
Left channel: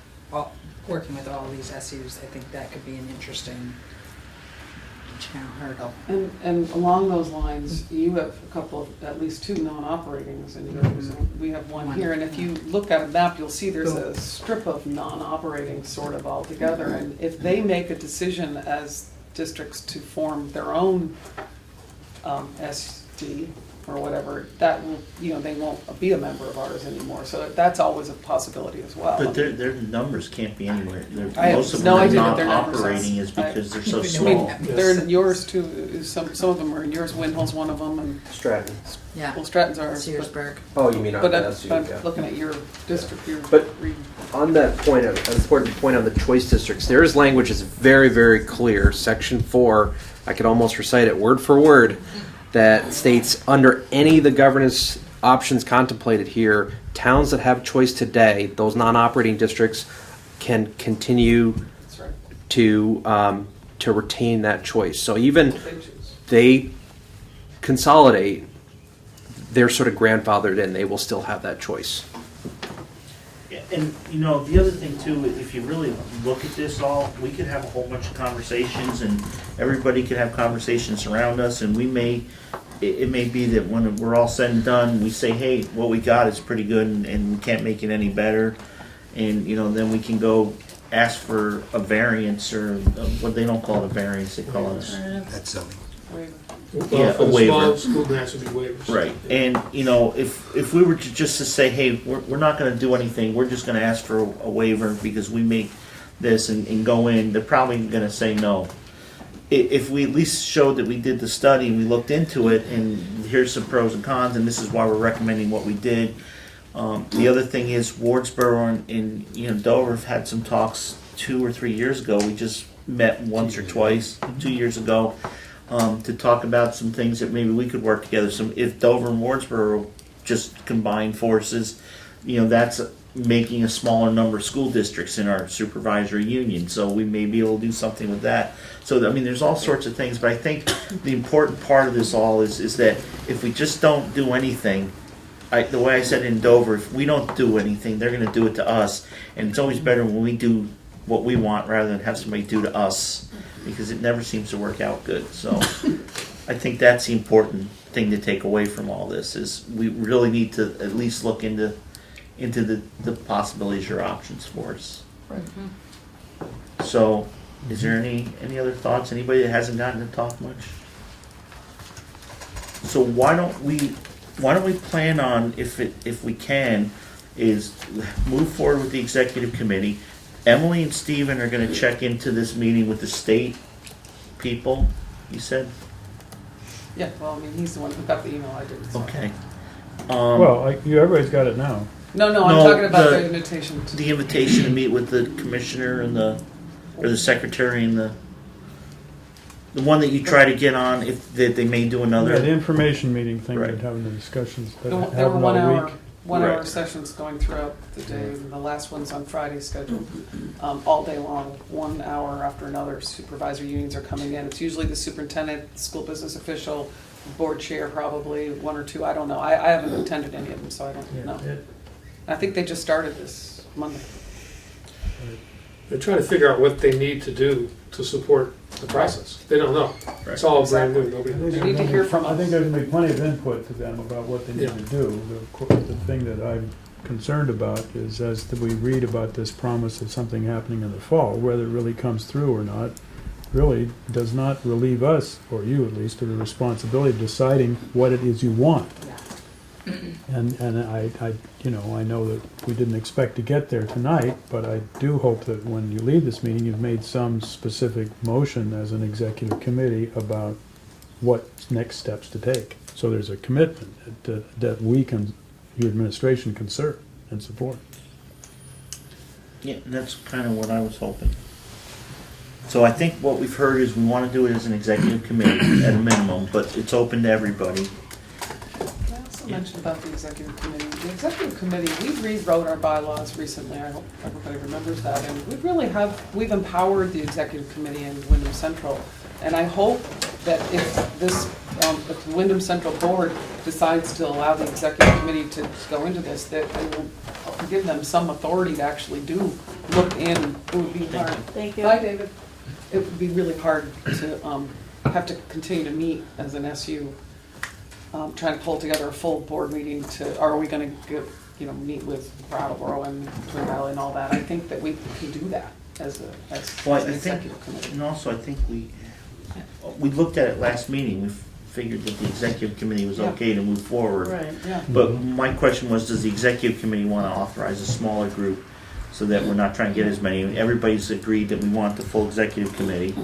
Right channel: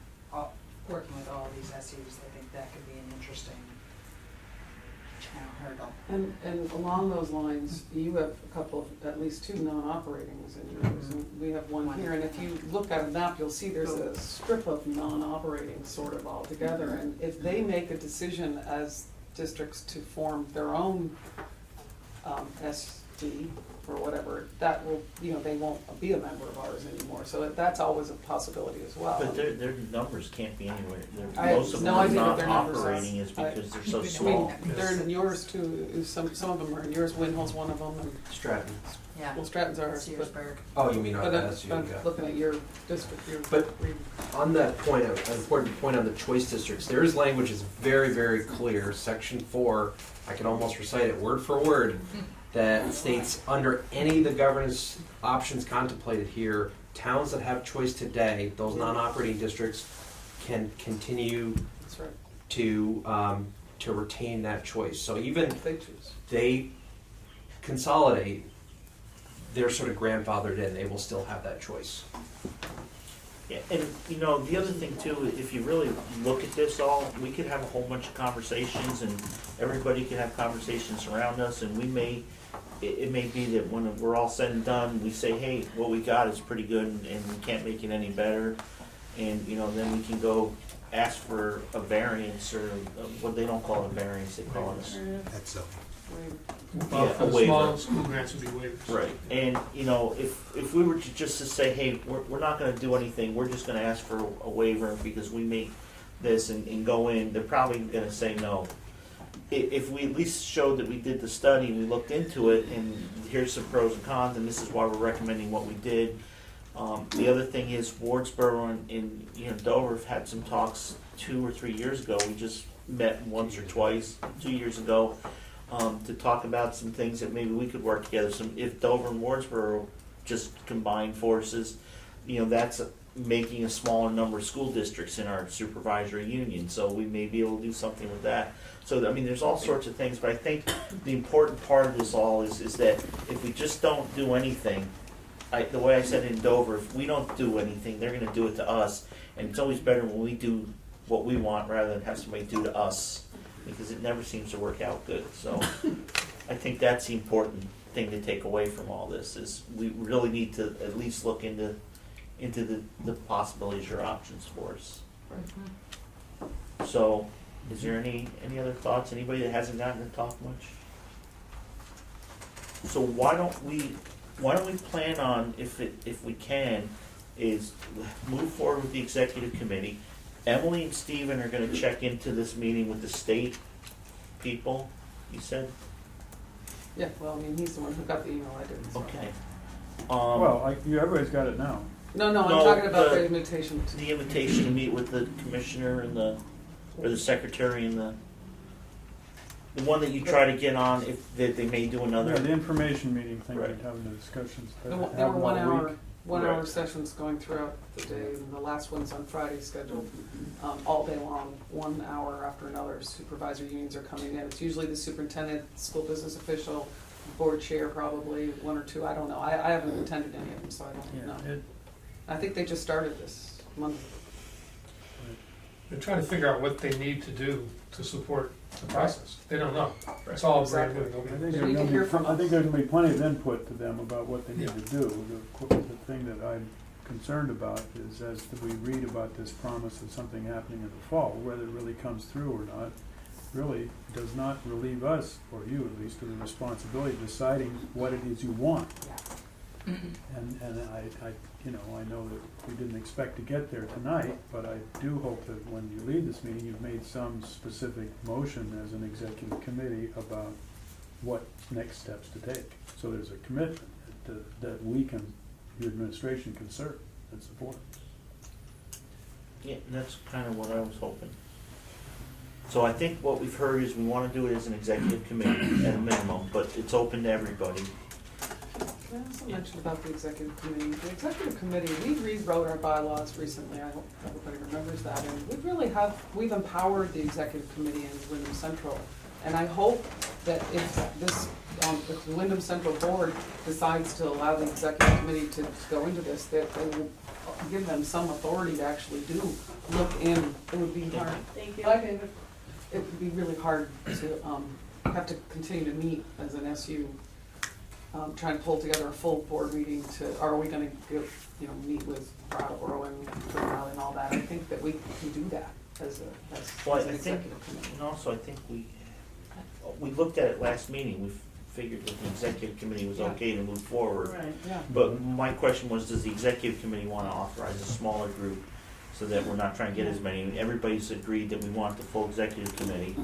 working with all these SUs, I think that could be an interesting hurdle. And along those lines, you have a couple of, at least 2 non-operatings in yours, and we have one here. And if you look at a map, you'll see there's a strip of non-operating sort of altogether. And if they make a decision as districts to form their own SD or whatever, that will, they won't be a member of ours anymore. So that's always a possibility as well. But their numbers can't be anywhere. Most of no them idea are what their not numbers are. operating is because they're so I mean, small. they're in yours too, some of them are in yours, Windhill's one of them, and, Stratton. Yeah, well, Stratton's ours. Searsburg. Oh, you mean on But the I'm SU, I'm yeah. looking at your district, your But- region. On that point, an important point on the choice districts, there is language that's very, very clear. Section 4, I could almost recite it word for word, that states under any of the governance options contemplated here, towns that have choice today, those non-operating districts can continue That's right. to retain that choice. So even They choose. they consolidate, they're sort of grandfathered in. They will still have that choice. Yeah, and the other thing too, if you really look at this all, we could have a whole bunch of conversations and everybody could have conversations around us and it may be that when we're all said and done, we say, hey, what we got is pretty good and we can't make it any better. And, then we can go ask for a variance or what they don't call it a variance, they call it. That's zoning. Well, Yeah, for a the waiver. small school grants would be waivers. Right, and if we were just to say, hey, we're not gonna do anything, we're just gonna ask for a waiver because we make this and go in, they're probably gonna say no. If we at least showed that we did the study and we looked into it and here's some pros and cons and this is why we're recommending what we did. The other thing is Wardsboro and Dover have had some talks 2 or 3 years ago, we just met once or twice, 2 years ago. To talk about some things that maybe we could work together. If Dover and Wardsboro just combine forces, that's making a smaller number of school districts in our supervisory union. So we may be able to do something with that. So there's all sorts of things. But I think the important part of this all is that if we just don't do anything, the way I said in Dover, if we don't do anything, they're going to do it to us. And it's always better when we do what we want rather than have somebody do to us. Because it never seems to work out good. So I think that's the important thing to take away from all this is we really need to at least look into the possibilities or options for us. Right. So is there any other thoughts? Anybody that hasn't gotten to talk much? So why don't we plan on, if we can, is move forward with the executive committee. Emily and Stephen are gonna check into this meeting with the state people, you said? Yeah, well, he's the one who got the email, I didn't. so. Okay. Well, everybody's got it now. No, I'm No, talking about the- the invitation to. The invitation to meet with the commissioner and or the secretary and the one that you try to get on, if they may do Yeah, another. the information meeting thing, Right. we're having the discussions, that There were happen all 1 hour, week. 1 hour Right. sessions going throughout the day, and the last one's on Friday scheduled, all day long, 1 hour after another. Supervisor unions are coming in. It's usually the superintendent, school business official, board chair probably, 1 or 2, I don't know. I haven't attended any of them, so I Yeah, don't know. it- I think they just started this Monday. They're trying to figure out what they need to do to support the process. They don't know. It's all brand new. I Nobody think knows. They need to hear from I think us. there's gonna be plenty of input to them about what they need Yeah. to do. The thing that I'm concerned about is as we read about this promise of something happening in the fall, whether it really comes through or not, really does not relieve us, or you at least, of the responsibility of deciding what it is you want. And I, you know, I know that we didn't expect to get there tonight, but I do hope that when you leave this meeting, you've made some specific motion as an executive committee about what next steps to take. So there's a commitment that we can, your administration can serve and support. Yeah, that's kind of what I was hoping. So I think what we've heard is we want to do it as an executive committee at a minimum, but it's open to everybody. Can I also mention about the executive committee? The executive committee, we rewrote our bylaws recently, I hope everybody remembers that, and we've empowered the executive committee in Wyndham Central. And I hope that if if the Wyndham Central Board decides to allow the executive committee to go into this, that they will give them some authority to actually look in. It would be hard. Thank you. Bye, David. It would be really hard to have to continue to meet as an SU, trying to pull together a full board meeting or are we gonna meet with Brattleboro and Twin Valley and all that? I think that we can do that as Well, an I think, executive committee. and also I think we looked at it last meeting, we figured that the executive committee was Yeah. okay to move forward. Right, yeah. But my question was, does the executive committee want to authorize a smaller group so that we're not trying to get as many? Everybody's agreed that we want the full executive committee.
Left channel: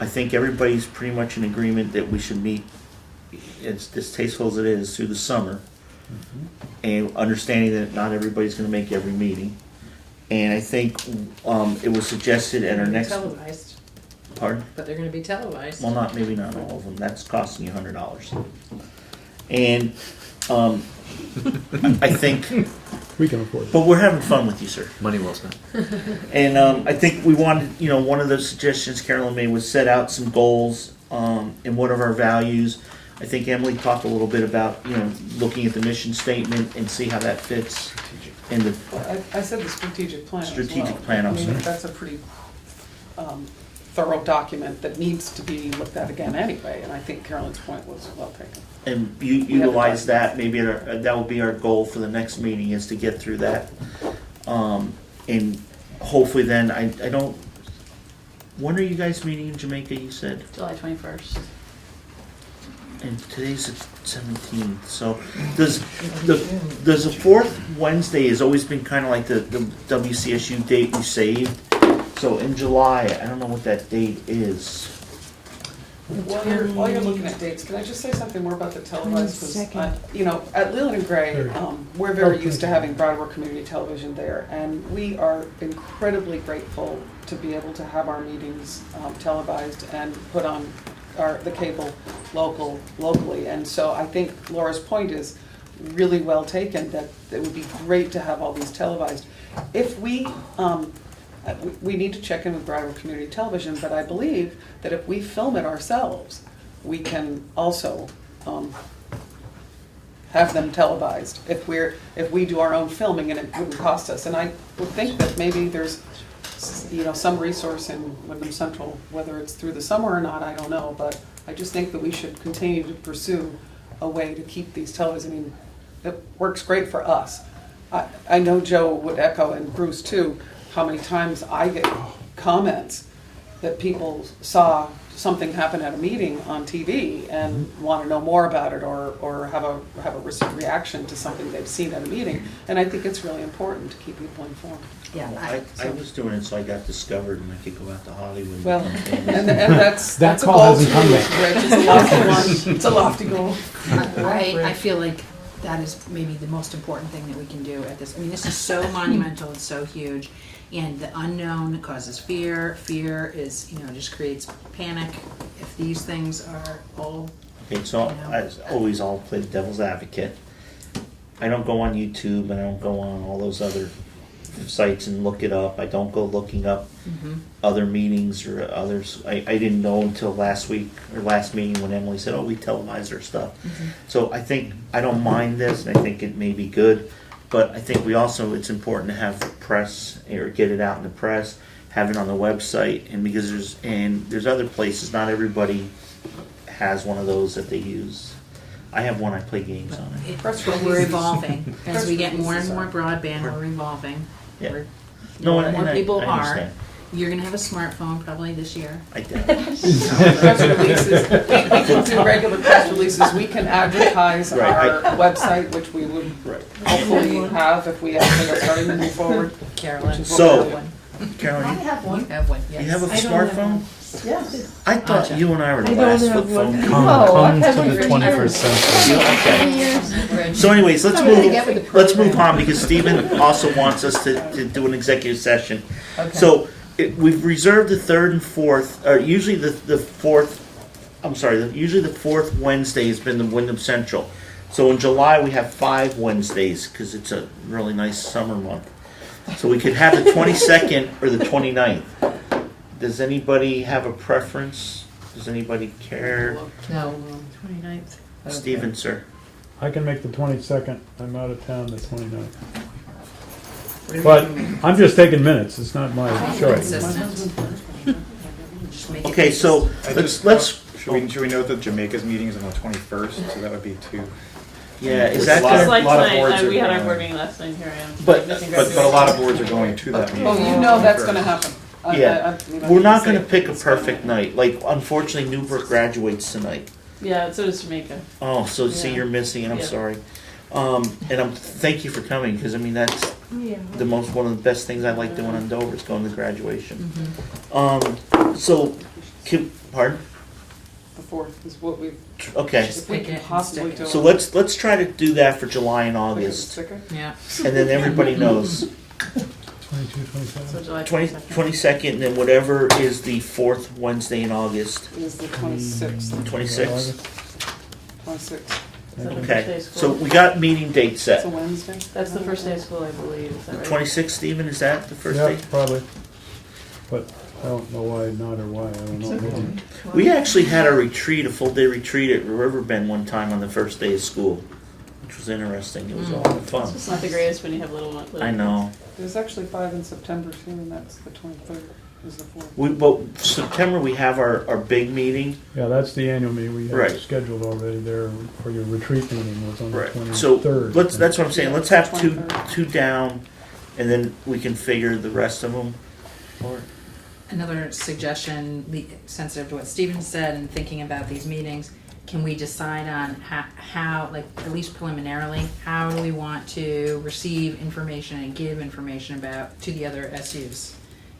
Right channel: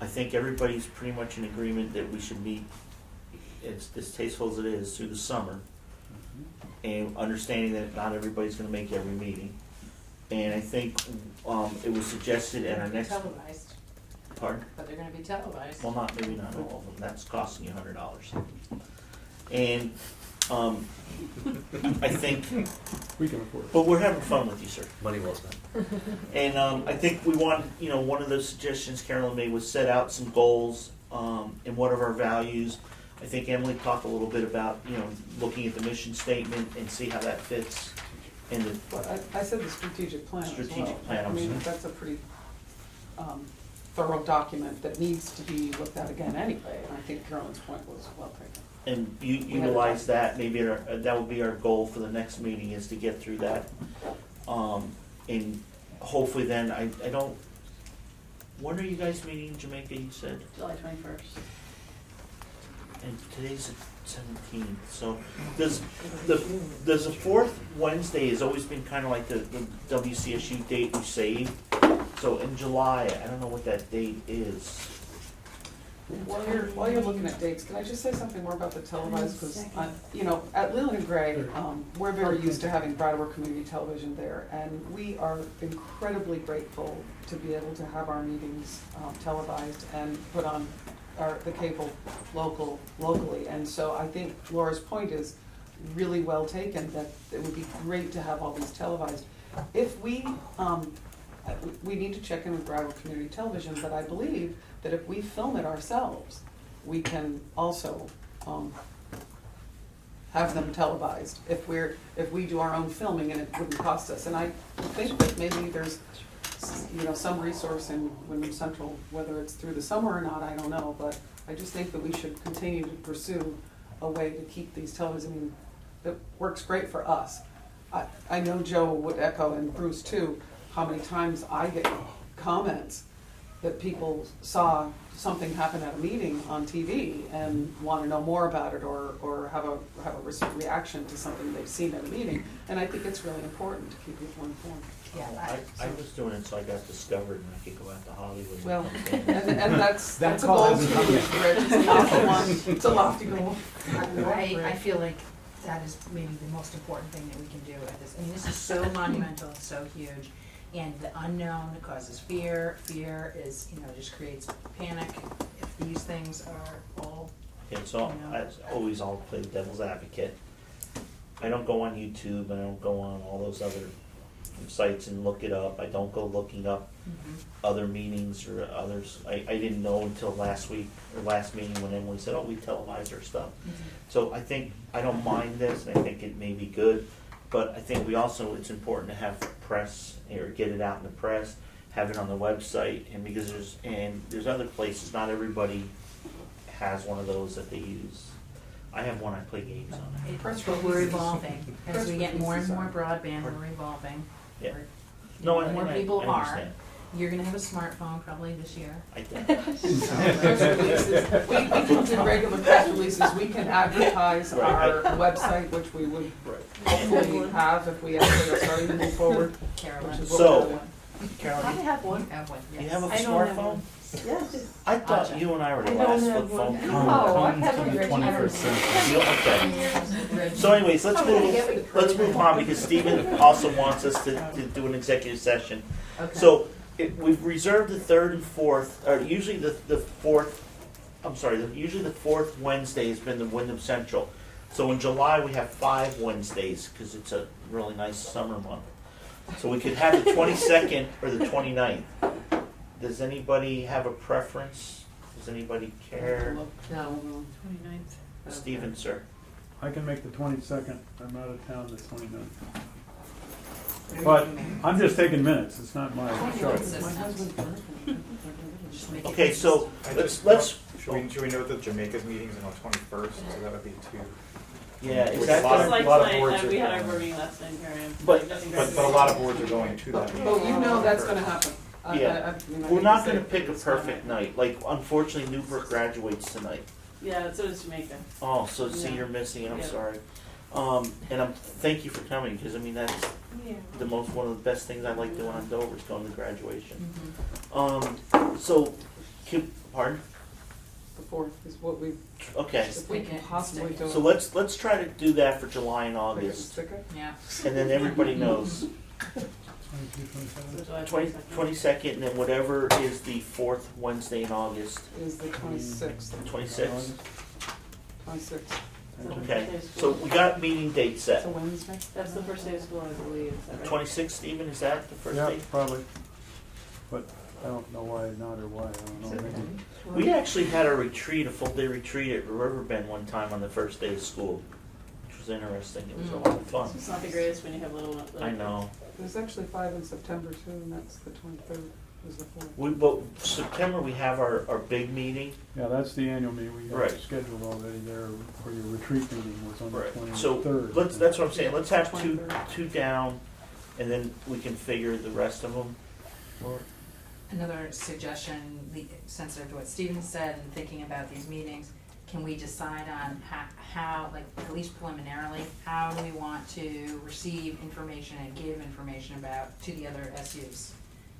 I think everybody's pretty much in agreement that we should meet, it's distasteful as it is, through the summer. And understanding that not everybody's gonna make every meeting. And I think, it was suggested at our next, Televised, pardon? but they're gonna be televised. Well, maybe not all of them, that's costing you $100. And, I think, We can afford it. but we're having fun with you, sir. Money well spent. And, I think we wanted, one of the suggestions Carolyn made was set out some goals, and what are our values. I think Emily talked a little bit about, looking at the mission statement and see how that fits in the, I said the strategic plan as well. Strategic plan, I'm I mean, sorry. that's a pretty thorough document that needs to be looked at again anyway, and I think Carolyn's point was well taken. and utilize that, maybe that would be our goal for the next meeting, is to get through that. And hopefully then, I don't, when are you guys meeting in Jamaica, you said? July 21st. And today's the 17th, so does the fourth Wednesday has always been kind of like the WCSU date we saved? So in July, I don't know what that date is. While you're looking at dates, can I just say something more about the televised? Second. Because, at Leland and Gray, Sure. we're very Okay. used to having Brattleboro Community Television there, and we are incredibly grateful to be able to have our meetings televised and put on the cable locally. And so I think Laura's point is really well taken, that it would be great to have all these televised. If we need to check in with Brattleboro Community Television, but I believe that if we film it ourselves, we can also have them televised if we do our own filming and it wouldn't cost us. And I would think that maybe there's some resource in Wyndham Central, whether it's through the summer or not, I don't know, but I just think that we should continue to pursue a way to keep these televisions. I mean, it works great for us. I know Joe would echo, and Bruce too, how many times I get comments that people saw something happen at a meeting on TV and want to know more about it, or have a reaction to something they've seen at a meeting. And I think it's really important to keep people informed. Yeah, I was doing it so I got discovered and I could go out to Hollywood. Well, and that's That a call goal hasn't too, come yet. Rich. It's a lofty one. It's a lofty goal. I feel like that is maybe the most important thing that we can do at this. I mean, this is so monumental, it's so huge, and the unknown causes fear. Fear is, just creates panic. If these things are all, Okay, so as always, I'll play the devil's advocate. I don't go on YouTube and I don't go on all those other sites and look it up. I don't go looking up other meetings or others. I didn't know until last week or last meeting when Emily said, we televise our stuff. So I think, I don't mind this, and I think it may be good, but I think it's important to have press, or get it out in the press, have it on the website, and because there's other places, not everybody has one of those that they use. I have one I play games on it. we're evolving. As we get more and more broadband, we're evolving. Yeah. We're- No, more and and more I people are. understand. You're gonna have a smartphone probably this year. I did. Press releases, we can do regular press releases, we can advertise Right, our website, which we would hopefully have if we actually are starting to move forward. Carolyn. So- You have one. Carolyn, You have one, yes. you have a I don't have smartphone? Yes. I thought you and I were the I don't last have flip one. phone. Come to the 21st century. Okay. So anyways, let's move on because Stephen also wants us to do an executive session. Okay. So we've reserved the third and fourth, or usually the fourth, usually the fourth Wednesday has been the Wyndham Central. So in July we have 5 Wednesdays because it's a really nice summer month. So we could have the 22nd or the 29th. Does anybody have a preference? Does anybody care? No, 29th. Okay. Stephen, sir. I can make the 22nd, I'm out of town the 29th. What do But we do? I'm just taking minutes, it's not my choice. Consistent. Just make it Okay, so let's. Should we note that Jamaica's meeting is on the 21st, so that would be 2. Yeah, is There's that a lot Just of- like lot of tonight, boards are we had our going. board meeting last night, here I am. But- missing But a graduation. lot of boards are going to that meeting. Oh, you know that's gonna happen. Yeah. We're not going to pick a perfect night. Like, unfortunately, Newbrook graduates tonight. Yeah, so does Jamaica. Oh, so see, Yeah. you're missing, and I'm Yeah. sorry. Thank you for coming because I mean that's one of the best things I like doing on Dover is going to graduation. So, pardon? The 4th is what we Okay. Just we pick can it and possibly stick do. it. So let's try to do that for July and August, Yeah. and then everybody knows. 22, 27. So July 20, 22nd. 22nd, and then whatever is the fourth Wednesday in August. Is the 26th. 26th? 26th. Is that the first Okay, day of so school? we got meeting date It's set. a Wednesday. That's the first day of school, I believe, is that right? 26th, Stephen, is that the first Yeah, day? probably. But I don't know why not or why, I don't know. Maybe. We actually had a retreat, a full day retreat at Riverbend one time on the first day of school, which was interesting. It was all fun. It's not the greatest when you have little ones. I know. There's actually 5 in September too, and that's the 23rd is the 4th. But September, we have our big meeting. Yeah, that's the annual meeting we Right. have scheduled already there for your retreat meeting was on the Right. 23rd. So that's what I'm saying. Let's have 23rd. two down, and then we can figure the rest of them. Or Another suggestion, sensitive to what Stephen said and thinking about these meetings, can we decide on how, like, at least preliminarily, how do we want to receive information and give information about, to the other SUs?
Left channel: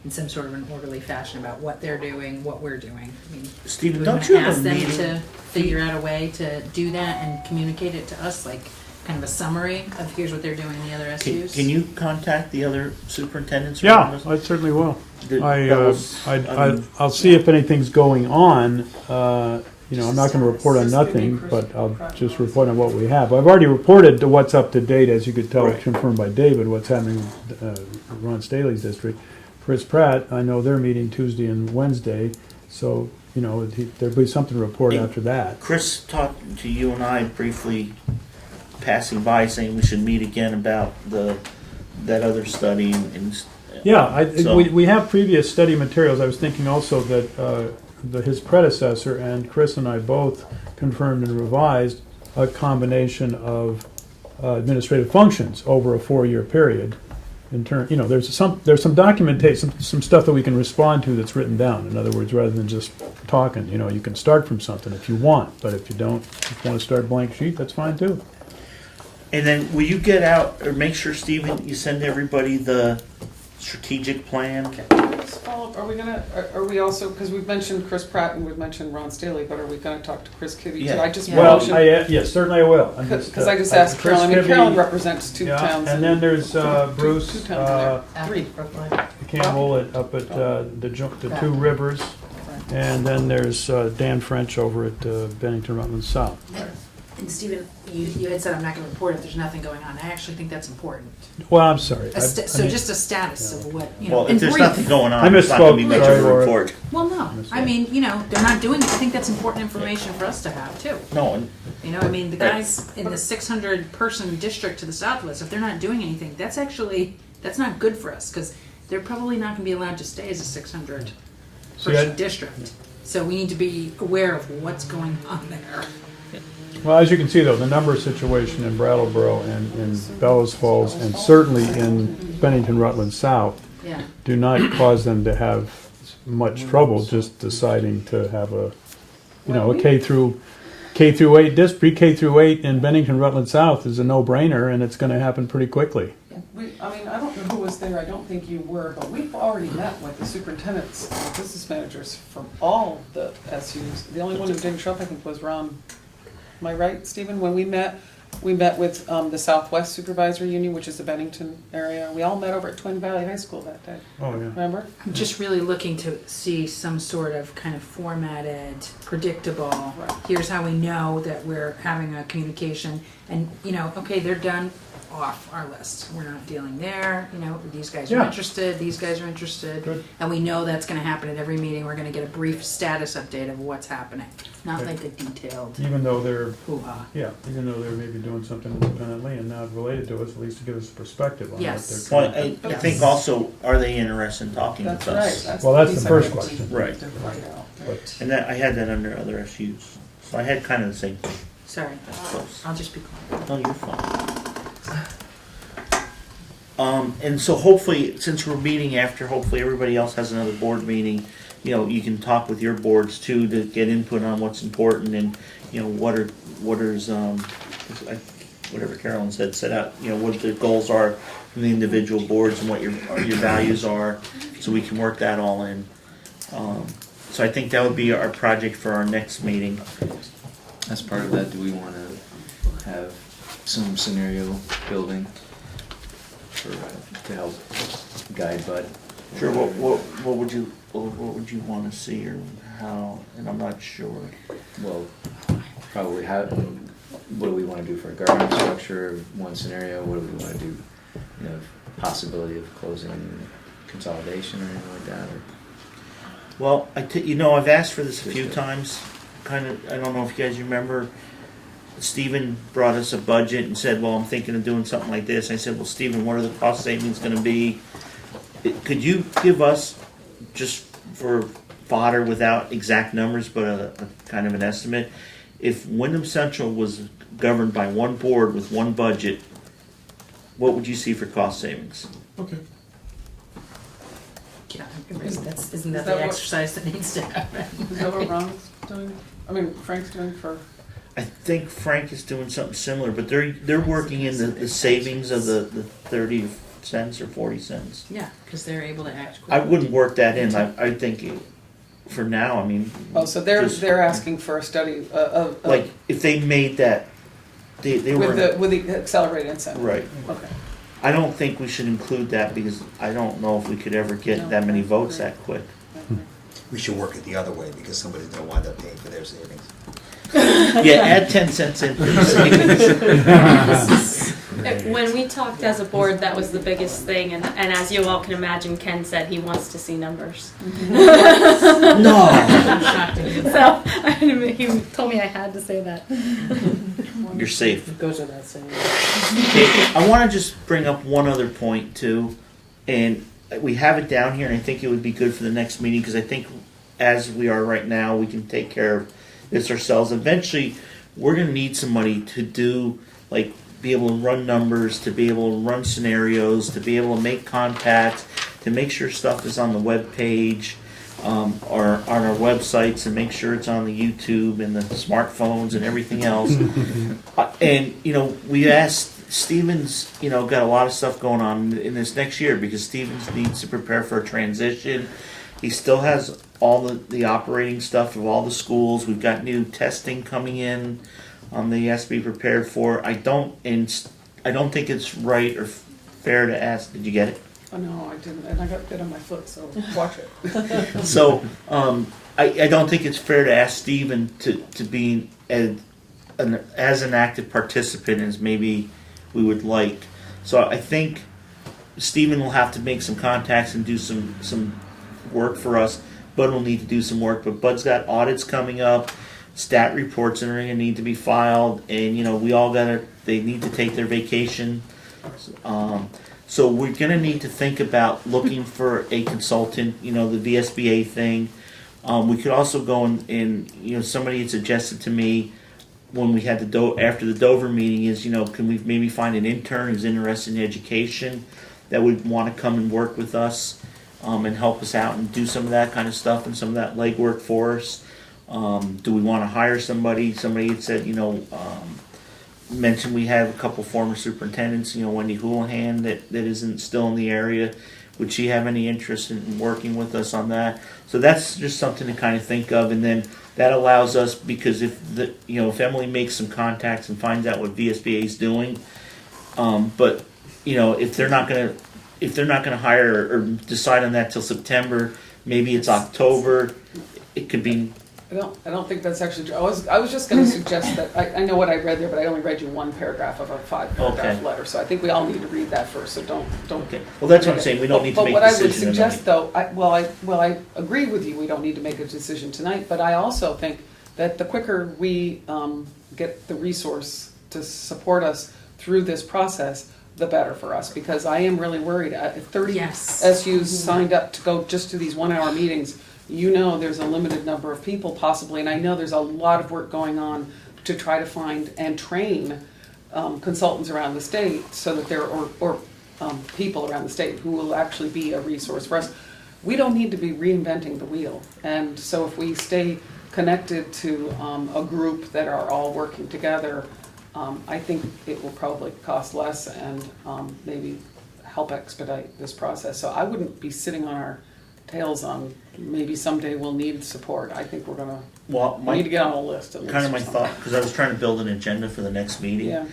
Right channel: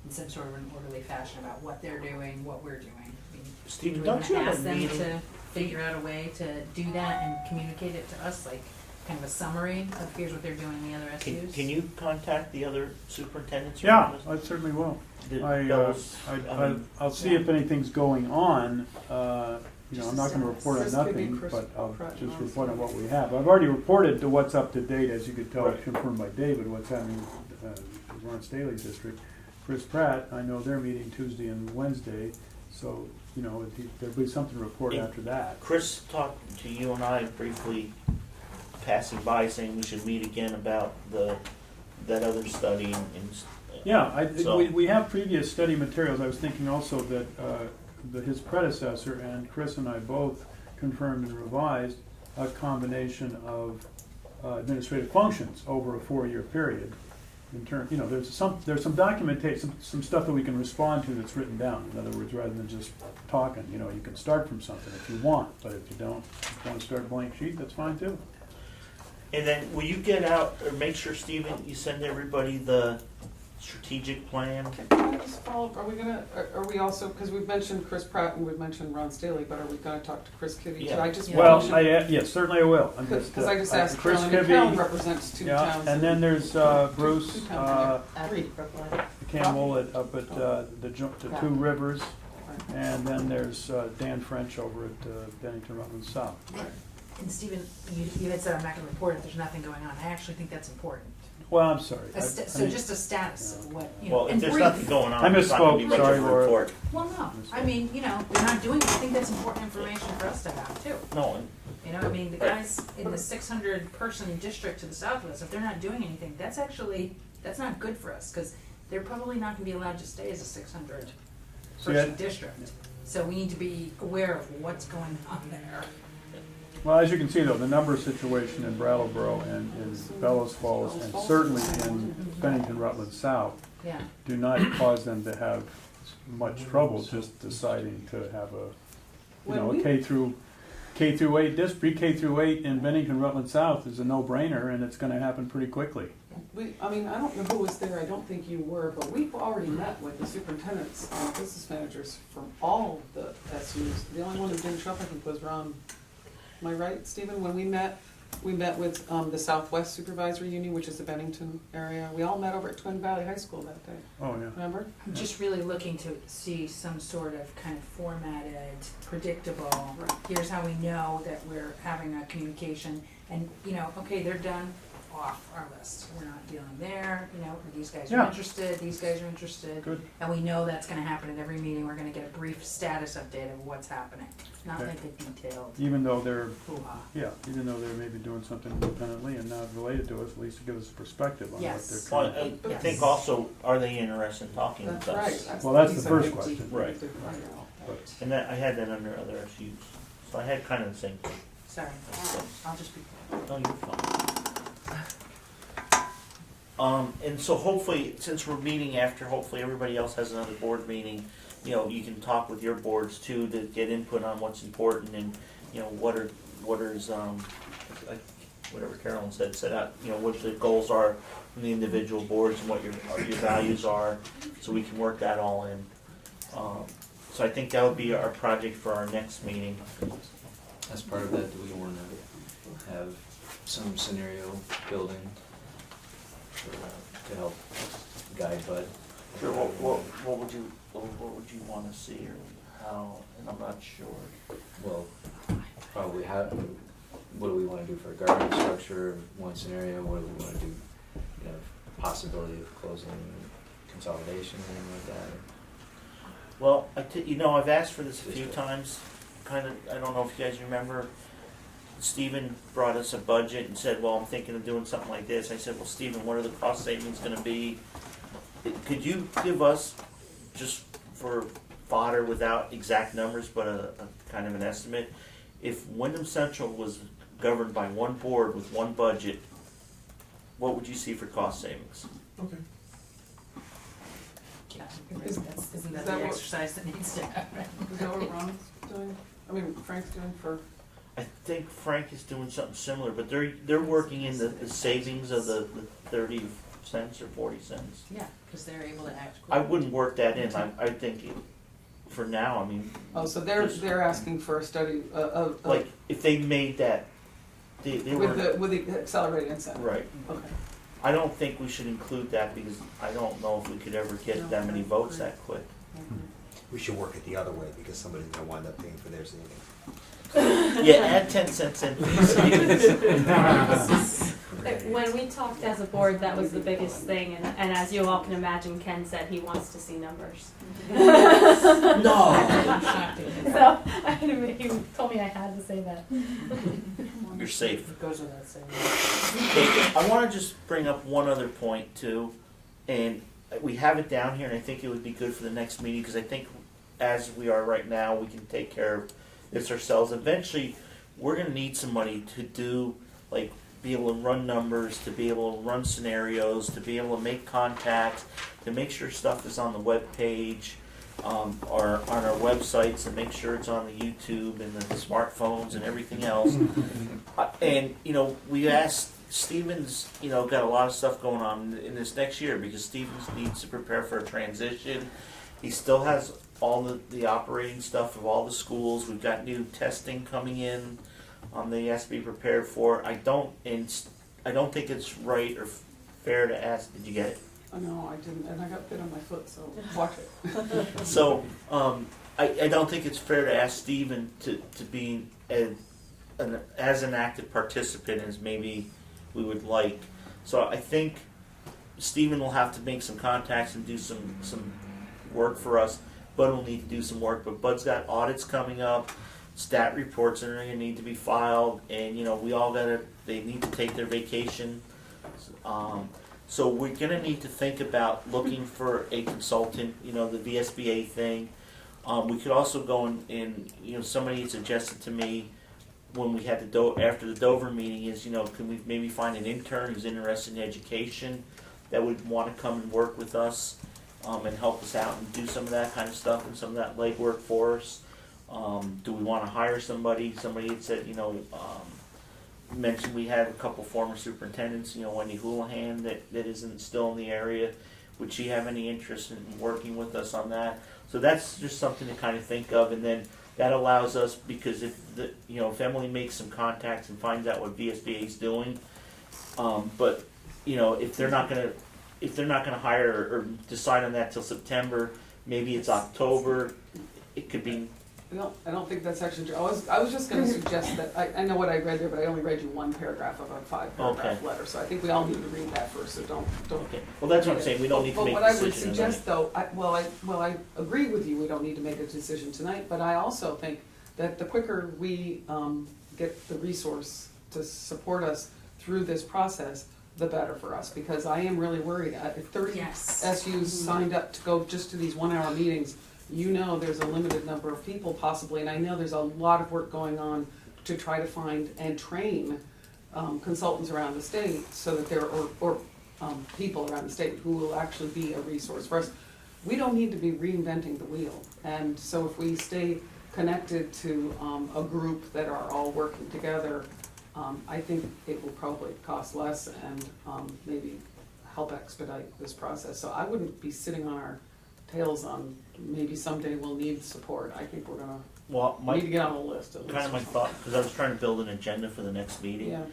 In some sort of an orderly fashion about what they're doing, what we're doing. I mean, Stephen, we don't wanna you have ask a them meeting? to figure out a way to do that and communicate it to us, like, kind of a summary of here's what they're doing in the other SUs? Can you contact the other superintendents? or Yeah, whatever? I certainly will. That was- I mean, I'll see if anything's going on. You know, I'm not gonna report on nothing, but I'll just report on what we have. I've already reported to what's up to date, as you could tell, Right. confirmed by David, what's happening in Ron Staley's district. Chris Pratt, I know they're meeting Tuesday and Wednesday, so, you know, there'll be something to report Hey, after that. Chris talked to you and I briefly, passing by, saying we should meet again about that other study and. Yeah, So- we have previous study materials. I was thinking also that his predecessor and Chris and I both confirmed and revised a combination of administrative functions over a 4-year period. In turn, you know, there's some documentation, some stuff that we can respond to that's written down. In other words, rather than just talking, you know, you can start from something if you want, but if you don't, if you want to start blank sheet, that's fine too. And then will you get out, or make sure, Stephen, you send everybody the strategic plan? Let's follow up. Are we gonna, are we also, because we've mentioned Chris Pratt and we've mentioned Ron Staley, but are we gonna talk to Chris Kibbe too? Yeah. I just Well, mentioned, yes, certainly I will. I'm because I just asked Chris Carolyn, I mean, Kibbe- Carolyn represents 2 Yeah, towns. and then there's Bruce two towns there. 3. Campbell up at the 2 Rivers, and then there's Dan French over at Bennington Rutland South. And Stephen, you had said I'm not gonna report if there's nothing going on. I actually think that's important. Well, I'm sorry. So just a status of what, you know, Well, in if there's brief. nothing going I on, it's not gonna be misspoke. much Sorry, of a Laura. report. Well, no, I mean, you know, they're not doing, I think that's important information for us to have too. No, and You know, I mean, the guys in the 600-person district to the south of us, if they're not doing anything, that's not good for us, because they're probably not gonna be allowed to stay as a 600-person district. So we need to be aware of what's going on there. Well, as you can see, though, the number situation in Brattleboro and in Bellows Falls, and certainly in Bennington Rutland South, Yeah. do not cause them to have much trouble just deciding to have a, a K through 8 pre-K through 8 in Bennington, Rutland South is a no-brainer, and it's gonna happen pretty quickly. I mean, I don't know who was there, I don't think you were, but we've already met with the superintendents and business managers from all the SUs. The only one who didn't show up, I think, was Ron. Am I right, Stephen? When we met with the Southwest Supervisory Union, which is the Bennington area. We all met over at Twin Valley High School that day. Oh, yeah. Remember? I'm just really looking to see some sort of kind of formatted, predictable, Right. here's how we know that we're having a communication, and, okay, they're done, off our list. We're not dealing there, these guys are Yeah. interested, these guys are interested. Good. And we know that's gonna happen at every meeting, we're gonna get a brief status update of what's happening, not Good. like a detailed Even though they're hoo-ha. even though they're maybe doing something independently and not related to us, at least to give us a perspective on Yes. what Well, they're trying. I think also, are they interested in talking That's with right. us? Well, that's piece the I first wanted question. Right. to find out. But And that, I had that under other SUs, so I had kind of the same thing. Sorry, Close. I'll just be quiet. No, you're fine. And so hopefully, since we're meeting after, hopefully everybody else has another board meeting, you can talk with your boards too, to get input on what's important and, whatever Carolyn said, set out, what the goals are from the individual boards and what your values are, so we can work that all in. So I think that would be our project for our next meeting. As part of that, do we want to have some scenario building to help guide Bud? Sure, what would you want to see or how, and I'm not sure. Well, probably what do we want to do for a governance structure, one scenario, what do we want to do, possibility of closing consolidation or anything like that, or? Well, I've asked for this a few times, I don't know if you guys remember, Stephen brought us a budget and said, well, I'm thinking of doing something like this. I said, well, Stephen, what are the cost savings gonna be? Could you give us, just for fodder without exact numbers, but a kind of an estimate, if Wyndham Central was governed by one board with one budget, what would you see for cost savings? Okay. Yeah, isn't Is that that the what- exercise that needs to happen? Is that what Ron's doing? I mean, Frank's doing for, I think Frank is doing something similar, but they're working in the savings of the 30 cents or 40 cents. Yeah, because they're able to act I quickly. wouldn't work that in. I think for now, so just- they're asking for a study of. like if they made that, they were With the accelerated incentive. right. Okay. I don't think we should include that because I don't know if we could ever get that many votes that quick. We should work it the other way because somebody's gonna wind up paying for their savings. Yeah, add 10 cents in. When we talked as a board, that was the biggest thing, and as you all can imagine, Ken said he wants to see numbers. No. I'm shocked to hear that. So he told me I had to say that. You're safe. It goes without saying. Okay, I want to just bring up one other point too, and we have it down here, and I think it would be good for the next meeting because I think as we are right now, we can take care of this ourselves. Eventually, we're going to need some money to do, like, be able to run numbers, to be able to run scenarios, to be able to make contacts, to make sure stuff is on the web page, or on our websites, and make sure it's on the YouTube and the smartphones and everything else. And we asked Stevens, got a lot of stuff going on in this next year because Stevens needs to prepare for a transition. He still has all the operating stuff of all the schools. We've got new testing coming in that he has to be prepared for. I don't think it's right or fair to ask. Did you get it? Oh, no, I didn't, and I got bit on my foot, so watch it. So I don't think it's fair to ask Stephen to be as an active participant as maybe we would like. So I think Stephen will have to make some contacts and do some work for us. Bud will need to do some work, but Bud's got audits coming up, stat reports that are going to need to be filed, and we all they need to take their vacation. So we're going to need to think about looking for a consultant, the VSBA thing. We could also go and somebody had suggested to me when we had after the Dover meeting is, can we maybe find an intern who's interested in education that would wanna come and work with us, and help us out and do some of that kind of stuff and some of that legwork for us. Do we wanna hire somebody? Somebody had said, mentioned we have a couple former superintendents, Wendy Houlihan that isn't still in the area. Would she have any interest in working with us on that? So that's just something to kind of think of, and then that allows us, because if if Emily makes some contacts and finds out what VSBA is doing, but if they're not gonna hire or decide on that till September, maybe it's October. It could be. I don't think that's actually true. I was just gonna suggest that, I know what I read there, but I only read you one paragraph of a 5-paragraph Okay. letter, so I think we all need to read that first, so don't. Okay. Well, that's what I'm saying. We don't need to make a decision. But what I would suggest though, I agree with you, we don't need to make a decision tonight, but I also think that the quicker we get the resource to support us through this process, the better for us, because I am really worried. If 30 Yes. SUs signed up to go just to these 1-hour meetings, there's a limited number of people possibly, and I know there's a lot of work going on to try to find and train consultants around the state so that or people around the state who will actually be a resource for us. We don't need to be reinventing the wheel, and so if we stay connected to a group that are all working together, I think it will probably cost less and maybe help expedite this process. So I wouldn't be sitting on our tails on maybe someday we'll need support. I think we're gonna we need to get on a list at least. Kind of or my something. thought, because I was trying to build an agenda for the next meeting. Yeah.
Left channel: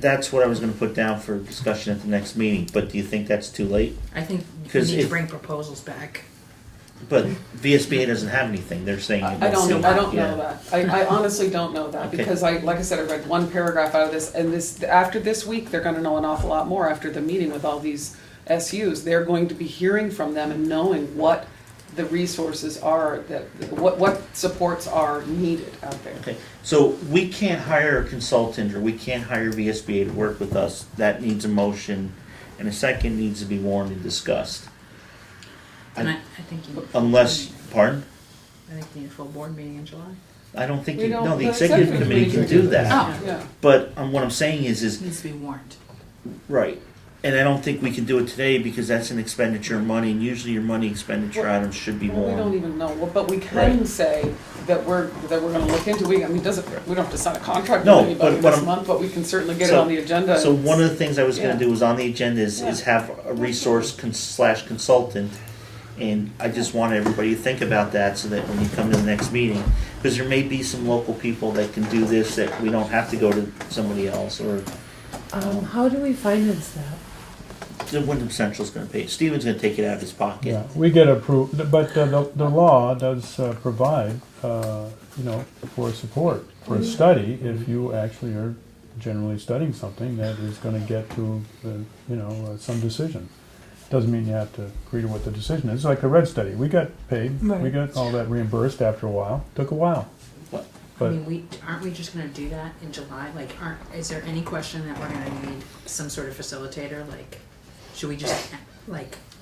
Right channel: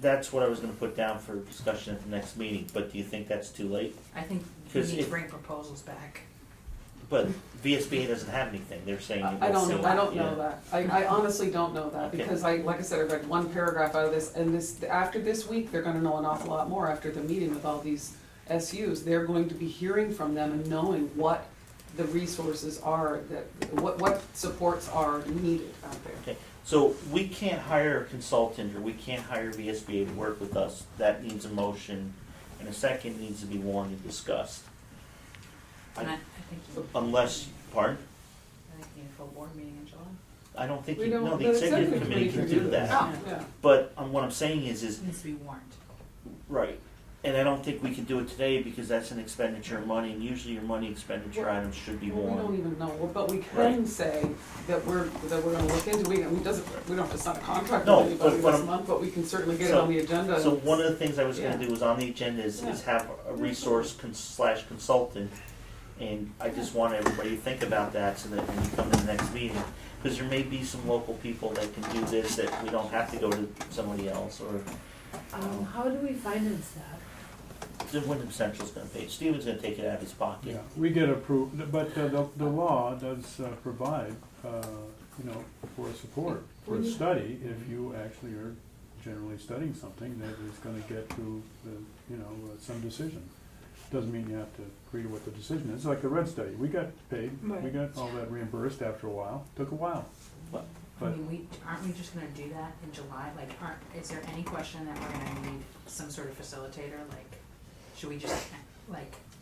That's what I was going to put down for discussion at the next meeting. But do you think that's too late? I think we Because need to if- bring proposals back. But VSBA doesn't have anything. They're saying. I don't know Yeah. that. I honestly don't know that, Okay. because like I said, I read one paragraph out of this, and after this week, they're gonna know an awful lot more after the meeting with all these SUs. They're going to be hearing from them and knowing what the resources are, what supports are needed out there. Okay, so we can't hire a consultant or we can't hire VSBA to work with us. That needs a motion, and a second needs to be warned and discussed. And I think you need. Unless, pardon? I think you need a full board meeting in July. I don't think, We don't- no, the the executive executive committee can committee do can do that. Oh. Yeah. But what I'm saying is, It needs to be warned. right, and I don't think we can do it today because that's an expenditure of money, and usually your money expenditure items should be Well, we don't warned. even know, but we can Right. say that we're gonna look into, we don't have to sign a contract No, with anybody but what this I'm- month, but we can certainly get it So- on the agenda. So one of the things I was gonna Yeah. do is on the agenda is Yeah. have a resource slash consultant. And I just want everybody to think about that so that when you come to the next meeting, because there may be some local people that can do this, that we don't have to go to somebody else, or How do we finance that? the Wyndham Central's gonna pay. Steven's gonna take it out of his pocket. Yeah, we get approved, but the law does provide, for support, for a study, if you actually are generally studying something that is gonna get to, some decision. Doesn't mean you have to agree to what the decision is. It's like the red study, we got paid, we Right. got all that reimbursed after a while, took a while. I But mean, aren't we just gonna do that in July? Like, is there any question that we're gonna need some sort of facilitator? Like, should we just,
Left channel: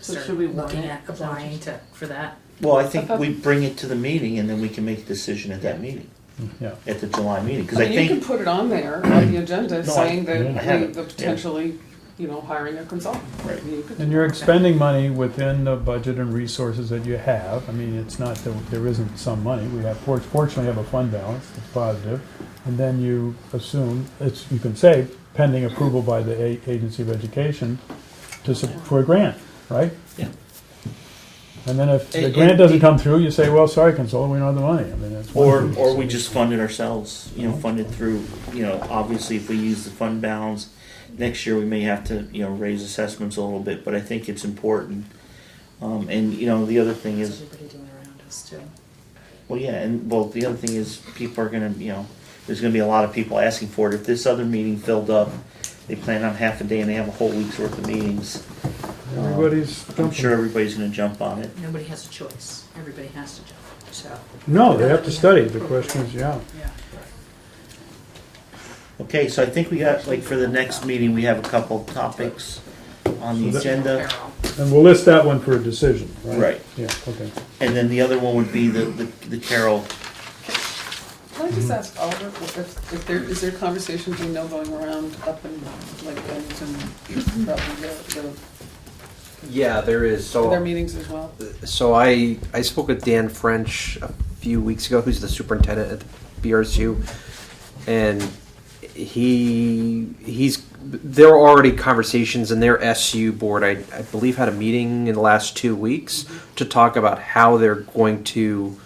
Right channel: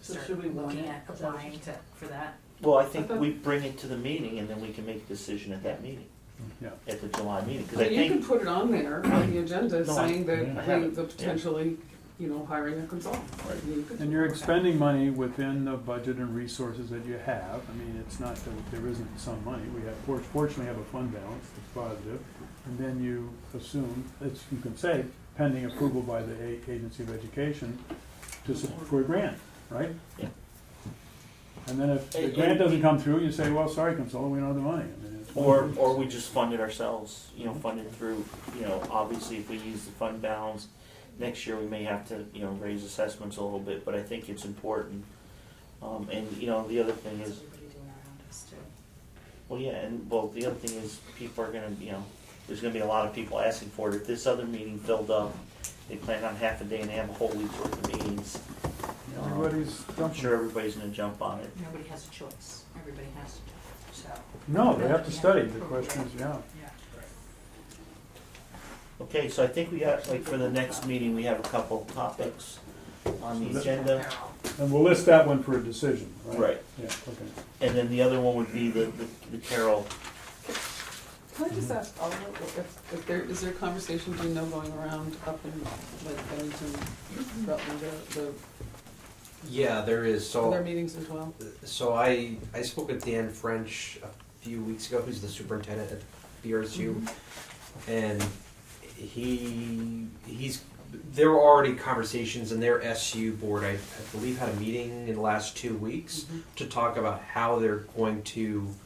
So start should we warn looking it? at applying for that? Well, I think we bring it to the meeting and then we can make a decision at that meeting, yeah, at the July meeting, because I I mean, you can think, put it on there, on the agenda, No, saying I that have it, the yeah. potentially, hiring a consultant. Right. You could and do you're that. expending money within the budget and resources that you have. I mean, it's not that there isn't some money. We have, fortunately have a fund balance, it's positive. And then you assume, you can say pending approval by the Agency of Education for a grant, right? Yeah. And then if the And- grant and doesn't the- come through, you say, well, sorry, consultant, we don't have the money. I mean, it's one or reason. we just fund it ourselves, fund it through, obviously if we use the fund balance, next year we may have to, raise assessments a little bit, but I think it's important. And, the other thing What's is, everybody doing around us too? well, yeah, the other thing is, people are gonna, there's gonna be a lot of people asking for it. If this other meeting filled up, they plan on half a day and they have a whole week's worth of meetings. Everybody's I'm jumping. sure everybody's gonna jump on it. Nobody has a choice. Everybody has to jump, so. No, they have to study. The question is, yeah. Yeah. Okay, so I think we got, for the next meeting, we have a couple topics on the agenda. And we'll list that one for a decision, right? Right. Yeah, okay. And then the other one would be the Carroll Can I just ask Oliver, if there, is there conversation, do you know, going around up in like Bennington about the, Yeah, there is. So their meetings as well? So I spoke with Dan French a few weeks ago, who's the superintendent at the BRSU, and there are already conversations, and their SU board, I believe, had a meeting in the last 2 weeks to talk about how they're going to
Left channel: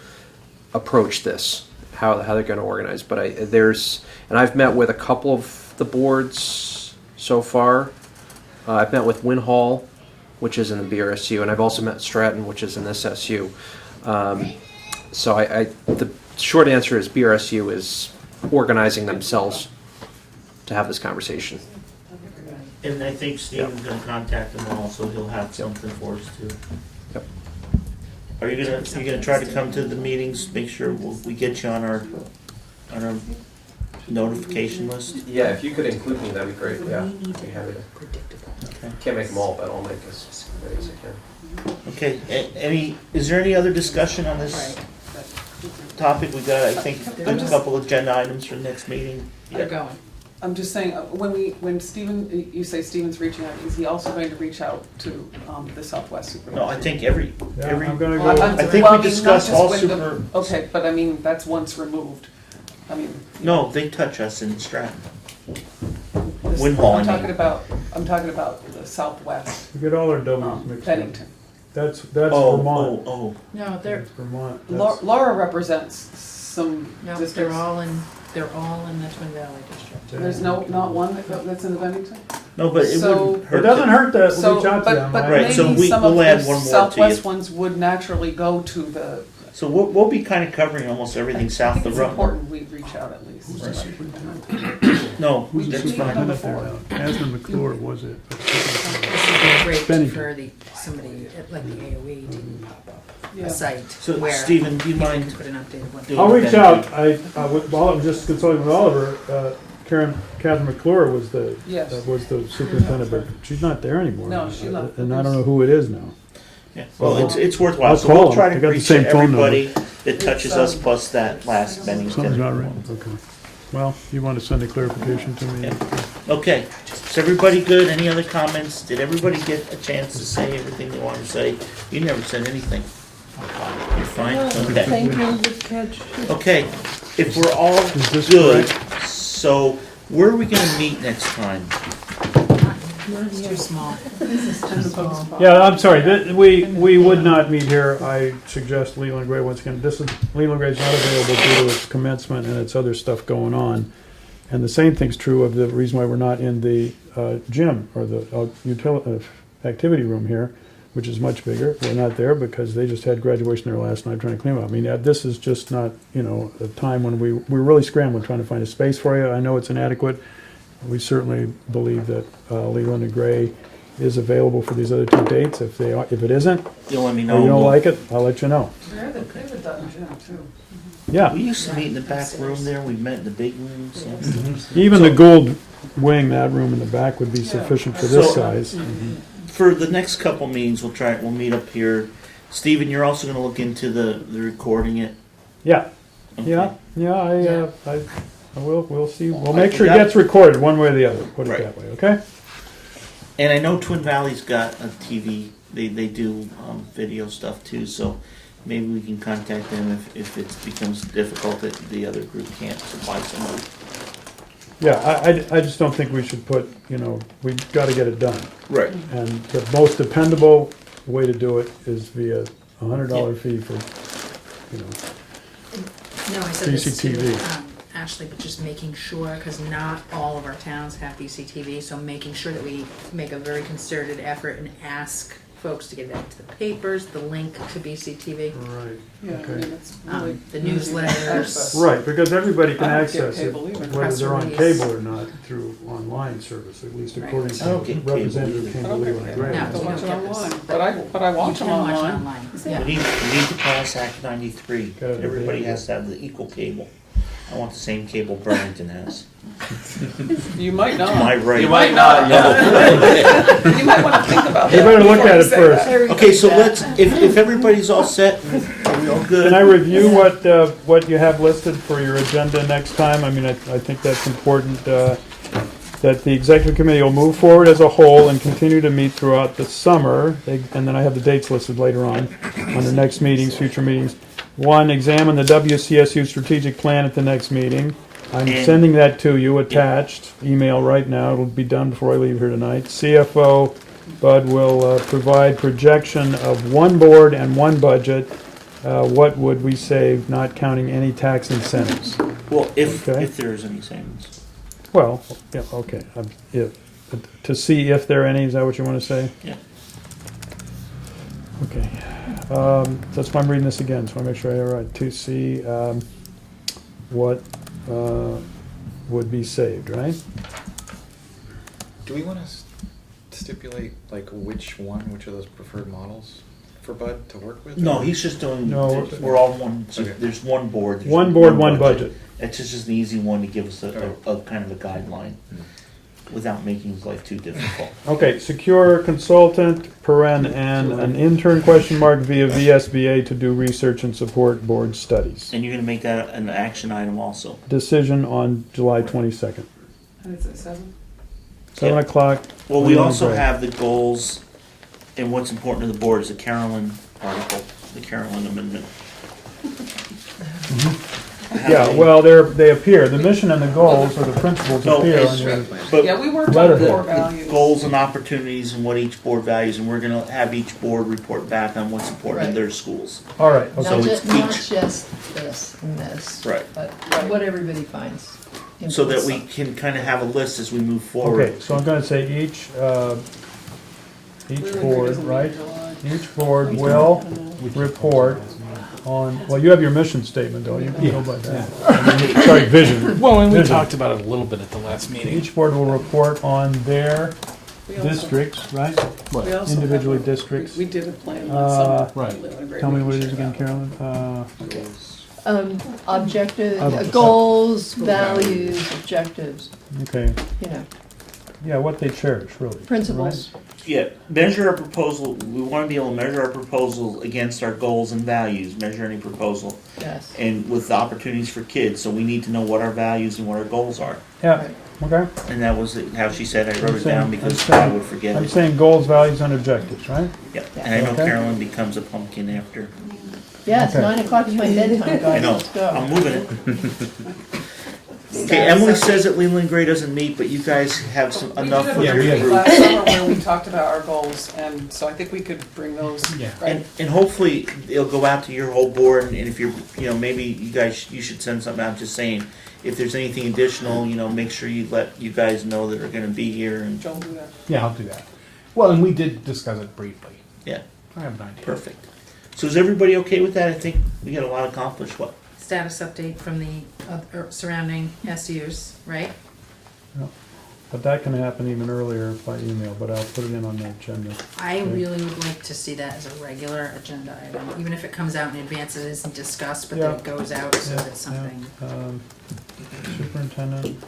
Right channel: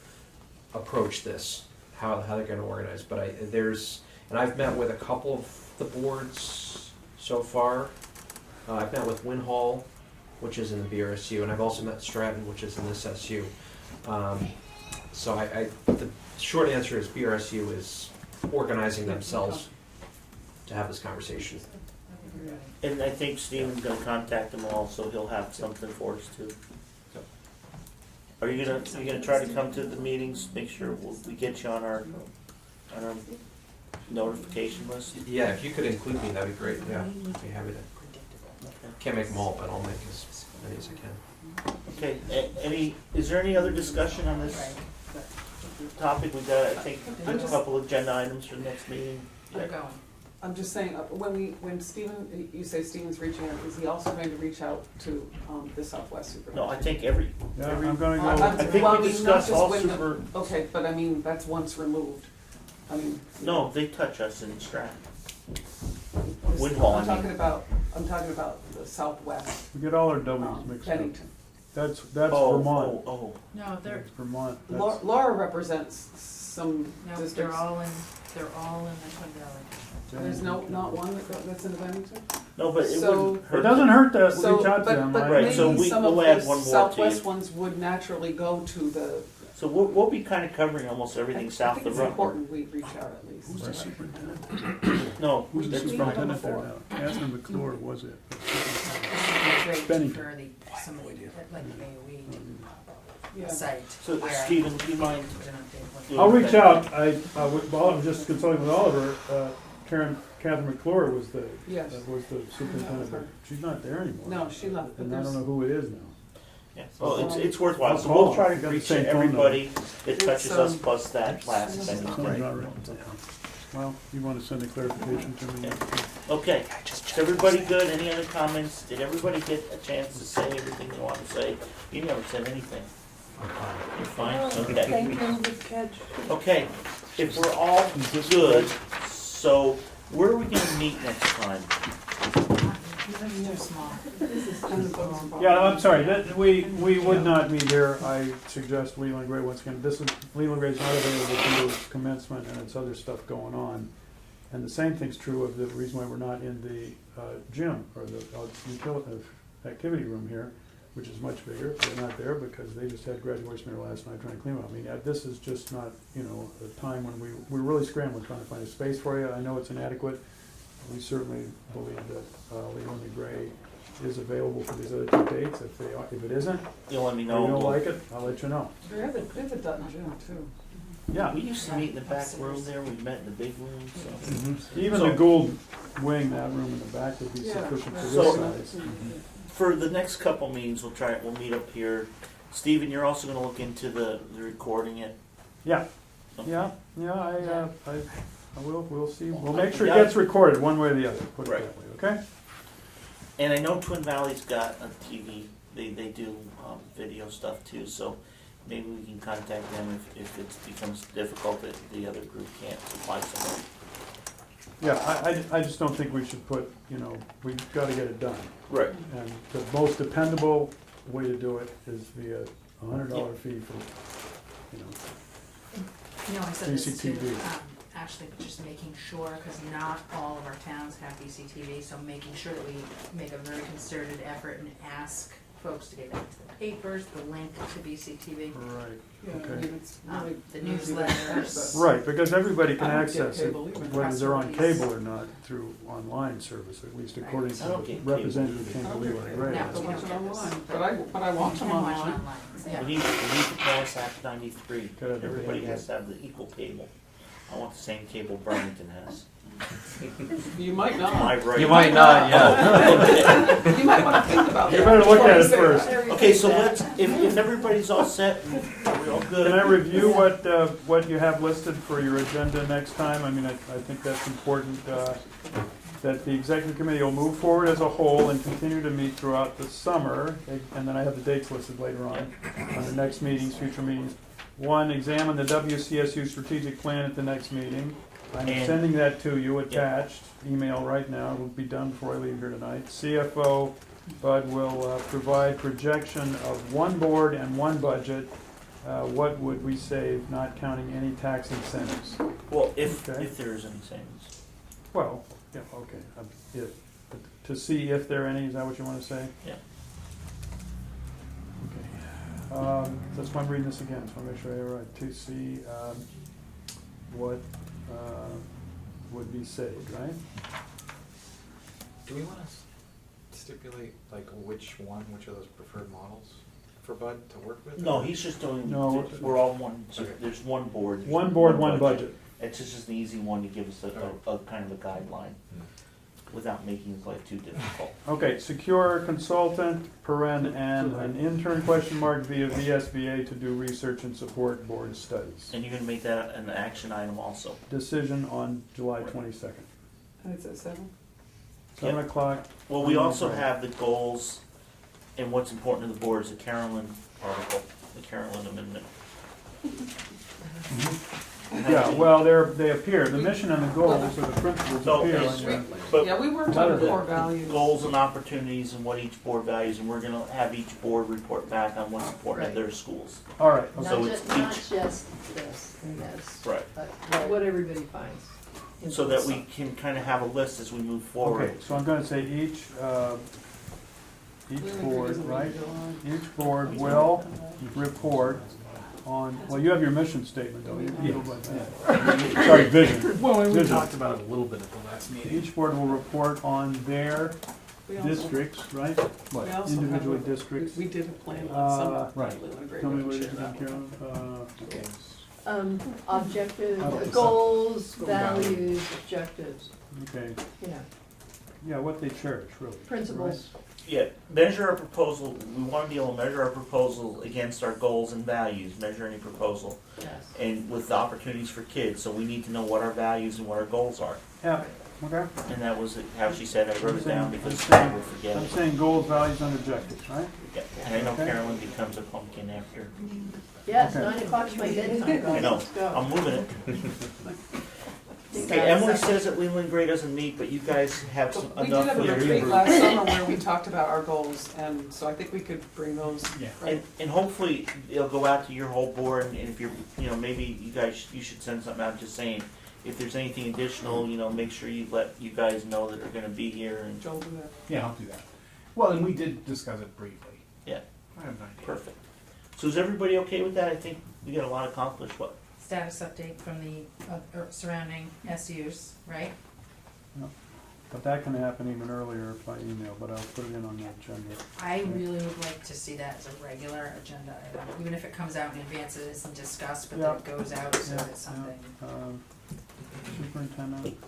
approach this, how they're going to organize. But I've met with a couple of the boards so far. I've met with Winhall, which is in the BRSU, and I've also met Stratton, which is in this SU. So the short answer is BRSU is organizing themselves to have this conversation. And I think Steven's gonna contact them all, so he'll have something for us too. Yep. Are you gonna try to come to the meetings, make sure we get you on our notification list? Yeah, if you could include me, that'd be great. Yeah, I'd be happy to. Okay. Can't make them all, but I'll make as many as I can. Okay, is there any other discussion on this topic? We got, I think, a couple of agenda items for the next meeting. They're going. I'm just saying, when Stephen, you say Stephen's reaching out, is he also going to reach out to the Southwest Supervisor? No, I think Yeah, I'm gonna go. I think Well, we I mean, discussed not all just with super. Okay, but I mean, that's once removed. I mean. No, they touch us in Stratton. this- Winhall, I I'm mean. talking about the Southwest, We get all our W's mixed up. Bennington. That's Vermont. Oh, No, they're, That's Vermont. Laura represents some no, they're districts. all in the Twin Valley District. There's not one that's in the Bennington? no, but it So- wouldn't hurt. It doesn't hurt to So, reach out to them. but Right, so maybe some of we'll add the one more to Southwest you. ones would naturally go to the. So we'll be kind of covering almost everything south of the I think road. it's important we reach out at least. Who's the superintendent? No, Who's the that's fine. superintendent there now? Asman McClure was it? This would be great Bennington. for somebody like the AOE to pop up Yeah. a site So where Stephen, do you people mind? can put an updated one. doing I'll reach that? out. While I'm just consulting with Oliver, Catherine McClure was the Yes. superintendent, but she's not there anymore. No, she left. And I don't know who it is now. Yeah, well, it's worthwhile, I'll so we'll call try him. to I got the reach same phone number. everybody that touches us plus that last Something's Bennington. not right. Okay. Well, you want to send a clarification to me? Yeah. Okay, is everybody good? Any other comments? Did everybody get a chance to say everything they wanted to say? You never said anything. You're fine? Okay. Thank you, good catch. Okay, if we're all Is this good, correct? so where are we gonna meet next time? It's too small. Yeah, I'm sorry, we would not meet here. I suggest Leland Gray once again. Leland Gray's not available due to its commencement and its other stuff going on. And the same thing's true of the reason why we're not in the gym or the activity room here, which is much bigger. We're not there because they just had graduation there last night trying to clean them up. I mean, this is just not, a time when we're really scrambling trying to find a space for you. I know it's inadequate. We certainly believe that Leland and Gray is available for these other two dates. If it isn't, You'll let me or know. you don't like it, I'll let you know. We have a Dutton gym too. Yeah, We used to meet in the back room there, we met in the big room, so. even the Gould wing, that room in the back would be sufficient for this So- size. For the next couple meetings, we'll meet up here. Stephen, you're also gonna look into the recording it? Yeah, Okay. yeah, we'll see. We'll I make sure it forgot- gets recorded one way or the other, put it Right. that way, okay? And I know Twin Valley's got a TV, they do video stuff too, so maybe we can contact them if it becomes difficult that the other group can't supply somebody. Yeah, I just don't think we should put, we've gotta get it done. Right. And the most dependable way to do it is via $100 fee for, No, I said this to BCTV. Ashley, but just making sure, because not all of our towns have BCTV, so making sure that we make a very concerted effort and ask folks to get that to the papers, the link to BCTV, Right. Yeah, I Okay. mean, it's really. the newsletters. Access. Right, because everybody can I don't get access it, cable either. whether they're on Press release. cable or not, through online service, at least Right. according I don't to get cable Representative either. I Chamberlain don't get and cable. Gray. No. I watch you it don't get online, this. but I watch You them can watch online. online. Yeah. We need to pass Act 93. Gotta have Everybody the- has to have the equal cable. I want the same cable Burlington has. You might not. My right. You might not, yeah. You might wanna think about that. You better look before at you it say first. that. Okay, so let's, if everybody's all set, are we all good? Can I review what you have listed for your agenda next time? I mean, I think that's important, that the executive committee will move forward as a whole and continue to meet throughout the summer. And then I have the dates listed later on the next meetings, future meetings. 1, examine the WCSU strategic plan at the next meeting. I'm And- sending that to you attached, email right now. It'll be done before I leave here tonight. CFO Bud will provide projection of 1 board and 1 budget. What would we save, not counting any tax incentives? Well, if Okay. there is any savings. Well, yeah, okay. To see if there are any, is that what you want to say? Yeah. Okay. That's why I'm reading this again, so I make sure I have it right. To see what would be saved, right? Do we want to stipulate like which of those preferred models for Bud to work with? No, he's just doing, No. we're all one, Okay. there's 1 board. there's 1 board, 1 budget. It's just an easy one to give us a kind of a guideline Mm. without making his life too difficult. Okay, secure consultant, and an intern via VSBA to do research and support board studies. And you're gonna make that an action item also. Decision on July 22nd, And it's at 7? 7 o'clock. Well, we Leland also Gray. have the goals, and what's important to the board is the Carolyn article, the Carolyn amendment. Yeah, well, they appear, the mission and the goals or the principles No, appear it's- on your, But Yeah, we worked Letter. on core the values. goals and opportunities and what each board values, and we're gonna have each board report back on what's important in Right. their schools. all right, So okay. it's Not each- just this and this. Right. But what everybody finds. So that we important. can kind of have a list as we move forward. Okay, so I'm gonna say each Leland Gray board, doesn't meet right? July. Each board will report on, well, you have your mission statement, don't you? You know about that. Sorry, vision. Well, and we Vision. talked about it a little bit at the last meeting. Each board will report on their We also- districts, right? we also Individually have- districts. We did a plan last summer. Right. Leland Gray, Tell me we what can it is share again, that. Carolyn. Objective, I don't- goals, values, objectives, Okay, you know, yeah, what they cherish, really. principles. Yeah, measure our proposal, we wanna be able to measure our proposal against our goals and values, measure any proposal. Yes. And with the opportunities for kids, so we need to know what our values and what our goals are. Yeah, Right. okay. And that was how she said, I wrote it down because I'm saying- I would forget I'm it. saying goals, values, and objectives, right? Yeah, and I know Okay. Carolyn becomes a pumpkin after. Yes, Okay. 9 o'clock is my bedtime, guys. I know, Let's go. I'm moving it. Okay, Emily says that Leland Gray doesn't meet, but you guys have some, We enough did with a your retreat group. last summer where we talked about our goals, and so I think we could bring those. Yeah. Right. And hopefully it'll go out to your whole board, and if you're, maybe you guys, you should send something out just saying, if there's anything additional, make sure you let you guys know that are gonna be here and, Joel, do that. Yeah, I'll do that. Well, and we did discuss it briefly. yeah, I have an idea. perfect. So is everybody okay with that? I think we got a lot accomplished, what? Status update from the surrounding SUs, right? But that can happen even earlier by email, but I'll put it in on the agenda. I Okay. really would like to see that as a regular agenda item, even if it comes out in advance, it isn't discussed, but then it goes out, so Yeah, it's something. yeah. Superintendent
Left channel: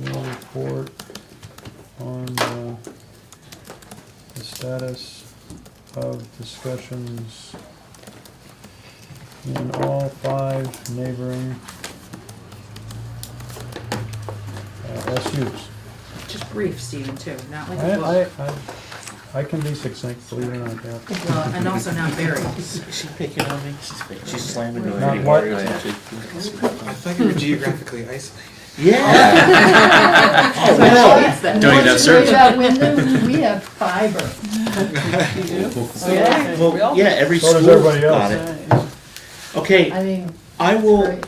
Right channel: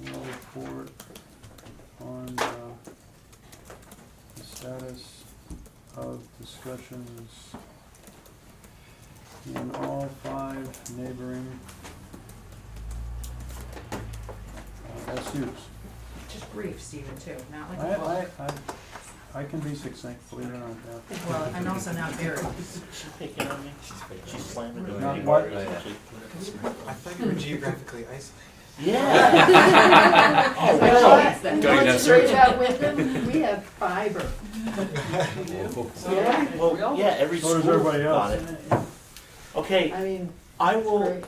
will report on the status of discussions in all 5 neighboring SUs. Just brief, Stephen, too, not like a book. I can be succinct, believe it or not, yeah. Well, and also not very. Is she picking on me? She's slamming me. Not what? I thought you were geographically isolated. Yeah. So wow. then Don't even once have you service. go out windows, we have fiber. Yeah. Well, yeah, every So does school everybody got else. it. Okay, I mean, I will, great.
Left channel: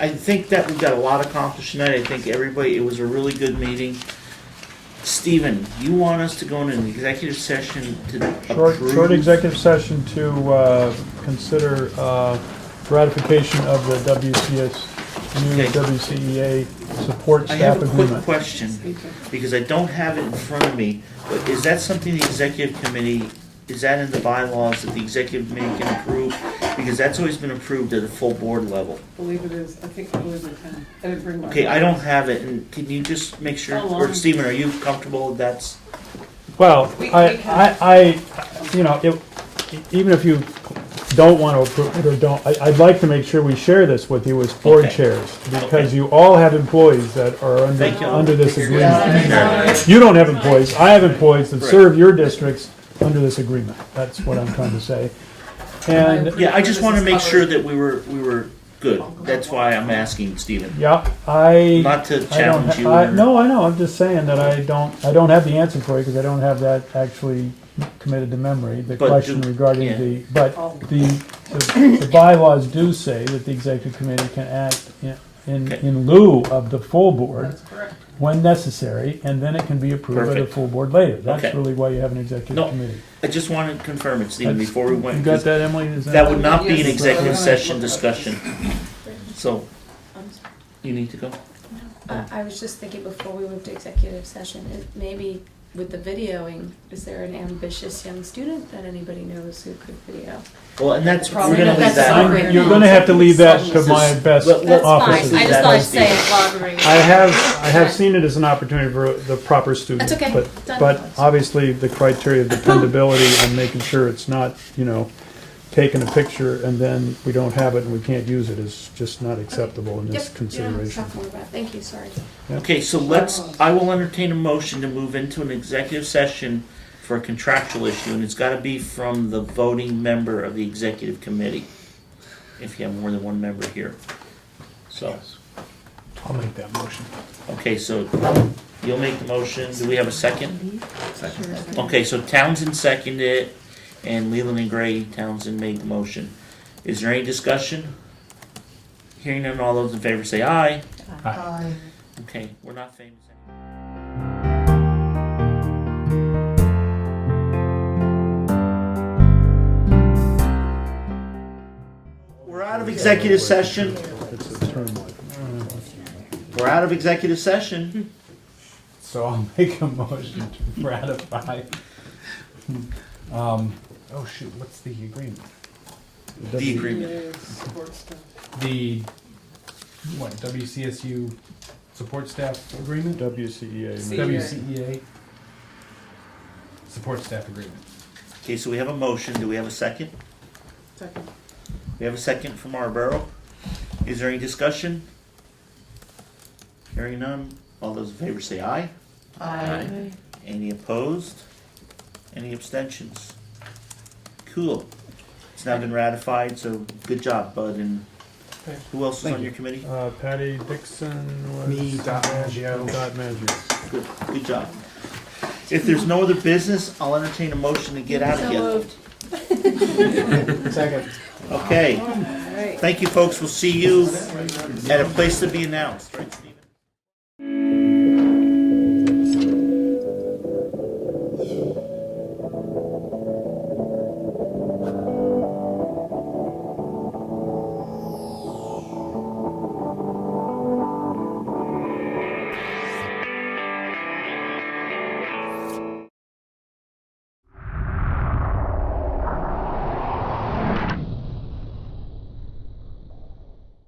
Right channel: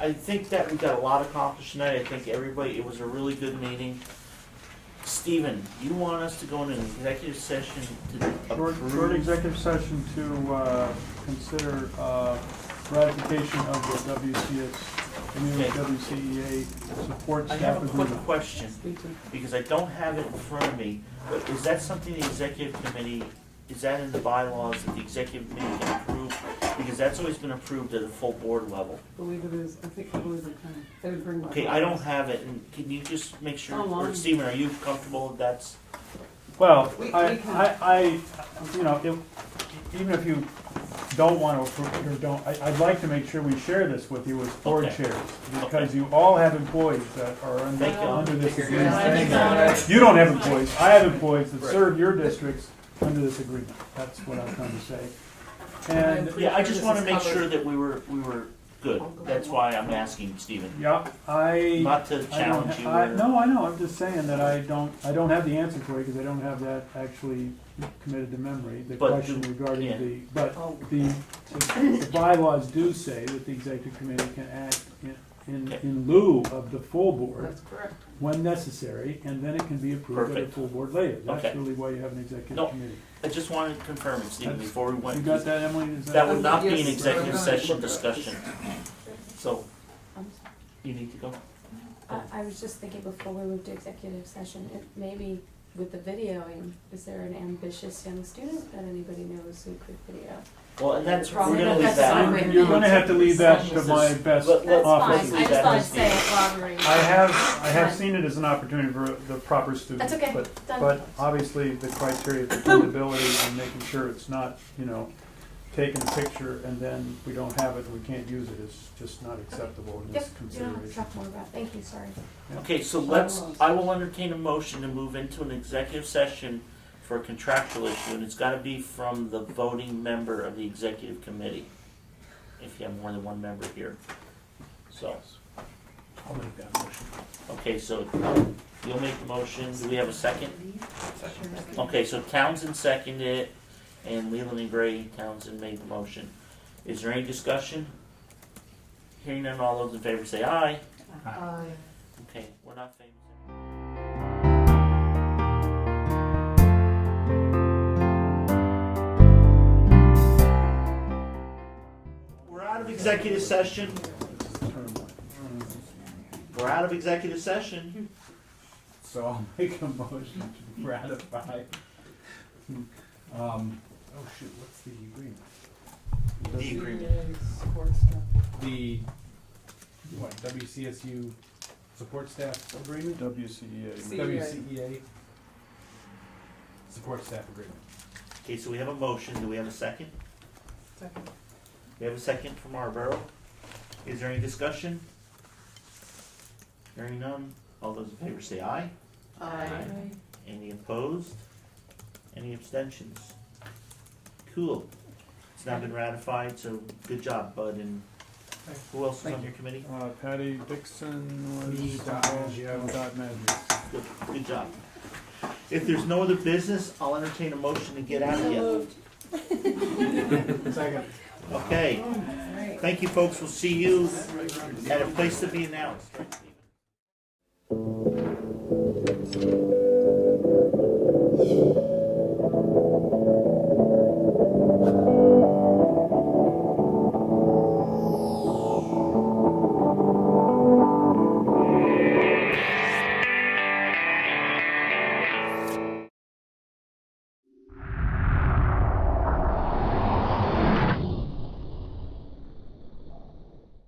I think that we got a lot accomplished tonight. I think everybody, it was a really good meeting. Stephen, you want us to go into an executive session to approve? Short executive session to consider ratification of the Okay. WCEA support I staff have a quick agreement. question, because I don't have it in front of me, but is that something the executive committee is that in the bylaws that the executive committee can approve? Because that's always been approved at a full board level. I believe it is, I think it was in 10. I didn't bring my. Okay, I don't have it, and can you just make sure, How or long? Stephen, are you comfortable with that's? Well, We I, you know, even if you don't want to approve it or don't, I'd like to make sure we share this with you as board Okay. chairs, because Okay. you all have employees that are Thank you. under this agreement. Yeah. You don't have employees, I have employees that Right. serve your districts under this agreement, that's what I'm trying to say. And, Yeah, I just wanna make sure that we were good, that's why I'm asking, Stephen. yeah, I. Not to I don't challenge ha- you I- or. No, I know, I'm just saying that I don't have the answer for you, because I don't have that actually committed to memory, the But question do- regarding yeah. the bylaws do say that the executive committee can act Okay. in lieu of the full board That's correct. when necessary, and then it can be approved by the Perfect. full board later. That's Okay. really why you have an executive No, committee. I just wanted to confirm it, Stephen, That's- before we went. You got that, Emily? Is That would not be an Yes, executive but- session discussion, so, you need to go? I was just thinking before we move to executive session, maybe with the videoing, is there an ambitious young student that anybody knows who could video? Well, and that's, we're Probably gonna not leave that. necessary. You're gonna have to leave that to my Just best let- That's fine, offices. I just That thought I'd is say the- it while everybody. I have seen it as an opportunity for the proper student. That's okay. Done. But obviously, the criteria of dependability and making sure it's not, taking a picture and then we don't have it and we can't use it is just not acceptable in this Yep, you don't have to consideration. talk more about it. Thank you, sorry. Okay, so I will entertain a motion to move into an executive session for a contractual issue, and it's gotta be from the voting member of the executive committee, if you have more than one member here. So, I'll make that motion. okay, so you'll make the motion, do we have a second? Okay, so Townsend seconded it, and Leland and Gray, Townsend made the motion. Is there any discussion? Hearing none, all those in favor say aye. Okay, we're not famous anymore. We're out of executive session. It's a term. We're out of executive session. So I'll make a motion to ratify. Oh shoot, what's the agreement? The agreement. Support stuff. The, WCSU support staff agreement? WCEA. WCEA support staff agreement. Okay, so we have a motion. Do we have a second? Second. We have a second from Marlboro. Is there any discussion? Hearing none. All those in favor say aye. Aye. Any opposed? Any abstentions? Cool. It's now been ratified, so good job, Bud. And who else is Thank on you. your committee? Patty Dixon was. Me, Dot Maggio. Dot Maggio. Good job. If there's no other business, I'll entertain a motion to get out of So here. moved. Second. Okay. Thank you, folks. We'll see you at a place to be announced. Right, Steve?